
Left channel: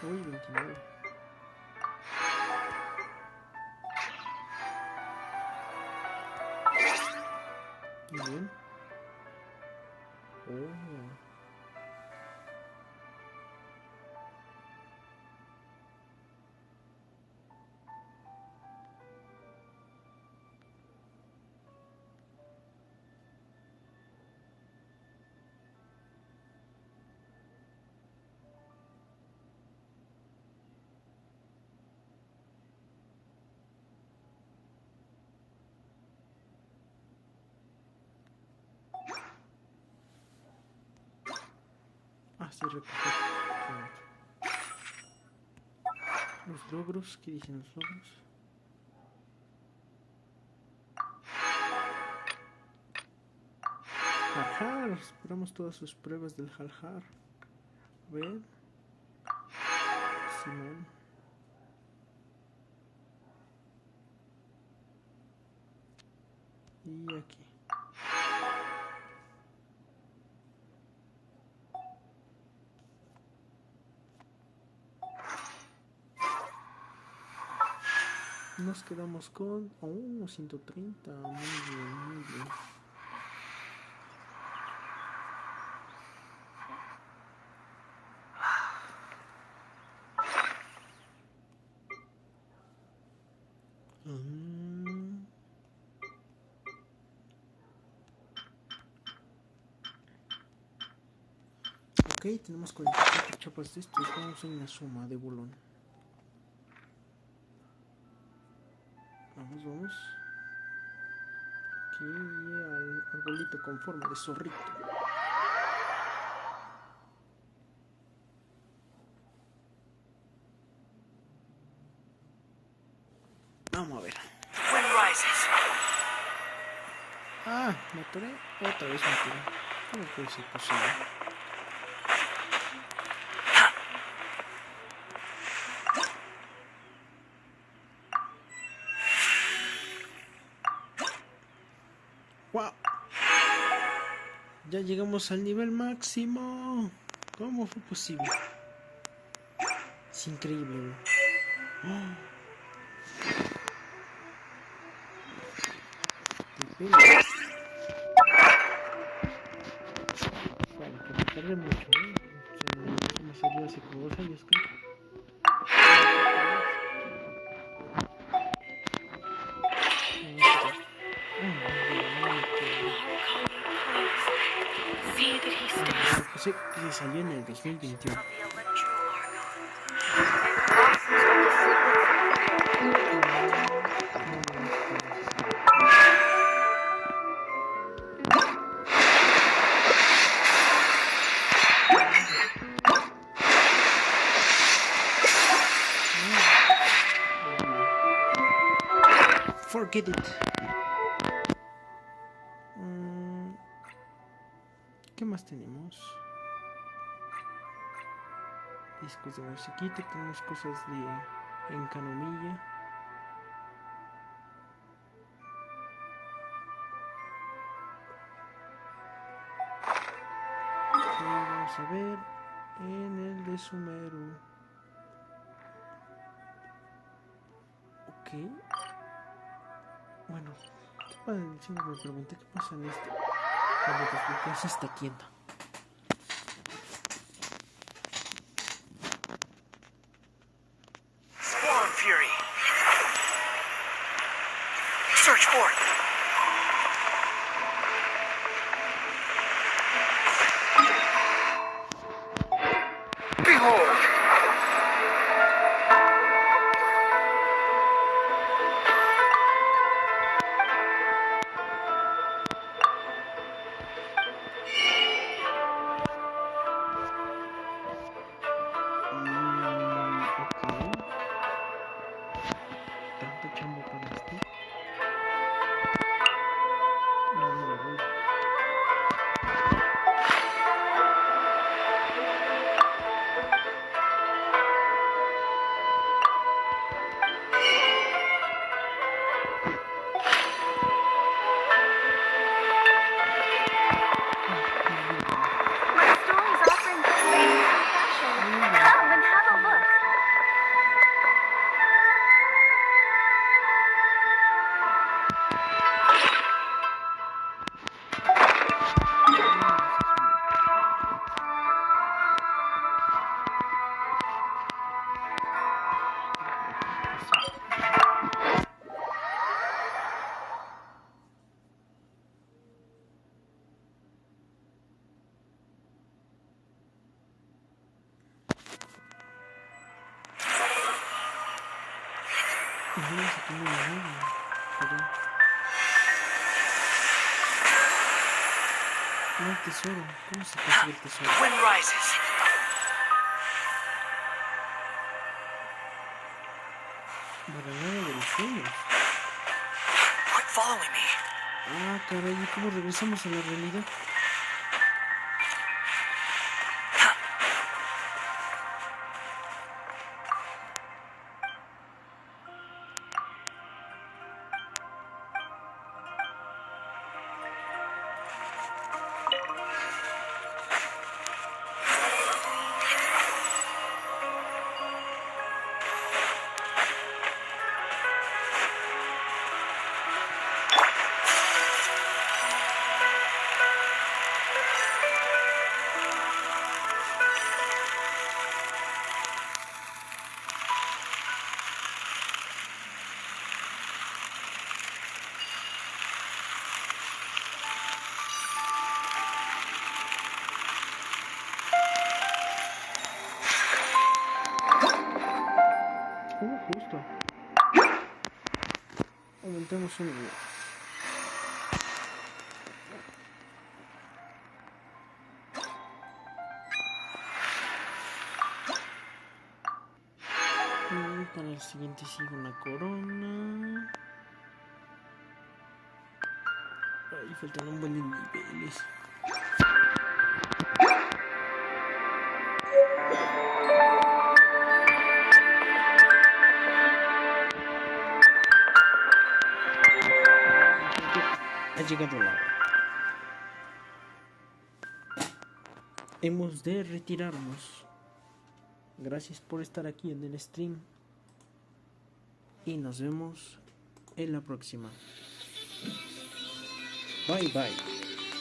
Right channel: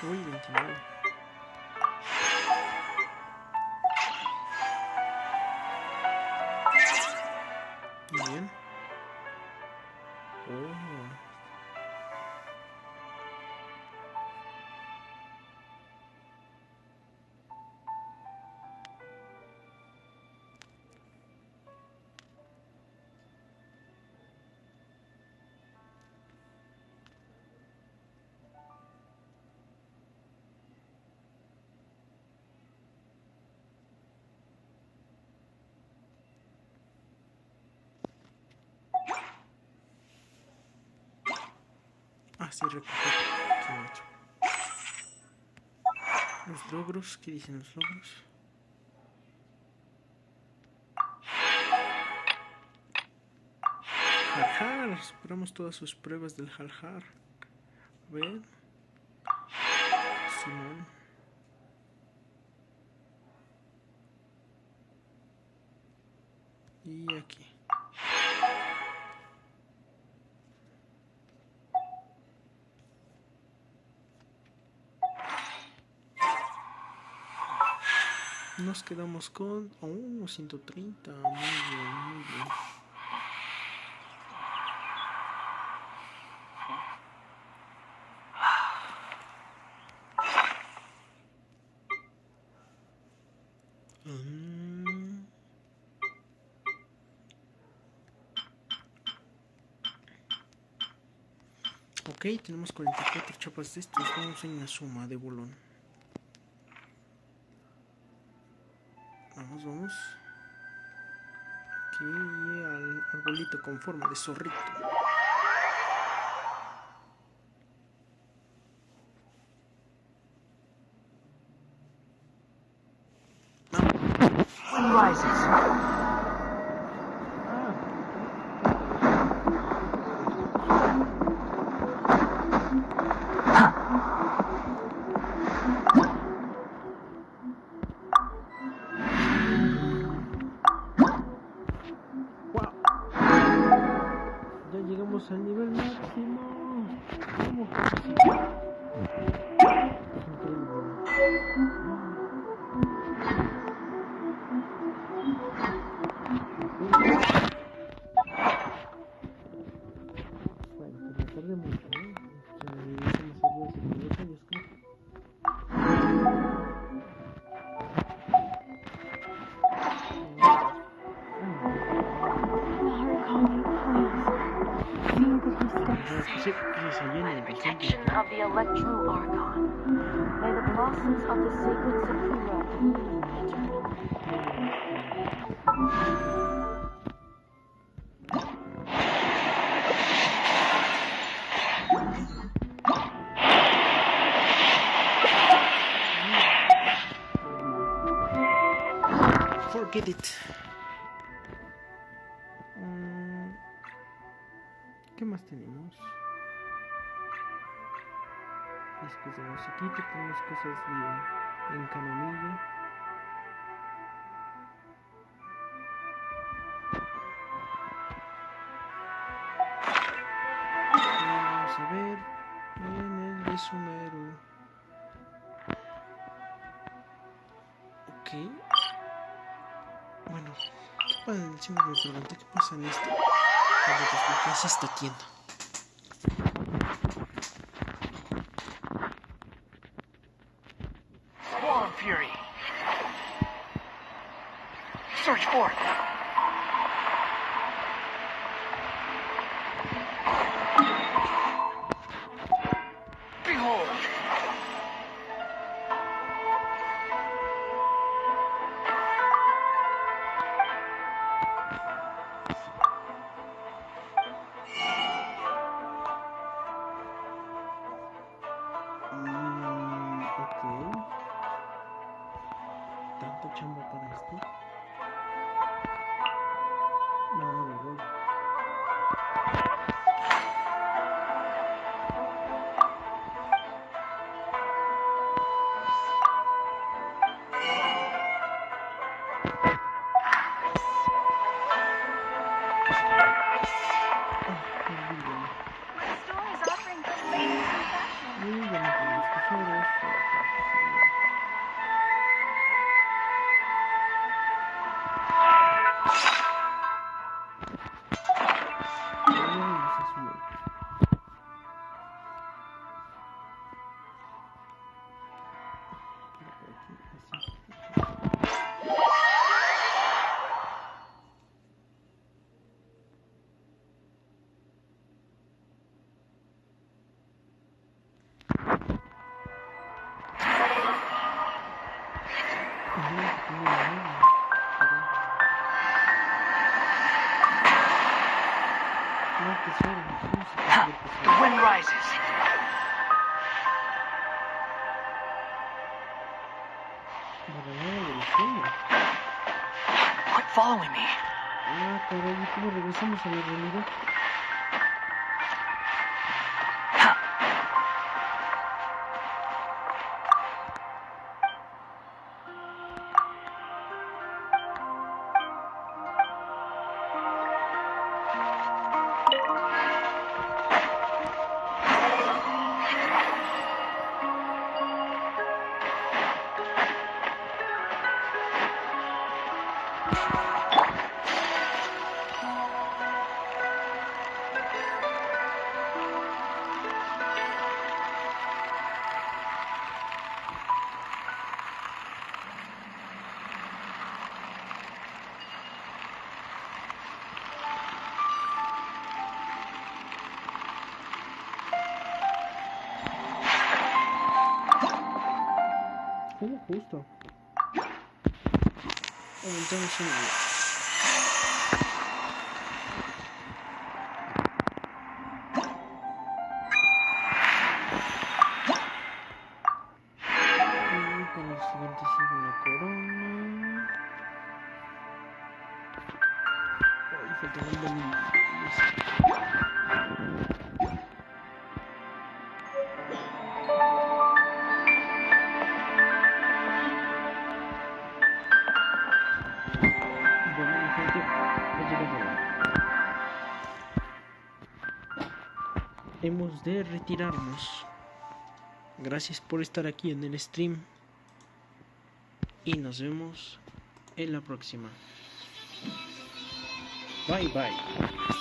Uy, 29. Muy bien. Oh. Sí, recoger los logros. ¿Qué dicen los logros? Jar. Superamos todas sus pruebas del jar. A ver. Simón. Y aquí. Nos quedamos con 130. Muy bien, muy bien. Ok, tenemos 44 chapas de estos. Vamos a ir a suma de bolón. Vamos. Aquí al arbolito con forma de zorrito. Wind rises. Otra vez. No puede ser posible. Ya llegamos al nivel máximo. ¿Cómo fue posible? Es increíble. Bueno, que me tardé mucho, ¿no? Como salió hace como 2 años, creo. Sí, que salió en el 2021. Forget it. ¿Qué más tenemos? Discos de musiquita, tenemos cosas de encanomilla. Vamos a ver en el de Sumeru. Ok. Bueno, ¿qué pasa? Siempre me pregunté qué pasa en esto. Cuando desbloqueas esta tienda. Swarm Fury. Search for it. Behold. Tanta chamba para esto. No lo voy. Vamos a tener Navia. No, tesoro. ¿Cómo se consigue el tesoro? The wind rises. Barredora de los sueños. Quit following me. Ah, caray, ¿cómo regresamos a la realidad? Justo. Aumentamos una vida. Y para el siguiente sigue una corona. Ay, faltan un buen niveles. Ha llegado la hora. Hemos de retirarnos. Gracias por estar aquí en el stream. Y nos vemos en la próxima. Bye bye.